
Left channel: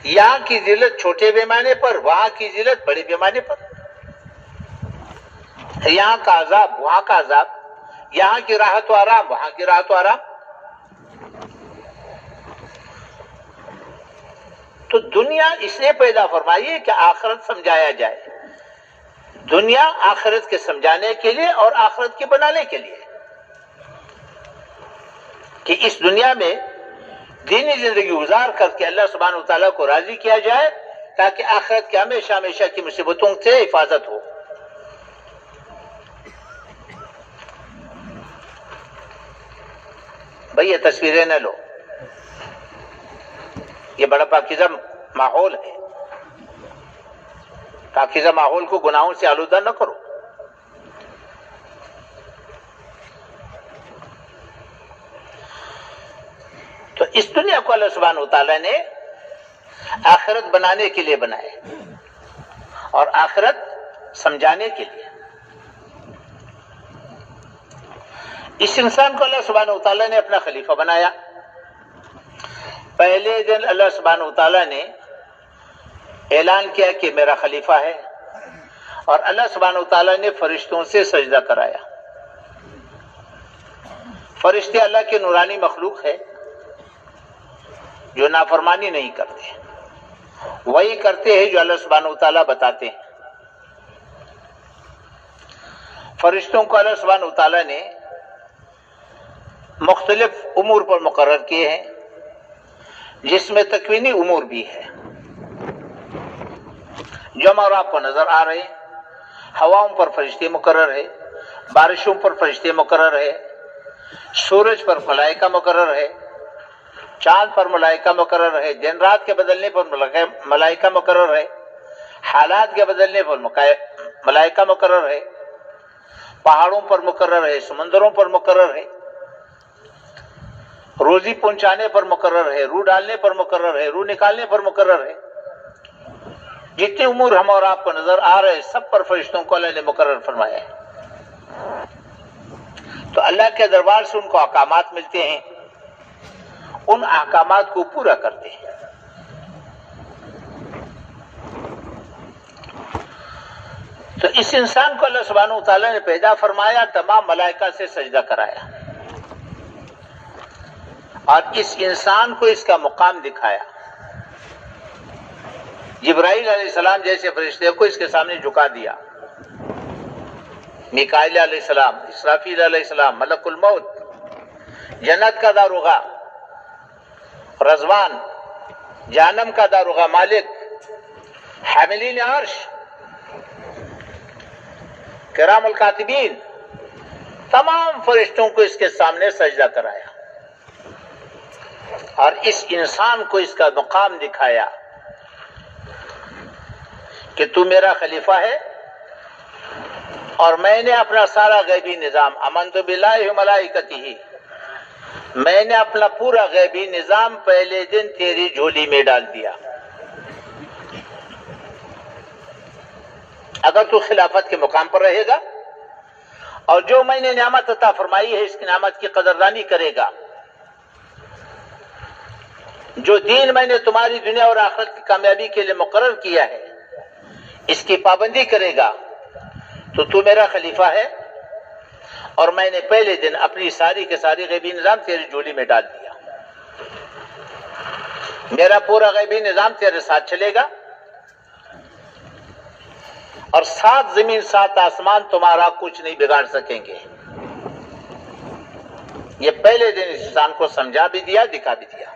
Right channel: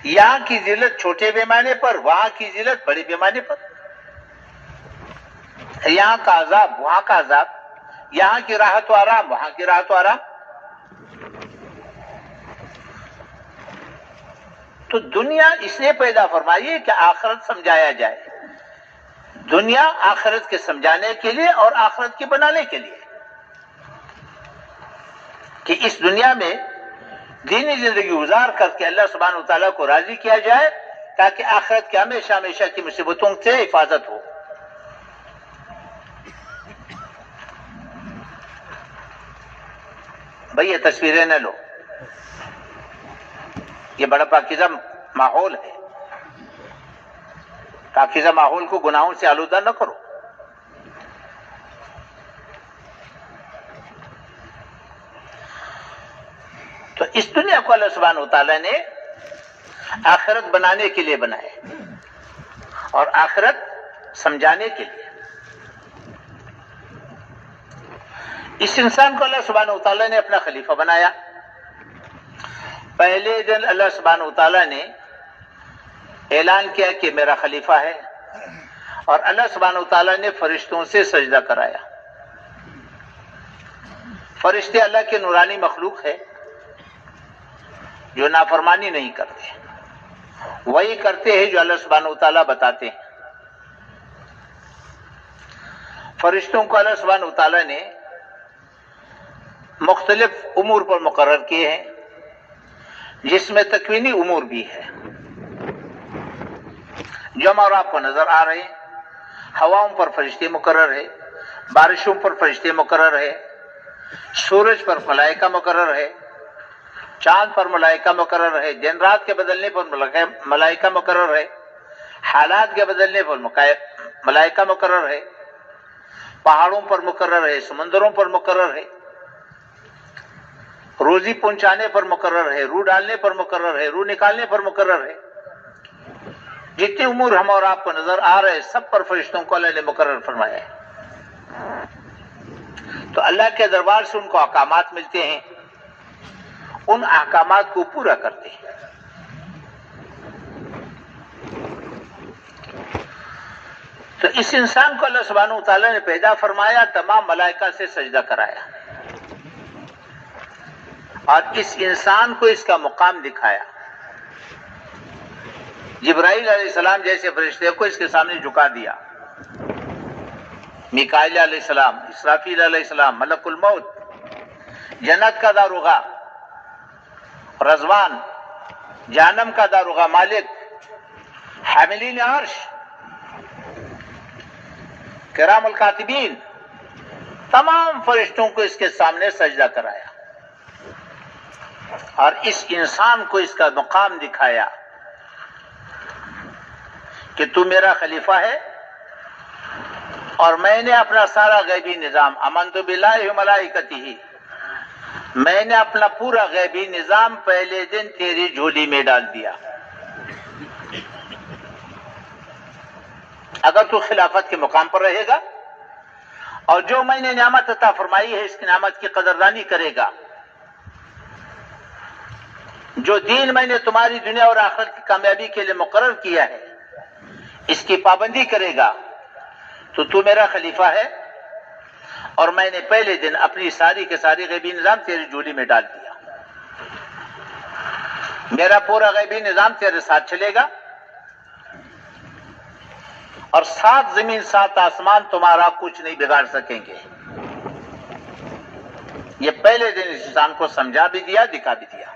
یہاں کی ذلت چھوٹے پیمانے پر وہاں کی ذلت بڑے پیمانے پر. یہاں کا عذاب وہاں کا عذاب. یہاں کی راحت و آرام وہاں کی راحت و آرام. تو دنیا اس لیے پیدا فرمائی ہے کہ آخرت سمجھایا جائے. دنیا آخرت کے سمجھانے کے لیے اور آخرت کے بنانے کے لیے کہ اس دنیا میں دینی زندگی گزار کر کے اللہ سبحانہ وتعالیٰ کو راضی کیا جائے تاکہ آخرت کے ہمیشہ ہمیشہ کی مصیبتوں سے حفاظت ہو. بھئی یہ تصویریں نہ لو. یہ بڑا پاکیزہ ماحول ہے. پاکیزہ ماحول کو گناہوں سے آلودہ نہ کرو. تو اس دنیا کو اللہ سبحانہ وتعالیٰ نے آخرت بنانے کے لیے بنائے اور آخرت سمجھانے کے لیے. اس انسان کو اللہ سبحانہ وتعالیٰ نے اپنا خلیفہ بنایا. پہلے دن اللہ سبحانہ وتعالیٰ نے اعلان کیا کہ میرا خلیفہ ہے اور اللہ سبحانہ وتعالیٰ نے فرشتوں سے سجدہ کرایا. فرشتے اللہ کے نورانی مخلوق ہے جو نافرمانی نہیں کرتے. وہی کرتے ہیں جو اللہ سبحانہ وتعالیٰ بتاتے ہیں. فرشتوں کو اللہ سبحانہ وتعالیٰ نے مختلف امور پر مقرر کیے ہیں جس میں تکوینی امور بھی ہے جو ہمارا آپ کو نظر آ رہے ہیں. ہواؤں پر فرشتے مقرر ہے, بارشوں پر فرشتے مقرر ہے, سورج پر ملائکہ مقرر ہے, چاند پر ملائکہ مقرر ہے, دن رات کے بدلنے پر ملائکہ مقرر ہے, حالات کے بدلنے پر ملائکہ مقرر ہے, پہاڑوں پر مقرر ہے, سمندروں پر مقرر ہے, روزی پہنچانے پر مقرر ہے, روح ڈالنے پر مقرر ہے, روح نکالنے پر مقرر ہے. جتنے امور ہم اور آپ کو نظر آ رہے ہیں سب پر فرشتوں کو اللہ نے مقرر فرمایا ہے. تو اللہ کے دربار سے ان کو احکامات ملتے ہیں, ان احکامات کو پورا کرتے ہیں. تو اس انسان کو اللہ سبحانہ وتعالیٰ نے پیدا فرمایا, تمام ملائکہ سے سجدہ کرایا اور اس انسان کو اس کا مقام دکھایا. جبرائیل علیہ السلام جیسے فرشتے کو اس کے سامنے جھکا دیا, میکائیل علیہ السلام, اسرافیل علیہ السلام, ملک الموت, جنت کا داروغہ, رضوان, جہنم کا داروغہ مالک, حاملین عرش, کرام الکاتبین, تمام فرشتوں کو اس کے سامنے سجدہ کرایا اور اس انسان کو اس کا مقام دکھایا کہ تو میرا خلیفہ ہے اور میں نے اپنا سارا غیبی نظام, آمنت باللہ و ملائکتہ, میں نے اپنا پورا غیبی نظام پہلے دن تیری جھولی میں ڈال دیا. اگر تو خلافت کے مقام پر رہے گا اور جو میں نے نعمت عطا فرمائی ہے اس کی نعمت کی قدردانی کرے گا, جو دین میں نے تمہاری دنیا اور آخرت کی کامیابی کے لیے مقرر کیا ہے اس کی پابندی کرے گا, تو میرا خلیفہ ہے اور میں نے پہلے دن اپنی ساری کے ساری غیبی نظام تیری جھولی میں ڈال دیا. میرا پورا غیبی نظام تیرے ساتھ چلے گا اور 7 زمین 7 آسمان تمہارا کچھ نہیں بگاڑ سکیں گے. یہ پہلے دن انسان کو سمجھا بھی دیا، دکھا بھی دیا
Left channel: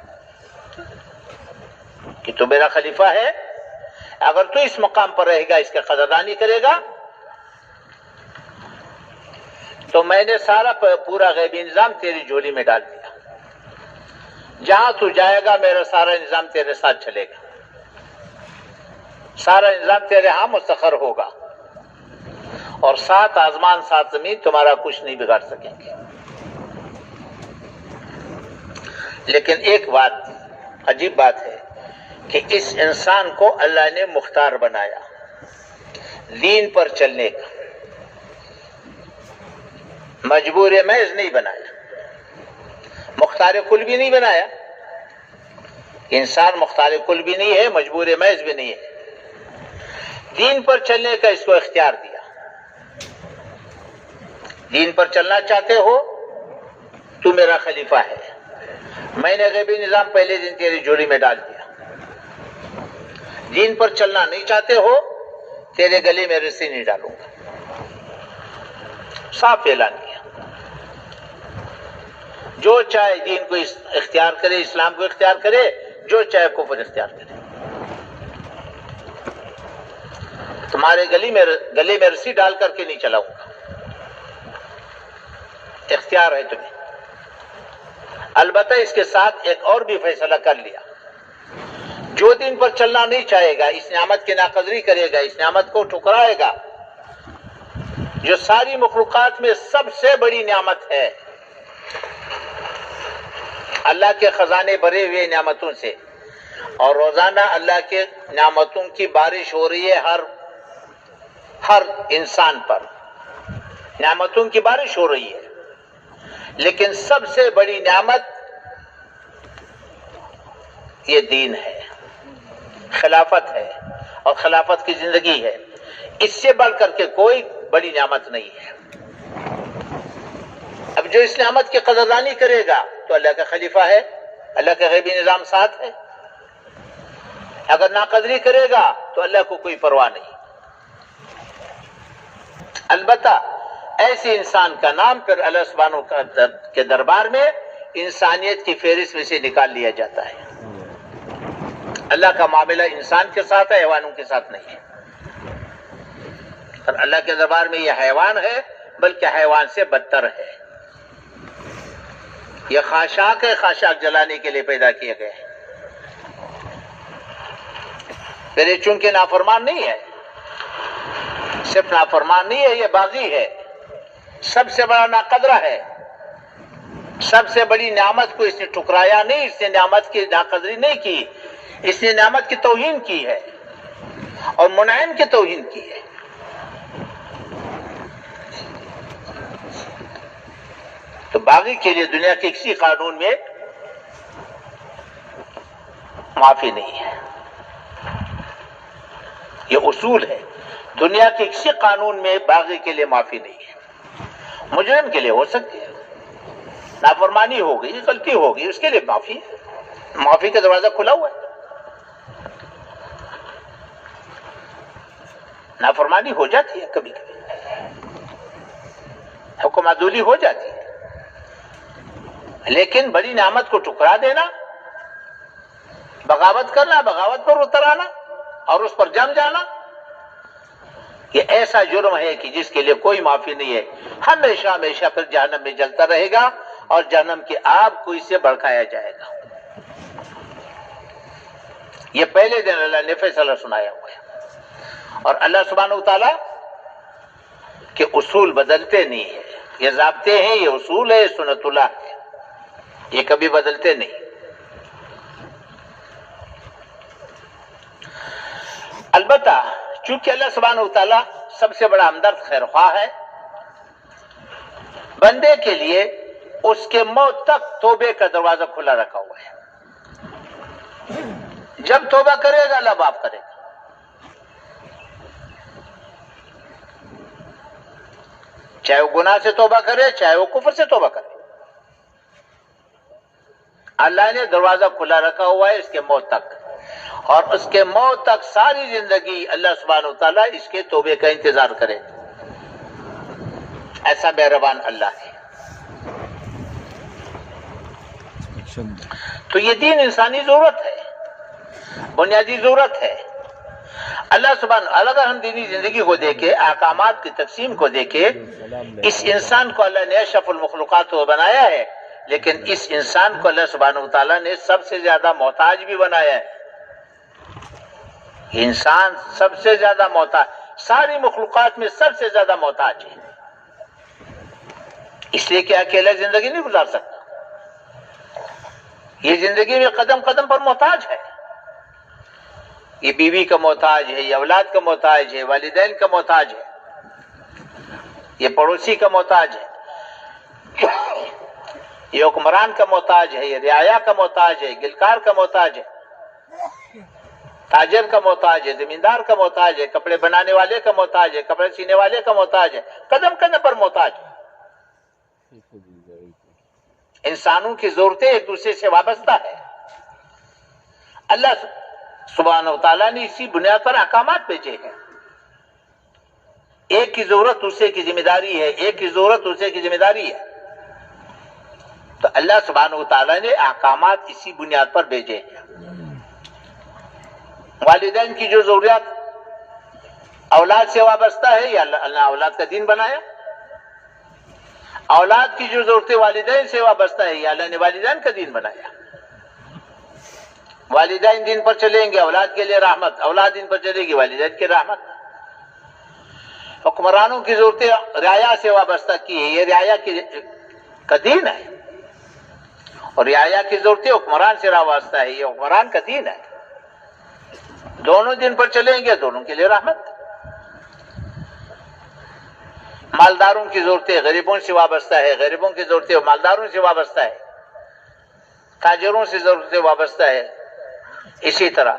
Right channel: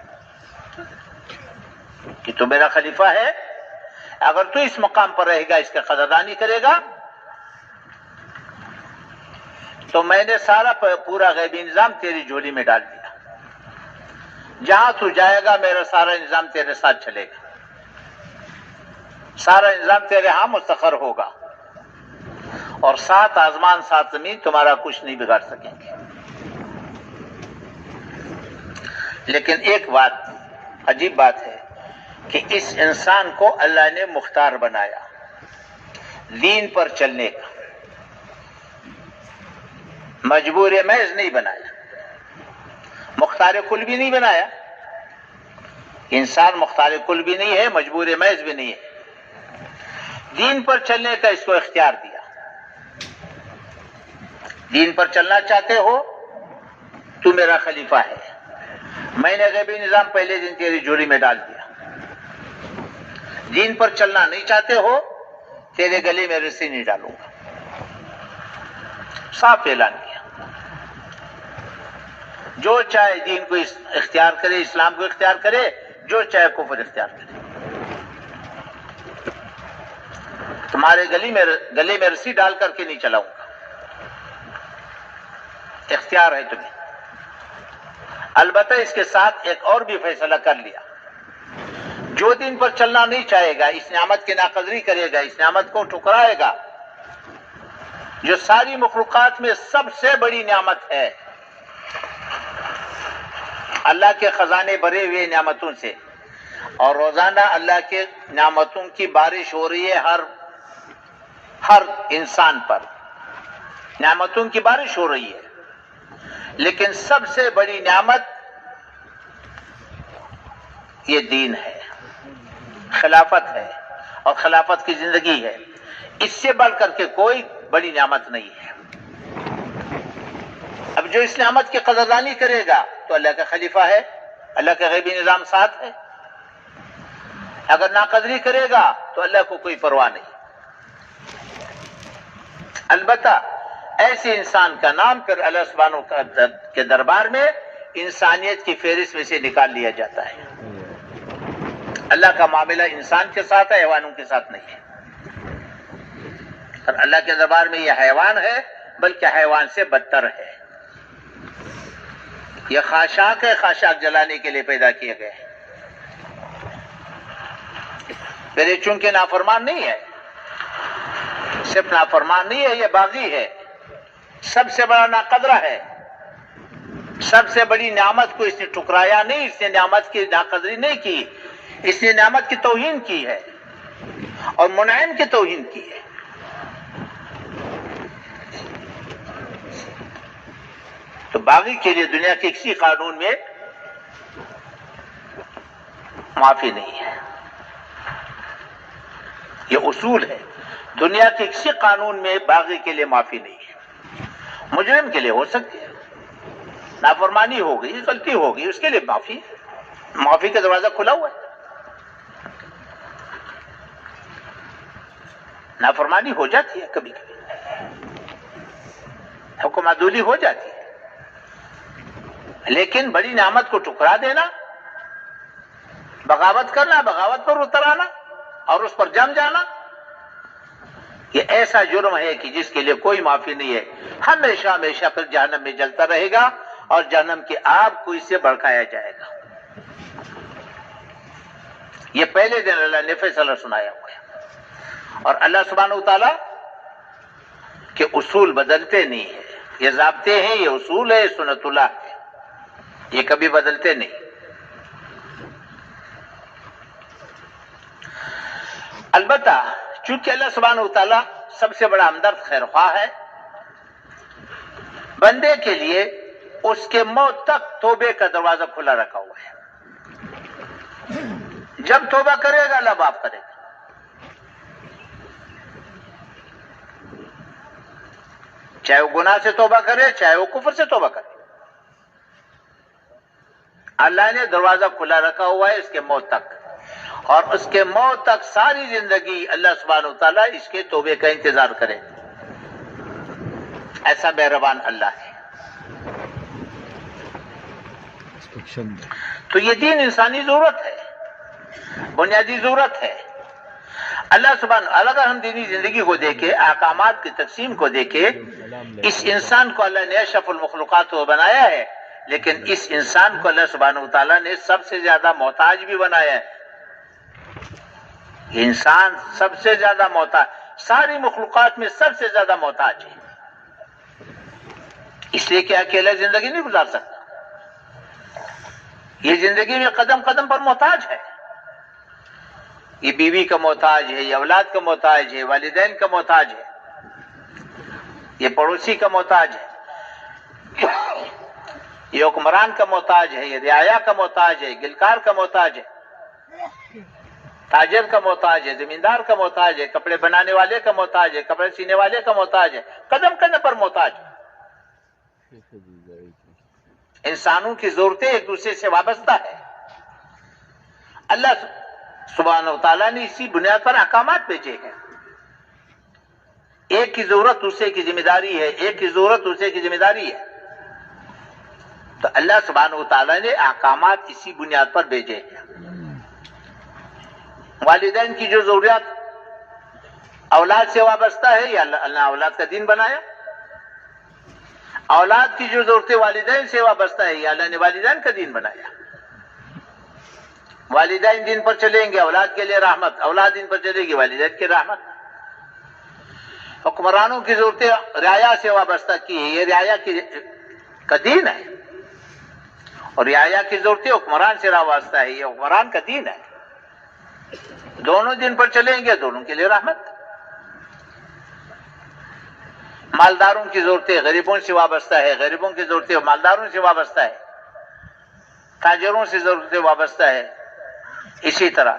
کہ تو میرا خلیفہ ہے، اگر تو اس مقام پر رہے گا، اس کا قدردانی کرے گا، تو میں نے سارا پورا غیبی نظام تیری جھولی میں ڈال دیا. جہاں تو جائے گا میرا سارا نظام تیرے ساتھ چلے گا، سارا نظام تیرے ہاں مستقر ہوگا، اور 7 آسمان 7 زمین تمہارا کچھ نہیں بگاڑ سکیں گے. لیکن ایک بات عجیب بات ہے کہ اس انسان کو اللہ نے مختار بنایا، دین پر چلنے کا، مجبور محض نہیں بنایا، مختار کل بھی نہیں بنایا. انسان مختار کل بھی نہیں ہے، مجبور محض بھی نہیں ہے. دین پر چلنے کا اس کو اختیار دیا. دین پر چلنا چاہتے ہو تو میرا خلیفہ ہے، میں نے غیبی نظام پہلے دن تیری جھولی میں ڈال دیا. دین پر چلنا نہیں چاہتے ہو، تیرے گلے میں رسی نہیں ڈالوں گا. صاف اعلان کیا. جو چاہے دین کو اختیار کرے، اسلام کو اختیار کرے، جو چاہے کفر اختیار کرے، تمہارے گلے میں رسی ڈال کر کے نہیں چلاؤں گا. اختیار ہے تمہیں. البتہ اس کے ساتھ ایک اور بھی فیصلہ کر لیا، جو دین پر چلنا نہیں چاہے گا، اس نعمت کی ناقدری کرے گا، اس نعمت کو ٹھکرائے گا، جو ساری مخلوقات میں سب سے بڑی نعمت ہے، اللہ کے خزانے بھرے ہوئے نعمتوں سے، اور روزانہ اللہ کے نعمتوں کی بارش ہو رہی ہے ہر انسان پر، نعمتوں کی بارش ہو رہی ہے. لیکن سب سے بڑی نعمت یہ دین ہے، خلافت ہے، اور خلافت کی زندگی ہے. اس سے بڑھ کر کے کوئی بڑی نعمت نہیں ہے. اب جو اس نعمت کی قدردانی کرے گا تو اللہ کا خلیفہ ہے، اللہ کا غیبی نظام ساتھ ہے. اگر ناقدری کرے گا تو اللہ کو کوئی پرواہ نہیں. البتہ ایسے انسان کا نام پھر اللہ سبحانہ کے دربار میں انسانیت کی فہرست میں سے نکال لیا جاتا ہے. اللہ کا معاملہ انسان کے ساتھ ہے، حیوانوں کے ساتھ نہیں ہے. اور اللہ کے دربار میں یہ حیوان ہے، بلکہ حیوان سے بدتر ہے. یہ خاشاک ہے، خاشاک جلانے کے لیے پیدا کیے گئے ہیں. پھر یہ چونکہ نافرمان نہیں ہے، صرف نافرمان نہیں ہے، یہ باغی ہے، سب سے بڑا ناقدرہ ہے. سب سے بڑی نعمت کو اس نے ٹھکرایا نہیں، اس نے نعمت کی ناقدری نہیں کی، اس نے نعمت کی توہین کی ہے اور منعم کی توہین کی ہے. تو باغی کے لیے دنیا کے کسی قانون میں معافی نہیں ہے. یہ اصول ہے، دنیا کے کسی قانون میں باغی کے لیے معافی نہیں ہے. مجرم کے لیے ہو سکتی ہے، نافرمانی ہو گئی، غلطی ہو گئی، اس کے لیے معافی ہے، معافی کا دروازہ کھلا ہوا ہے. نافرمانی ہو جاتی ہے کبھی کبھی، حکم عدولی ہو جاتی ہے، لیکن بڑی نعمت کو ٹھکرا دینا، بغاوت کرنا، بغاوت پر اتر آنا اور اس پر جم جانا، یہ ایسا جرم ہے کہ جس کے لیے کوئی معافی نہیں ہے. ہمیشہ ہمیشہ پھر جہنم میں جلتا رہے گا اور جہنم کی آگ کو اس سے بھڑکایا جائے گا. یہ پہلے دن اللہ نے فیصلہ سنایا ہوا ہے. اور اللہ سبحانہ وتعالی کے اصول بدلتے نہیں ہیں، یہ ضابطے ہیں، یہ اصول ہے، یہ سنت اللہ ہے، یہ کبھی بدلتے نہیں. البتہ چونکہ اللہ سبحانہ وتعالی سب سے بڑا ہمدرد خیر خواہ ہے، بندے کے لیے اس کے موت تک توبے کا دروازہ کھلا رکھا ہوا ہے. جب توبہ کرے گا اللہ معاف کرے گا. چاہے وہ گناہ سے توبہ کرے، چاہے وہ کفر سے توبہ کرے، اللہ نے دروازہ کھلا رکھا ہوا ہے اس کے موت تک. اور اس کے موت تک ساری زندگی اللہ سبحانہ وتعالیٰ اس کے توبے کا انتظار کرے. ایسا مہربان اللہ ہے. تو یہ دین انسانی ضرورت ہے, بنیادی ضرورت ہے. اللہ سبحانہ اگر ہم دینی زندگی کو دیکھیں, احکامات کی تقسیم کو دیکھیں, اس انسان کو اللہ نے اشرف المخلوقات کو بنایا ہے, لیکن اس انسان کو اللہ سبحانہ وتعالیٰ نے سب سے زیادہ محتاج بھی بنایا ہے. انسان سب سے زیادہ محتاج, ساری مخلوقات میں سب سے زیادہ محتاج ہے. اس لیے کہ اکیلا زندگی نہیں گزار سکتا, یہ زندگی میں قدم قدم پر محتاج ہے. یہ بیوی کا محتاج ہے, یہ اولاد کا محتاج ہے, والدین کا محتاج ہے, یہ پڑوسی کا محتاج ہے, یہ حکمران کا محتاج ہے, یہ رعایا کا محتاج ہے, گلکار کا محتاج ہے, تاجر کا محتاج ہے, زمیندار کا محتاج ہے, کپڑے بنانے والے کا محتاج ہے, کپڑے سینے والے کا محتاج ہے, قدم قدم پر محتاج ہے. انسانوں کی ضرورتیں ایک دوسرے سے وابستہ ہے. اللہ سبحانہ وتعالیٰ نے اسی بنیاد پر احکامات بھیجے ہیں. ایک کی ضرورت دوسرے کی ذمہ داری ہے, ایک کی ضرورت دوسرے کی ذمہ داری ہے. تو اللہ سبحانہ وتعالیٰ نے احکامات اسی بنیاد پر بھیجے ہیں. والدین کی جو ضروریات اولاد سے وابستہ ہے, یا اللہ اولاد کا دین بنایا. اولاد کی جو ضرورتیں والدین سے وابستہ ہے, یا اللہ نے والدین کا دین بنایا. والدین دین پر چلیں گے اولاد کے لیے رحمت, اولاد دین پر چلے گی والدین کی رحمت. حکمرانوں کی ضرورتیں رعایا سے وابستہ کی ہے, یہ رعایا کا دین ہے, اور رعایا کی ضرورتیں حکمران سے وابستہ ہے, یہ حکمران کا دین ہے. دونوں دن پر چلیں گے, دونوں کے لیے رحمت. مالداروں کی ضرورتیں غریبوں سے وابستہ ہے, غریبوں کی ضرورتیں مالداروں سے وابستہ ہے, تاجروں سے ضرورتیں وابستہ ہے. اسی طرح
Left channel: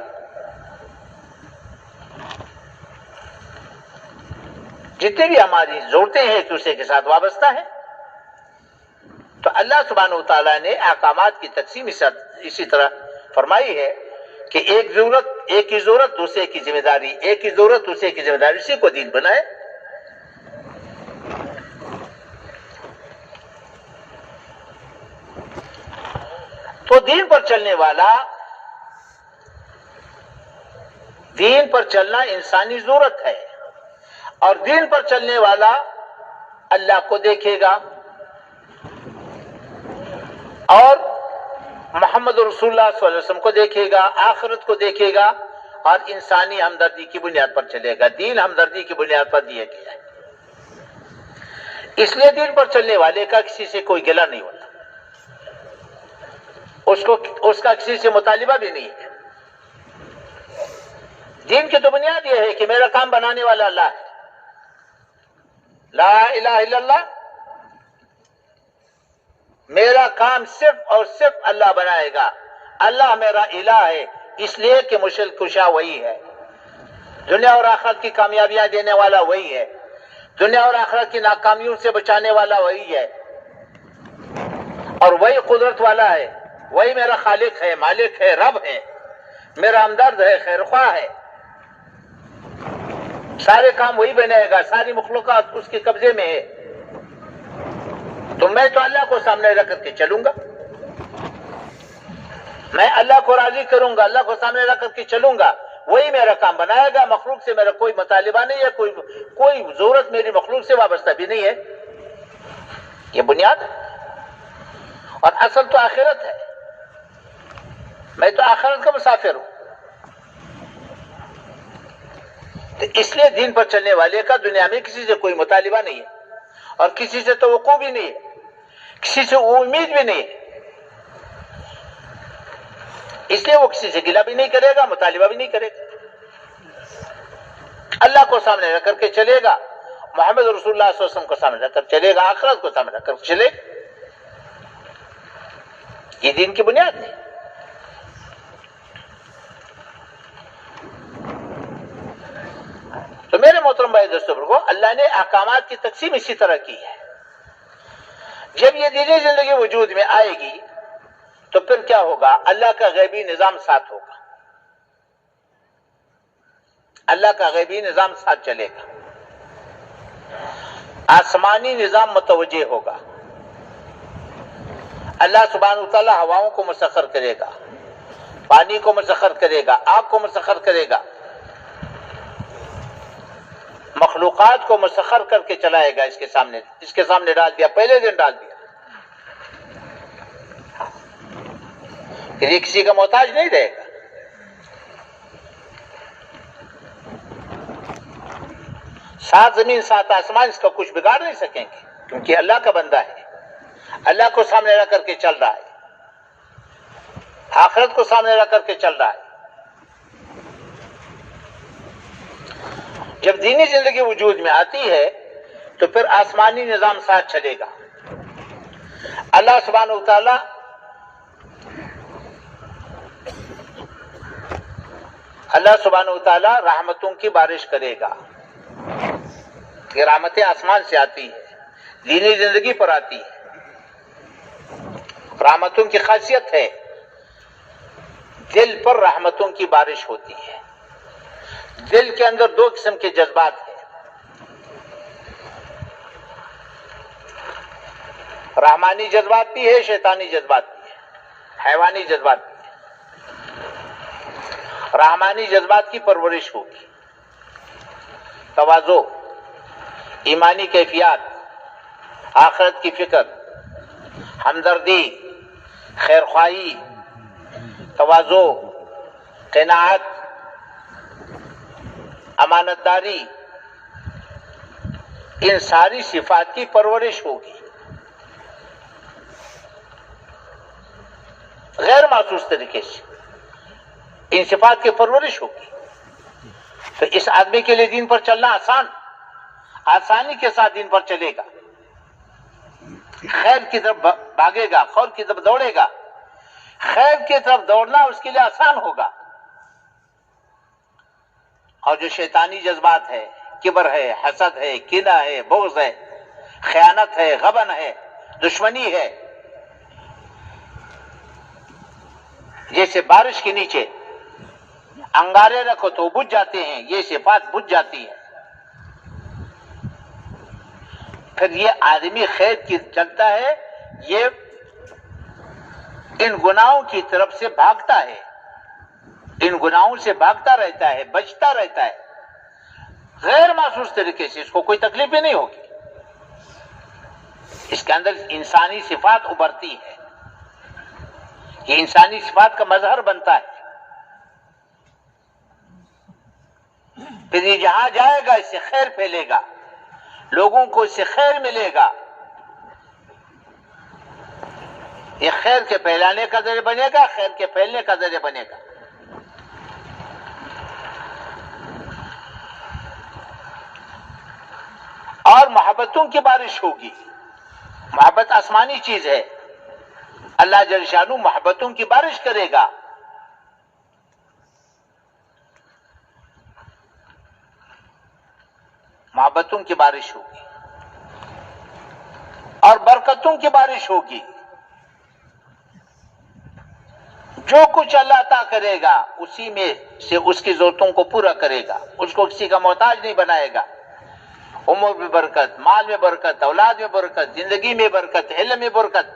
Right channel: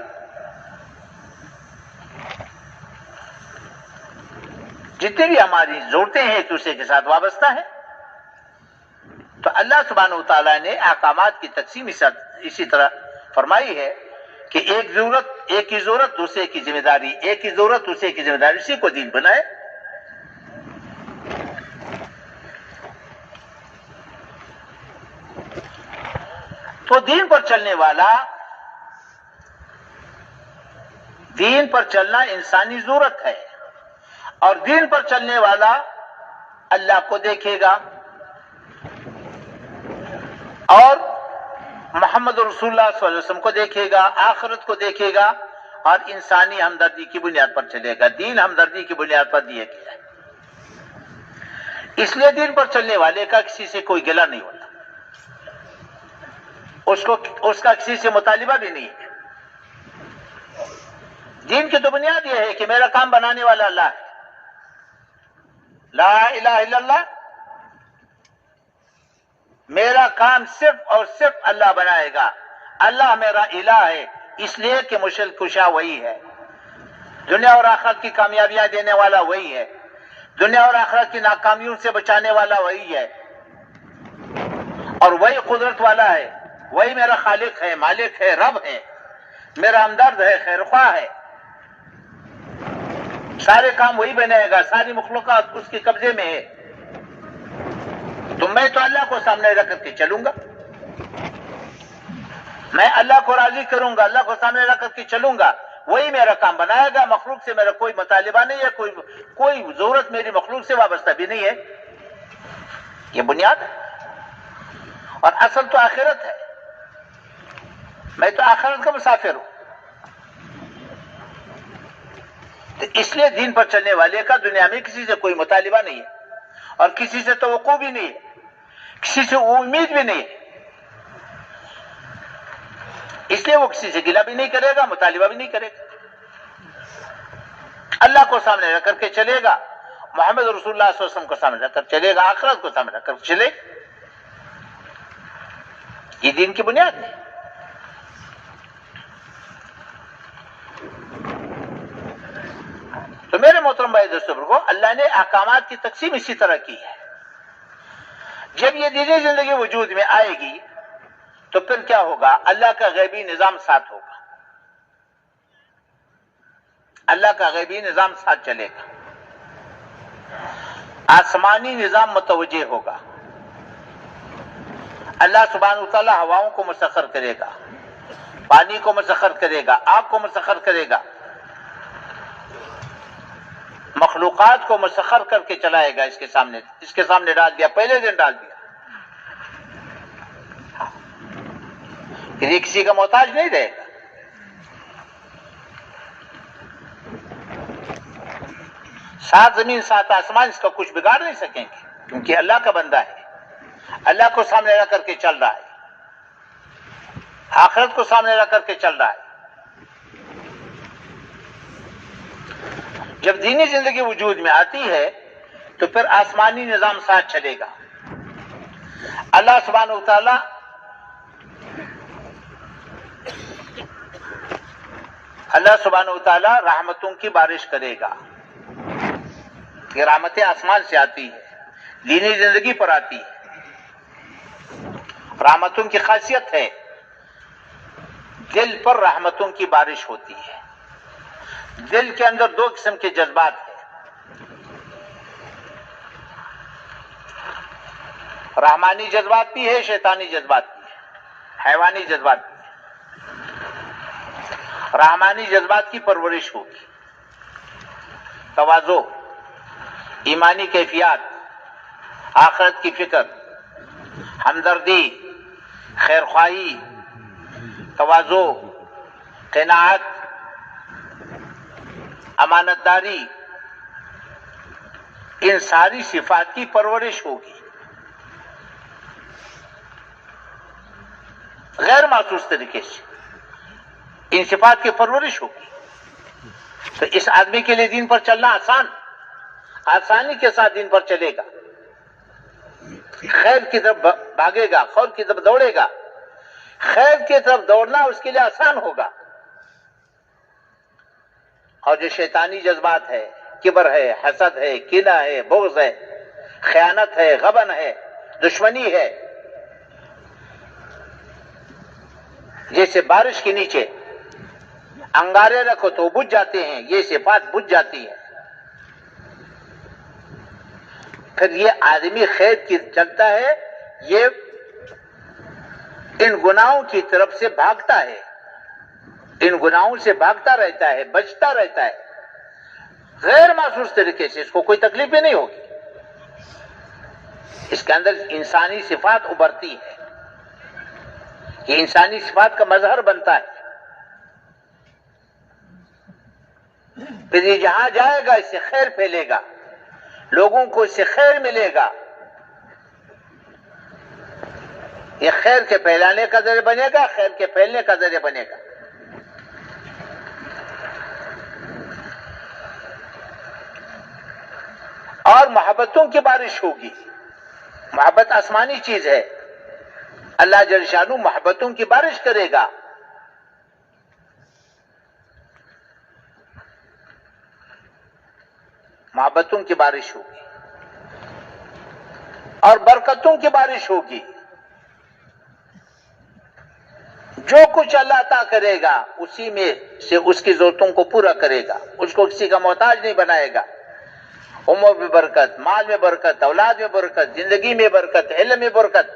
جتنی بھی ہماری ضرورتیں ہیں ایک دوسرے کے ساتھ وابستہ ہیں. تو اللہ سبحانہ وتعالیٰ نے احکامات کی تقسیم اسی طرح فرمائی ہے کہ ایک کی ضرورت دوسرے کی ذمہ داری, ایک کی ضرورت دوسرے کی ذمہ داری, اسی کو دین بنائے. تو دین پر چلنے والا, دین پر چلنا انسانی ضرورت ہے, اور دین پر چلنے والا اللہ کو دیکھے گا اور محمد رسول اللہ صلی اللہ علیہ وسلم کو دیکھے گا, آخرت کو دیکھے گا, اور انسانی ہمدردی کی بنیاد پر چلے گا. دین ہمدردی کی بنیاد پر دیا گیا ہے. اس لیے دین پر چلنے والے کا کسی سے کوئی گلہ نہیں ہوتا, اس کا کسی سے مطالبہ بھی نہیں ہے. دین کی تو بنیاد یہ ہے کہ میرا کام بنانے والا اللہ ہے. لا الہ الا اللہ, میرا کام صرف اور صرف اللہ بنائے گا. اللہ میرا الہ ہے, اس لیے کہ مشکل کشا وہی ہے, دنیا اور آخرت کی کامیابیاں دینے والا وہی ہے, دنیا اور آخرت کی ناکامیوں سے بچانے والا وہی ہے, اور وہی قدرت والا ہے, وہی میرا خالق ہے, مالک ہے, رب ہے, میرا ہمدرد ہے, خیرخواہ ہے. سارے کام وہی بنائے گا, ساری مخلوقات اس کے قبضے میں ہے. تو میں تو اللہ کو سامنے رکھ کر کے چلوں گا, میں اللہ کو راضی کروں گا, اللہ کو سامنے رکھ کر کے چلوں گا, وہی میرا کام بنائے گا. مخلوق سے میرا کوئی مطالبہ نہیں ہے, کوئی ضرورت میری مخلوق سے وابستہ بھی نہیں ہے. یہ بنیاد ہے, اور اصل تو آخرت ہے. میں تو آخرت کا مسافر ہوں. تو اس لیے دین پر چلنے والے کا دنیا میں کسی سے کوئی مطالبہ نہیں ہے, اور کسی سے توقع بھی نہیں ہے, کسی سے امید بھی نہیں ہے. اس لیے وہ کسی سے گلہ بھی نہیں کرے گا, مطالبہ بھی نہیں کرے گا. اللہ کو سامنے رکھ کر کے چلے گا, محمد رسول اللہ صلی اللہ علیہ وسلم کو سامنے رکھ کر چلے گا, آخرت کو سامنے رکھ کر چلے گا. یہ دین کی بنیاد ہے. تو میرے محترم بھائی دوستوں کو اللہ نے احکامات کی تقسیم اسی طرح کی ہے. جب یہ دینی زندگی وجود میں آئے گی تو پھر کیا ہوگا؟ اللہ کا غیبی نظام ساتھ ہوگا. اللہ کا غیبی نظام ساتھ چلے گا، آسمانی نظام متوجہ ہوگا، اللہ سبحانہ وتعالی ہواؤں کو مسخر کرے گا، پانی کو مسخر کرے گا، آگ کو مسخر کرے گا، مخلوقات کو مسخر کر کے چلائے گا، اس کے سامنے ڈال دیا، پہلے دن ڈال دیا، پھر یہ کسی کا محتاج نہیں رہے گا۔ سات زمین سات آسمان اس کا کچھ بگاڑ نہیں سکیں گے، کیونکہ اللہ کا بندہ ہے، اللہ کو سامنے رکھ کر کے چل رہا ہے، آخرت کو سامنے رکھ کر کے چل رہا ہے۔ جب دینی زندگی وجود میں آتی ہے تو پھر آسمانی نظام ساتھ چلے گا۔ اللہ سبحانہ وتعالی رحمتوں کی بارش کرے گا۔ یہ رحمتیں آسمان سے آتی ہے، دینی زندگی پر آتی ہے۔ رحمتوں کی خاصیت ہے دل پر رحمتوں کی بارش ہوتی ہے۔ دل کے اندر دو قسم کے جذبات ہیں، رحمانی جذبات بھی ہے، شیطانی جذبات بھی ہے، حیوانی جذبات بھی ہے۔ رحمانی جذبات کی پرورش ہوگی، تواضع، ایمانی کیفیات، آخرت کی فکر، ہمدردی، خیرخواہی، تواضع، قناعت، امانت داری، ان ساری صفات کی پرورش ہوگی، غیر محسوس طریقے سے ان صفات کی پرورش ہوگی۔ تو اس آدمی کے لیے دین پر چلنا آسانی کے ساتھ دین پر چلے گا، خیر کی طرف بھاگے گا، خیر کی طرف دوڑے گا، خیر کی طرف دوڑنا اس کے لیے آسان ہوگا۔ اور جو شیطانی جذبات ہے، کبر ہے، حسد ہے، کینہ ہے، بغض ہے، خیانت ہے، غبن ہے، دشمنی ہے، جیسے بارش کے نیچے انگارے رکھو تو بجھ جاتے ہیں، یہ صفات بجھ جاتی ہے۔ پھر یہ آدمی خیر کی چلتا ہے، یہ ان گناہوں کی طرف سے بھاگتا ہے، ان گناہوں سے بھاگتا رہتا ہے، بچتا رہتا ہے، غیر محسوس طریقے سے، اس کو کوئی تکلیف بھی نہیں ہوگی۔ اس کے اندر انسانی صفات ابھرتی ہے، یہ انسانی صفات کا مظہر بنتا ہے۔ پھر یہ جہاں جائے گا اس سے خیر پھیلے گا، لوگوں کو اس سے خیر ملے گا، یہ خیر کے پھیلانے کا ذریعہ بنے گا، خیر کے پھیلنے کا ذریعہ بنے گا۔ اور محبتوں کی بارش ہوگی۔ محبت آسمانی چیز ہے، اللہ جل شانہ محبتوں کی بارش کرے گا۔ محبتوں کی بارش ہوگی اور برکتوں کی بارش ہوگی۔ جو کچھ اللہ عطا کرے گا اسی میں سے اس کی ضرورتوں کو پورا کرے گا، اس کو کسی کا محتاج نہیں بنائے گا۔ عمر میں برکت، مال میں برکت، اولاد میں برکت، زندگی میں برکت، علم میں برکت۔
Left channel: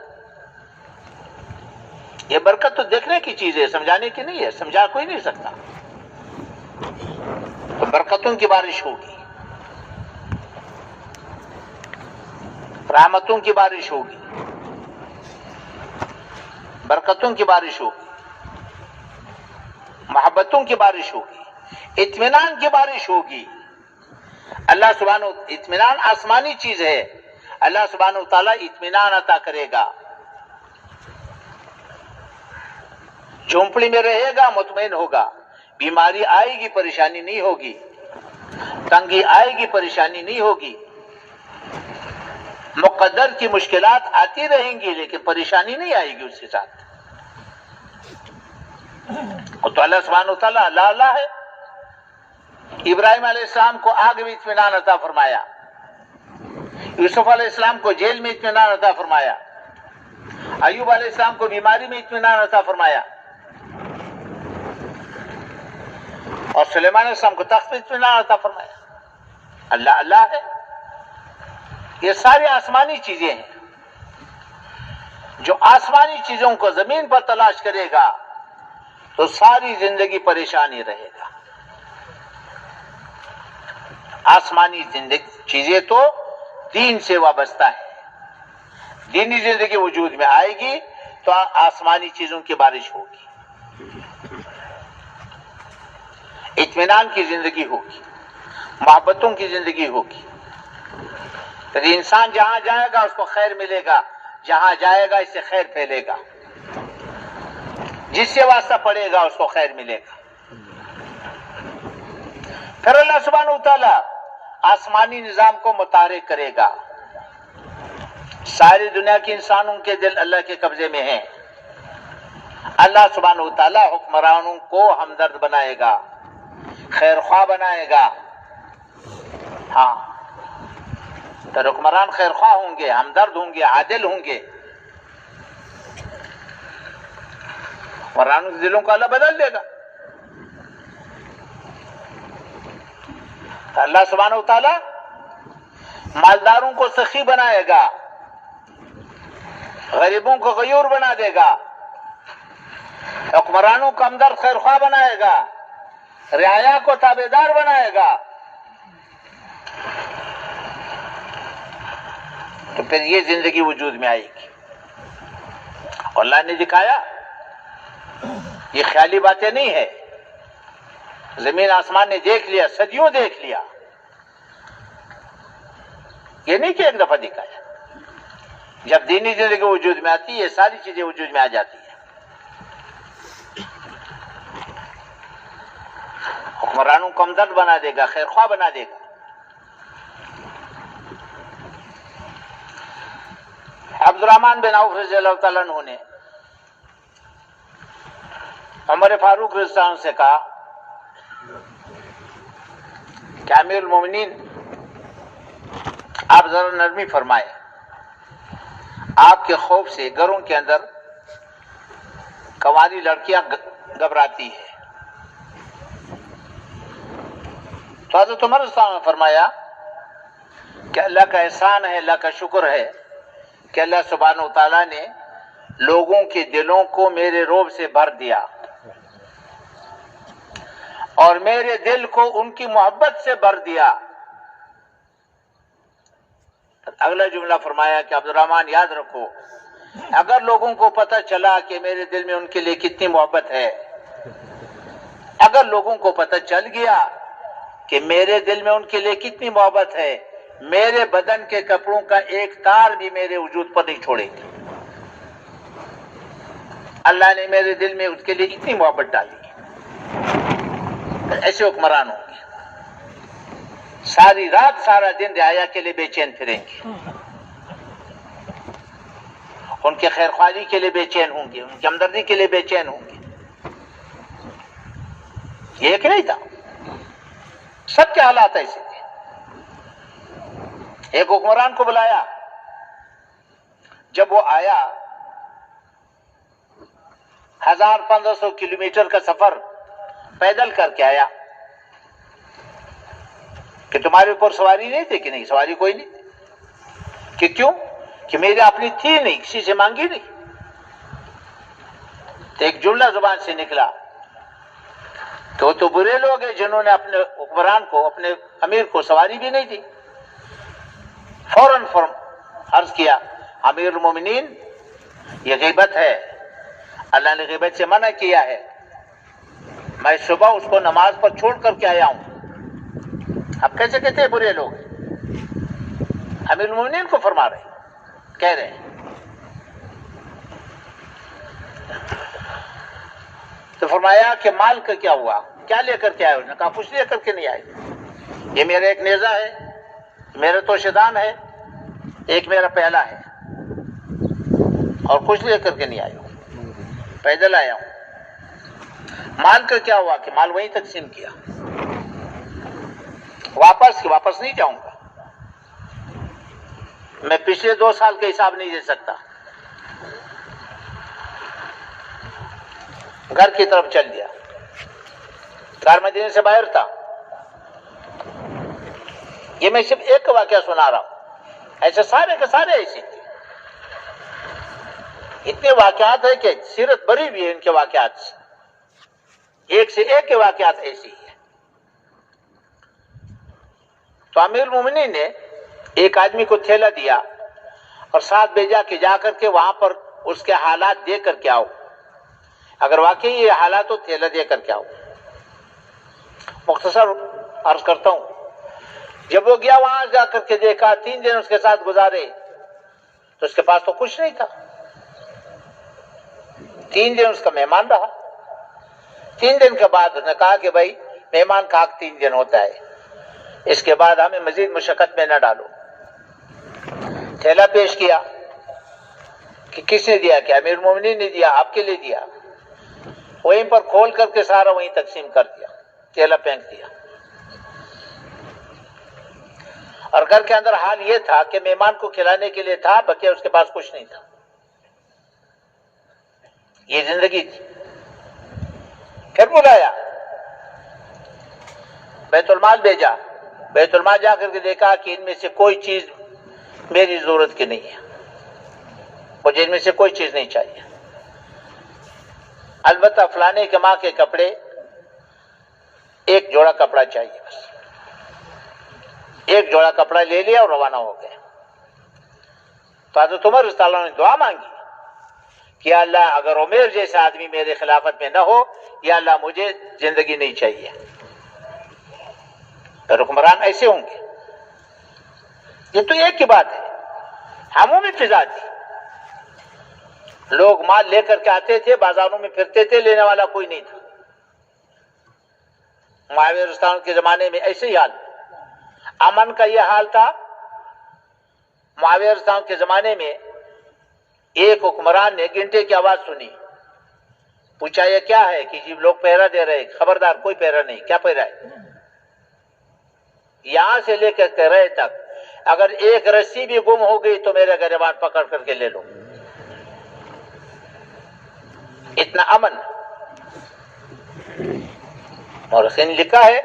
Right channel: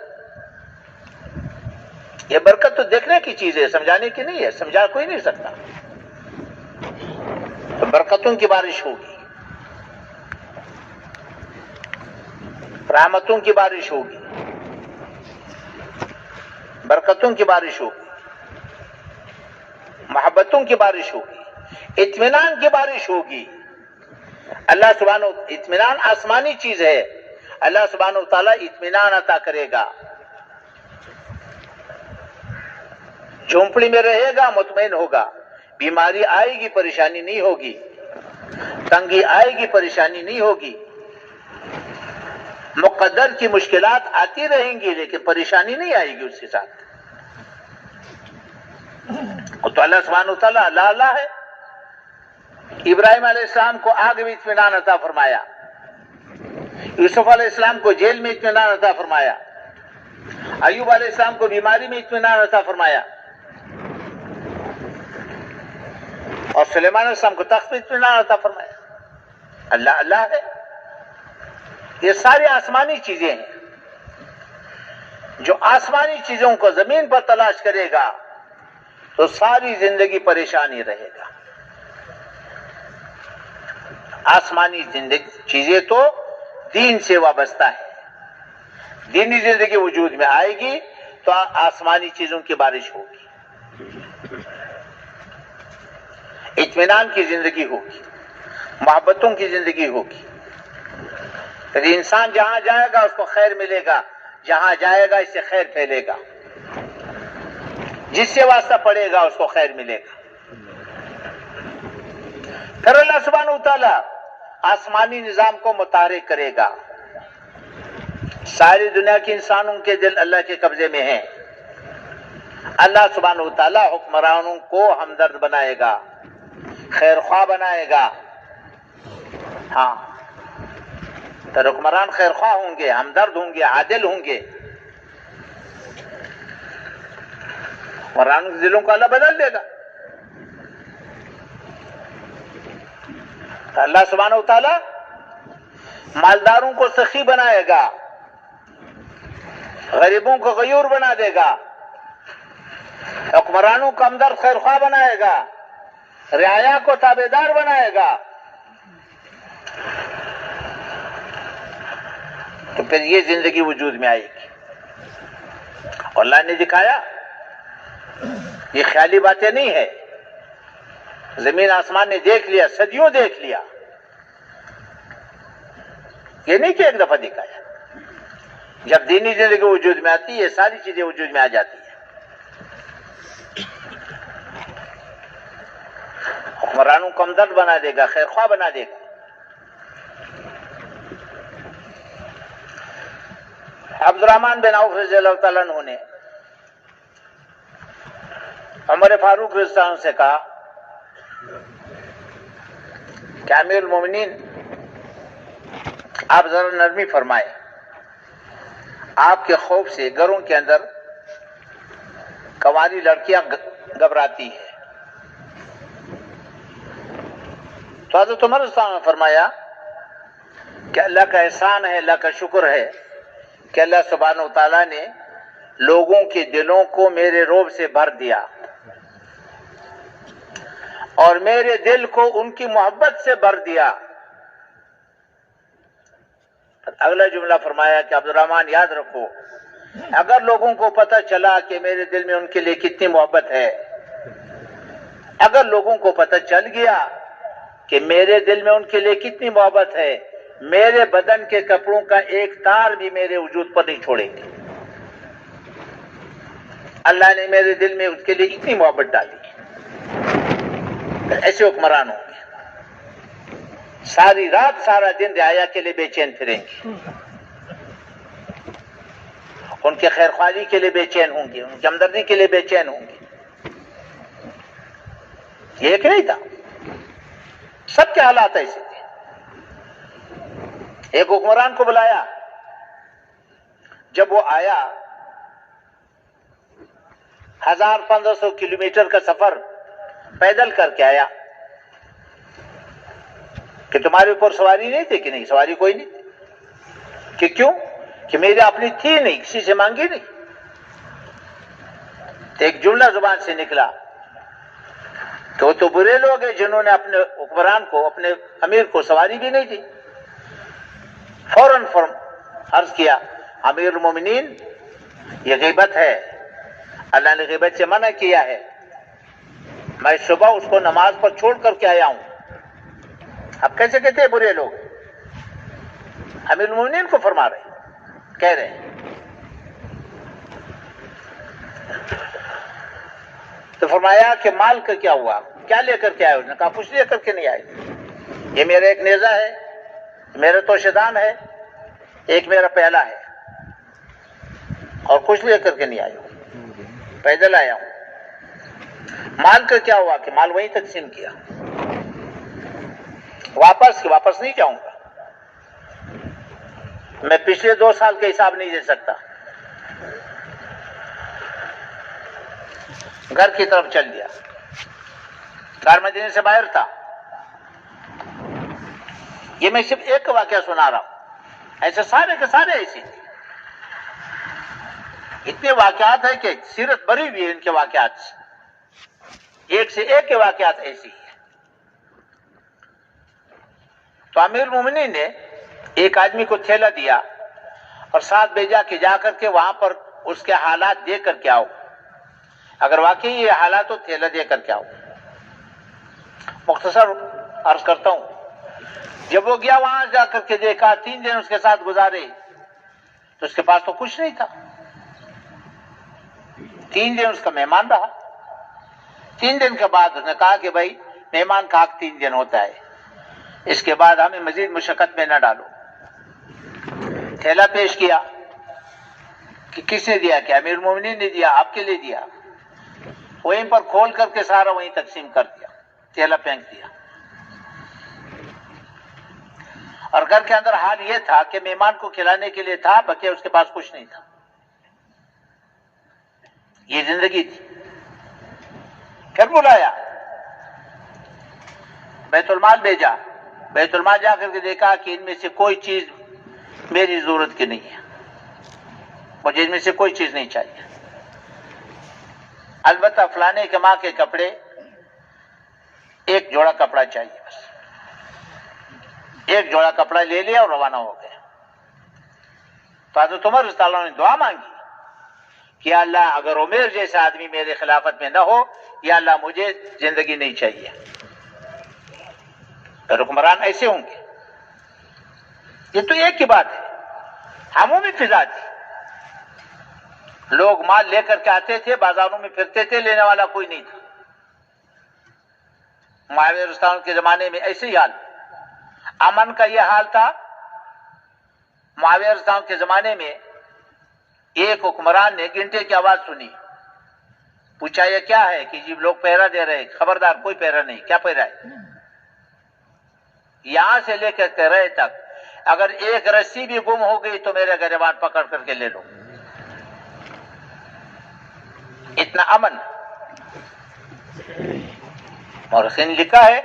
یہ برکت تو دیکھنے کی چیز ہے، سمجھانے کی نہیں ہے، سمجھا کوئی نہیں سکتا۔ تو برکتوں کی بارش ہوگی، رحمتوں کی بارش ہوگی، برکتوں کی بارش ہوگی، محبتوں کی بارش ہوگی، اطمینان کی بارش ہوگی۔ اللہ سبحانہ اطمینان آسمانی چیز ہے، اللہ سبحانہ وتعالی اطمینان عطا کرے گا۔ جھونپڑی میں رہے گا مطمئن ہوگا، بیماری آئے گی پریشانی نہیں ہوگی، تنگی آئے گی پریشانی نہیں ہوگی، مقدر کی مشکلات آتی رہیں گی لیکن پریشانی نہیں آئے گی اس کے ساتھ۔ تو اللہ سبحانہ وتعالی اللہ ہے۔ ابراہیم علیہ السلام کو آگ میں اطمینان عطا فرمایا، یوسف علیہ السلام کو جیل میں اطمینان عطا فرمایا، ایوب علیہ السلام کو بیماری میں اطمینان عطا فرمایا، اور سلیمان علیہ السلام کو تخت پہ اطمینان عطا فرمایا. اللہ اللہ ہے. یہ ساری آسمانی چیزیں ہیں. جو آسمانی چیزوں کو زمین پر تلاش کرے گا تو ساری زندگی پریشانی رہے گا. آسمانی چیزیں تو دین سے وابستہ ہے. دینی زندگی وجود میں آئے گی تو آسمانی چیزوں کی بارش ہوگی, اطمینان کی زندگی ہوگی, محبتوں کی زندگی ہوگی. پھر انسان جہاں جائے گا اس کو خیر ملے گا, جہاں جائے گا اس سے خیر پھیلے گا, جس سے واسطہ پڑے گا اس کو خیر ملے گا. پھر اللہ سبحانہ وتعالی آسمانی نظام کو متحرک کرے گا. ساری دنیا کے انسانوں کے دل اللہ کے قبضے میں ہیں. اللہ سبحانہ وتعالی حکمرانوں کو ہمدرد بنائے گا, خیر خواہ بنائے گا. ہاں, تو حکمران خیر خواہ ہوں گے, ہمدرد ہوں گے, عادل ہوں گے. حکمرانوں کے دلوں کو اللہ بدل دے گا. تو اللہ سبحانہ وتعالی مالداروں کو سخی بنائے گا, غریبوں کو غیور بنا دے گا, حکمرانوں کو ہمدرد خیر خواہ بنائے گا, رعایا کو تابعدار بنائے گا. تو پھر یہ زندگی وجود میں آئے گی. اللہ نے دکھایا, یہ خیالی باتیں نہیں ہے. زمین آسمان نے دیکھ لیا, صدیوں دیکھ لیا. یہ نہیں کہ ایک دفعہ دکھایا. جب دینی زندگی وجود میں آتی ہے یہ ساری چیزیں وجود میں آ جاتی ہیں. حکمرانوں کو ہمدرد بنا دے گا, خیر خواہ بنا دے گا. عبد الرحمن بن عوف رضی اللہ تعالیٰ عنہ نے عمر فاروق رضی اللہ عنہ سے کہا کہ امیر المومنین آپ ذرا نرمی فرمائے, آپ کے خوف سے گھروں کے اندر کنواری لڑکیاں گھبراتی ہے. تو حضرت عمر رضی اللہ عنہ نے فرمایا کہ اللہ کا احسان ہے, اللہ کا شکر ہے کہ اللہ سبحانہ وتعالیٰ نے لوگوں کے دلوں کو میرے رعب سے بھر دیا اور میرے دل کو ان کی محبت سے بھر دیا. اگلا جملہ فرمایا کہ عبد الرحمن یاد رکھو, اگر لوگوں کو پتہ چلا کہ میرے دل میں ان کے لیے کتنی محبت ہے, اگر لوگوں کو پتہ چل گیا کہ میرے دل میں ان کے لیے کتنی محبت ہے, میرے بدن کے کپڑوں کا ایک تار بھی میرے وجود پر نہیں چھوڑیں گے. اللہ نے میرے دل میں اس کے لیے اتنی محبت ڈالی. ایسے حکمران ہوں گے, ساری رات سارا دن رعایا کے لیے بے چین پھریں گے, ان کے خیر خواہی کے لیے بے چین ہوں گے, ان کی ہمدردی کے لیے بے چین ہوں گے. یہ ایک نہیں تھا, سب کے حالات ایسے تھے. ایک حکمران کو بلایا, جب وہ آیا 1500 کلومیٹر کا سفر پیدل کر کے آیا کہ تمہارے اوپر سواری نہیں تھی؟ کہ نہیں, سواری کوئی نہیں. کہ کیوں؟ کہ میری اپنی تھی نہیں, کسی سے مانگی نہیں. تو ایک جملہ زبان سے نکلا, تو برے لوگ ہیں جنہوں نے اپنے حکمران کو, اپنے امیر کو سواری بھی نہیں دی. فوراً عرض کیا, امیر المومنین یہ غیبت ہے, اللہ نے غیبت سے منع کیا ہے. میں صبح اس کو نماز پر چھوڑ کر کے آیا ہوں. اب کیسے کہتے ہیں برے لوگ؟ امیر المومنین کو فرما رہے, کہہ رہے ہیں. تو فرمایا کہ مال کا کیا ہوا, کیا لے کر کے آئے؟ انہوں نے کہا کچھ لے کر کے نہیں آئے. یہ میرا ایک نیزہ ہے, میرا توشدان ہے, ایک میرا پہلا ہے, اور کچھ لے کر کے نہیں آیا, پیدل آیا ہوں. مال کا کیا ہوا؟ کہ مال وہیں تقسیم کیا, واپس نہیں جاؤں گا. میں پچھلے 2 سال کا حساب نہیں دے سکتا. گھر کی طرف چل دیا. کار مدینے سے باہر تھا. یہ میں صرف ایک واقعہ سنا رہا ہوں، ایسے سارے کے سارے ایسے تھے. اتنے واقعات ہیں کہ سیرت بری ہوئی ہے ان کے واقعات سے، ایک سے ایک کے واقعات ایسے ہی ہیں. تو امیر المومنین نے ایک آدمی کو تھیلا دیا اور ساتھ بھیجا کہ جا کر کے وہاں پر اس کے حالات دیکھ کر کے آؤ، اگر واقعی یہ حالات ہو تھیلا دے کر کے آؤ. مختصر عرض کرتا ہوں، جب وہ گیا وہاں جا کر کے دیکھا 3 دن اس کے ساتھ گزارے تو اس کے پاس تو کچھ نہیں تھا. 3 دن اس کا مہمان رہا. 3 دن کے بعد اس نے کہا کہ بھائی مہمان کا حق 3 دن ہوتا ہے، اس کے بعد ہمیں مزید مشقت میں نہ ڈالو. تھیلا پیش کیا کہ کس نے دیا؟ کہ امیر المومنین نے دیا. آپ کے لیے دیا. وہیں پر کھول کر کے سارا وہیں تقسیم کر دیا، تھیلا پھینک دیا. اور گھر کے اندر حال یہ تھا کہ مہمان کو کھلانے کے لیے تھا، بلکہ اس کے پاس کچھ نہیں تھا. یہ زندگی تھی. پھر بلایا، بیت المال بھیجا. بیت المال جا کر کے دیکھا کہ ان میں سے کوئی چیز میری ضرورت کی نہیں ہے، مجھے ان میں سے کوئی چیز نہیں چاہیے. البتہ فلانے کے ماں کے کپڑے، ایک جوڑا کپڑا چاہیے بس. ایک جوڑا کپڑا لے لیا اور روانہ ہو گئے. تو حضرت عمر رضی اللہ عنہ نے دعا مانگی کہ یا اللہ اگر عمر جیسا آدمی میرے خلافت میں نہ ہو، یا اللہ مجھے زندگی نہیں چاہیے. تو حکمران ایسے ہوں گے. یہ تو ایک کی بات ہے. عمومی فضا تھی. لوگ مال لے کر کے آتے تھے، بازاروں میں پھرتے تھے، لینے والا کوئی نہیں تھا. معاویہ رضی اللہ عنہ کے زمانے میں ایسے ہی حال. امن کا یہ حال تھا. معاویہ رضی اللہ عنہ کے زمانے میں ایک حکمران نے گھنٹے کی آواز سنی. پوچھا یہ کیا ہے؟ کہ جی لوگ پہرا دے رہے. خبردار کوئی پہرا نہیں. کیا پہرا ہے؟ یہاں سے لے کر رہے تک اگر ایک رسی بھی گم ہو گئی تو میرے گریبان پکڑ کر کے لے لو. اتنا امن. اور اس نے لکھا ہے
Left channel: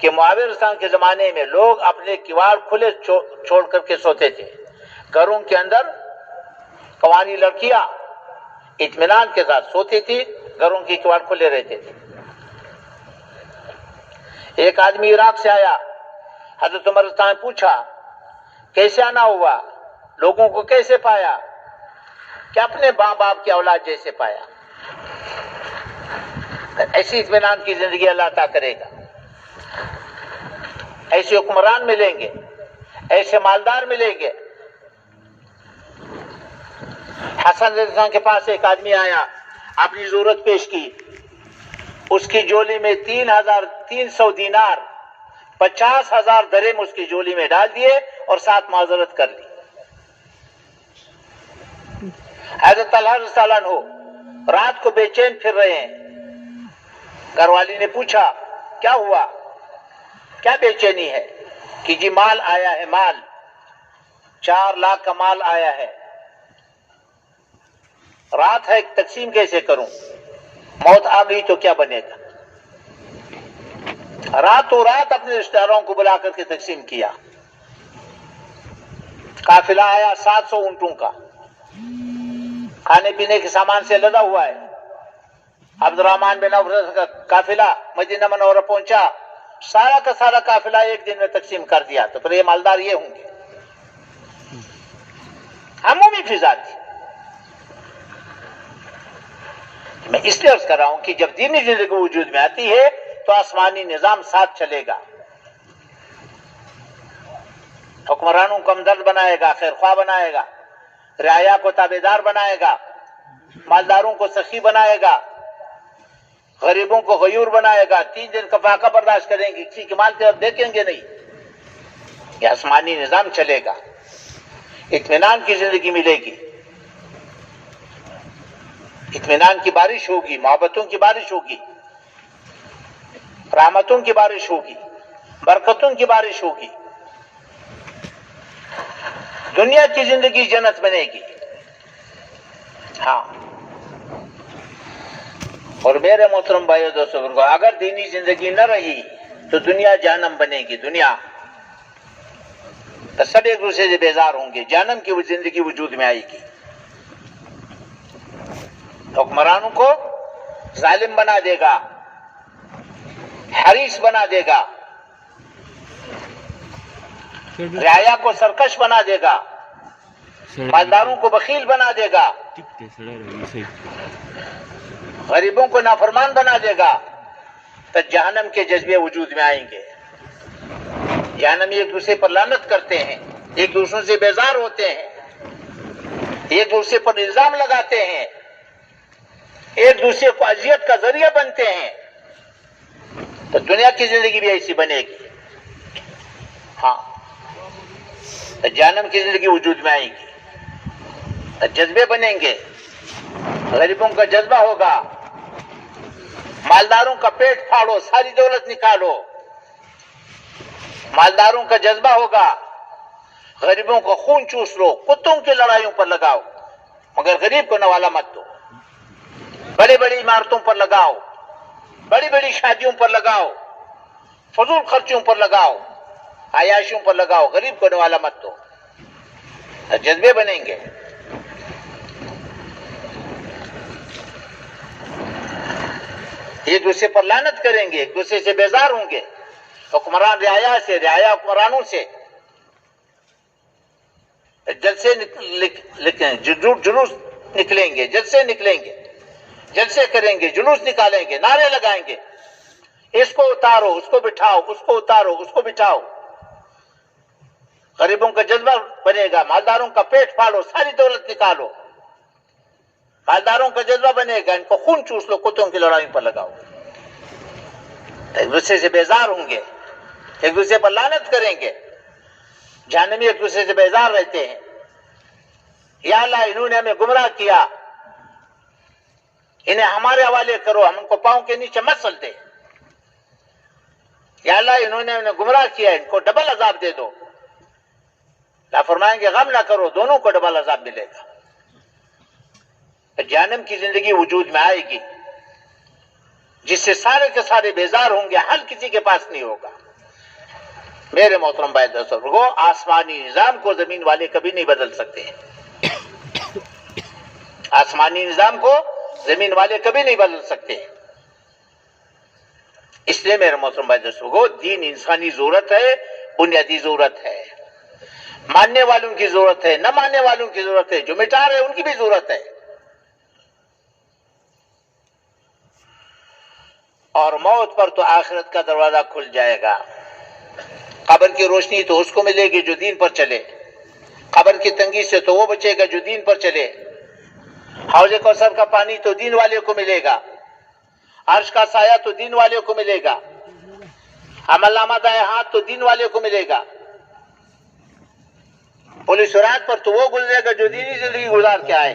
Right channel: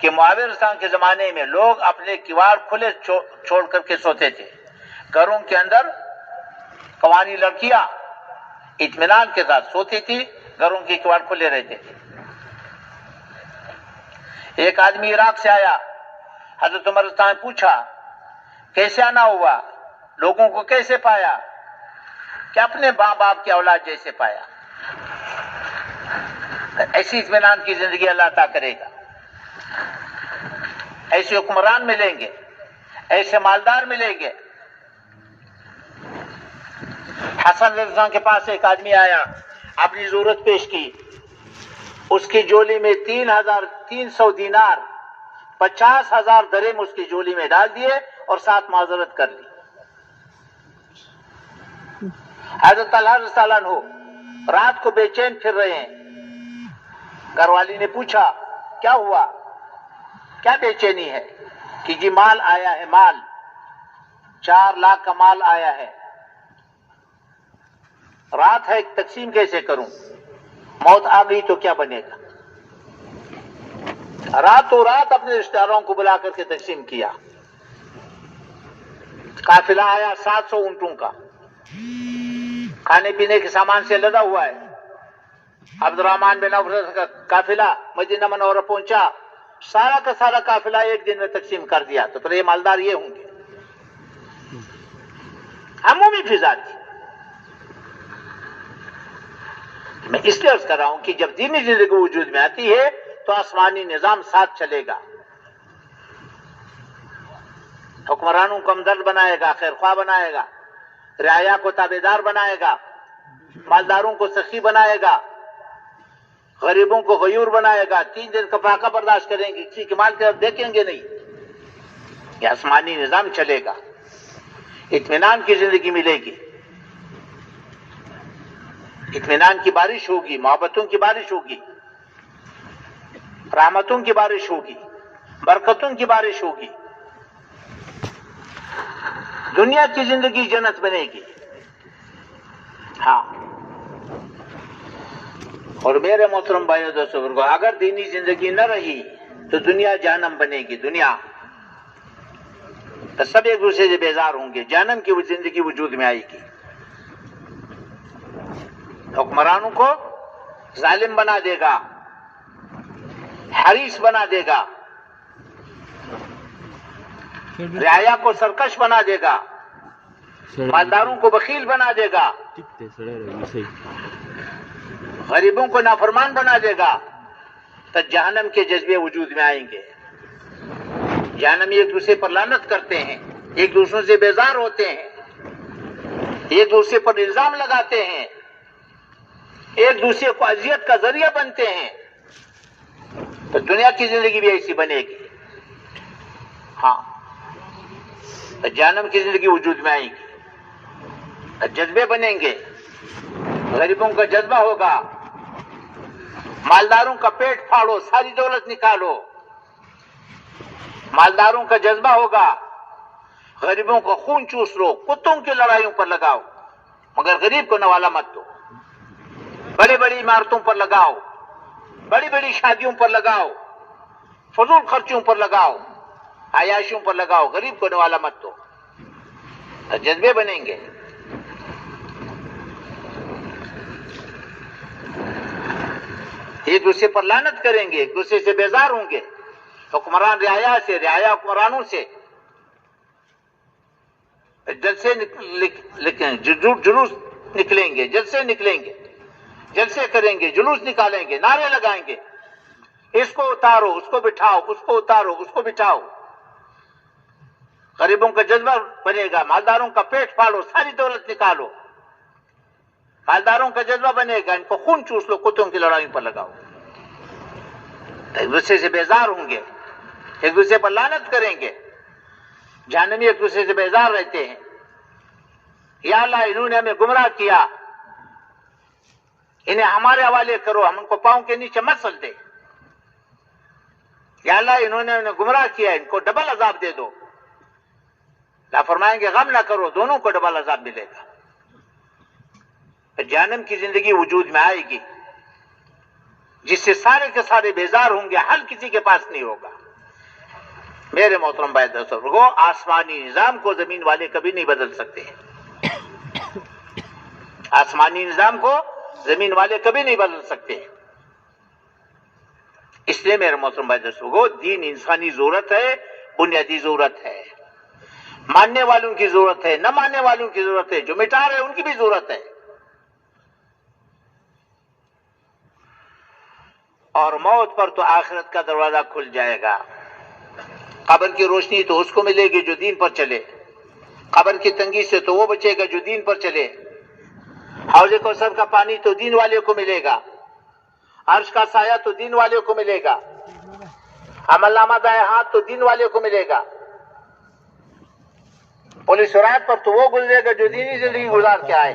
کہ معاویہ رضی اللہ عنہ کے زمانے میں لوگ اپنے کواڑ کھلے چھوڑ کر کے سوتے تھے. گھروں کے اندر قوانی لڑکیاں اطمینان کے ساتھ سوتی تھی، گھروں کی کواڑ کھلے رہتے تھے. ایک آدمی عراق سے آیا. حضرت عمر رضی اللہ عنہ نے پوچھا کیسے آنا ہوا، لوگوں کو کیسے پایا؟ کہ اپنے ماں باپ کی اولاد جیسے پایا. ایسی اطمینان کی زندگی اللہ عطا کرے گا. ایسے حکمران ملیں گے، ایسے مالدار ملیں گے. حسن رضی اللہ عنہ کے پاس ایک آدمی آیا، اپنی ضرورت پیش کی. اس کی جولی میں 3,300 دینار، 50,000 درہم اس کی جولی میں ڈال دیے اور ساتھ معذرت کر لی. حضرت طلحہ رضی اللہ عنہ رات کو بے چین پھر رہے ہیں. گھر والی نے پوچھا کیا ہوا، کیا بے چینی ہے؟ کہ جی مال آیا ہے، مال 4 لاکھ کا مال آیا ہے. رات ہے، تقسیم کیسے کروں؟ موت آ گئی تو کیا بنے گا؟ راتوں رات اپنے رشتہ داروں کو بلا کر کے تقسیم کیا. قافلہ آیا 700 اونٹوں کا، کھانے پینے کے سامان سے لدا ہوا ہے. عبد الرحمن بن عوف کا قافلہ مدینہ منورہ پہنچا، سارا کا سارا قافلہ ایک دن میں تقسیم کر دیا. تو پھر یہ مالدار یہ ہوں گے. عمومی فضا تھی. میں اس لیے عرض کر رہا ہوں کہ جب دینی زندگی وجود میں آتی ہے تو آسمانی نظام ساتھ چلے گا. حکمرانوں کو ہمدرد بنائے گا، خیر خواہ بنائے گا، رعایا کو تابعدار بنائے گا، مالداروں کو سخی بنائے گا، غریبوں کو غیور بنائے گا. 3 دن کا فاقہ برداشت کریں گے، کسی کے مال کی طرف دیکھیں گے نہیں. یہ آسمانی نظام چلے گا. اطمینان کی زندگی ملے گی، اطمینان کی بارش ہوگی، محبتوں کی بارش ہوگی، رحمتوں کی بارش ہوگی، برکتوں کی بارش ہوگی. دنیا کی زندگی جنت بنے گی. ہاں اور میرے محترم بھائیو دوستوں کو اگر دینی زندگی نہ رہی تو دنیا جہنم بنے گی. دنیا تو سب ایک دوسرے سے بیزار ہوں گے. جہنم کی وہ زندگی وجود میں آئے گی. حکمرانوں کو ظالم بنا دے گا, حریص بنا دے گا, رعایا کو سرکش بنا دے گا, مالداروں کو بخیل بنا دے گا, غریبوں کو نافرمان بنا دے گا. تو جہنم کے جذبے وجود میں آئیں گے. جہنمی ایک دوسرے پر لعنت کرتے ہیں, ایک دوسرے سے بیزار ہوتے ہیں, ایک دوسرے پر الزام لگاتے ہیں, ایک دوسرے کو اذیت کا ذریعہ بنتے ہیں. تو دنیا کی زندگی بھی ایسی بنے گی. ہاں, تو جہنم کی زندگی وجود میں آئے گی. تو جذبے بنیں گے. غریبوں کا جذبہ ہوگا, مالداروں کا پیٹ پھاڑو, ساری دولت نکالو. مالداروں کا جذبہ ہوگا, غریبوں کا خون چوس لو, کتوں کی لڑائیوں پر لگاؤ, مگر غریب کو نوالا مت دو. بڑی بڑی عمارتوں پر لگاؤ, بڑی بڑی شادیوں پر لگاؤ, فضول خرچوں پر لگاؤ, عیاشیوں پر لگاؤ, غریب کو نوالا مت دو. جذبے بنیں گے. ایک دوسرے پر لعنت کریں گے, ایک دوسرے سے بیزار ہوں گے. حکمران رعایا سے, رعایا حکمرانوں سے. جلسے جلوس نکلیں گے, جلسے نکلیں گے, جلسے کریں گے, جلوس نکالیں گے, نعرے لگائیں گے. اس کو اتارو, اس کو بٹھاؤ, اس کو اتارو, اس کو بٹھاؤ. غریبوں کا جذبہ بنے گا, مالداروں کا پیٹ پھاڑو, ساری دولت نکالو. مالداروں کا جذبہ بنے گا, ان کو خون چوس لو, کتوں کی لڑائیوں پر لگاؤ. ایک دوسرے سے بیزار ہوں گے, ایک دوسرے پر لعنت کریں گے. جہنمی ایک دوسرے سے بیزار رہتے ہیں. یا اللہ انہوں نے ہمیں گمراہ کیا, انہیں ہمارے حوالے کرو, ہم ان کو پاؤں کے نیچے مت سلتے. یا اللہ انہوں نے ہمیں گمراہ کیا, ان کو ڈبل عذاب دے دو. اللہ فرمائیں گے غم نہ کرو, دونوں کو ڈبل عذاب ملے گا. جہنم کی زندگی وجود میں آئے گی جس سے سارے کے سارے بیزار ہوں گے, حل کسی کے پاس نہیں ہوگا. میرے محترم بھائی دوستو, آسمانی نظام کو زمین والے کبھی نہیں بدل سکتے. آسمانی نظام کو زمین والے کبھی نہیں بدل سکتے. اس لیے میرے محترم بھائی دوستو, دین انسانی ضرورت ہے, بنیادی ضرورت ہے. ماننے والوں کی ضرورت ہے, نہ ماننے والوں کی ضرورت ہے, جو مٹا رہے ان کی بھی ضرورت ہے. اور موت پر تو آخرت کا دروازہ کھل جائے گا. قبر کی روشنی تو اس کو ملے گی جو دین پر چلے. قبر کی تنگی سے تو وہ بچے گا جو دین پر چلے. حوض کوثر کا پانی تو دین والے کو ملے گا. عرش کا سایہ تو دین والے کو ملے گا. عمل نامہ دائیں ہاتھ تو دین والے کو ملے گا. پولیس رات پر تو وہ گزرے گا جو دینی زندگی گزار کے آئے.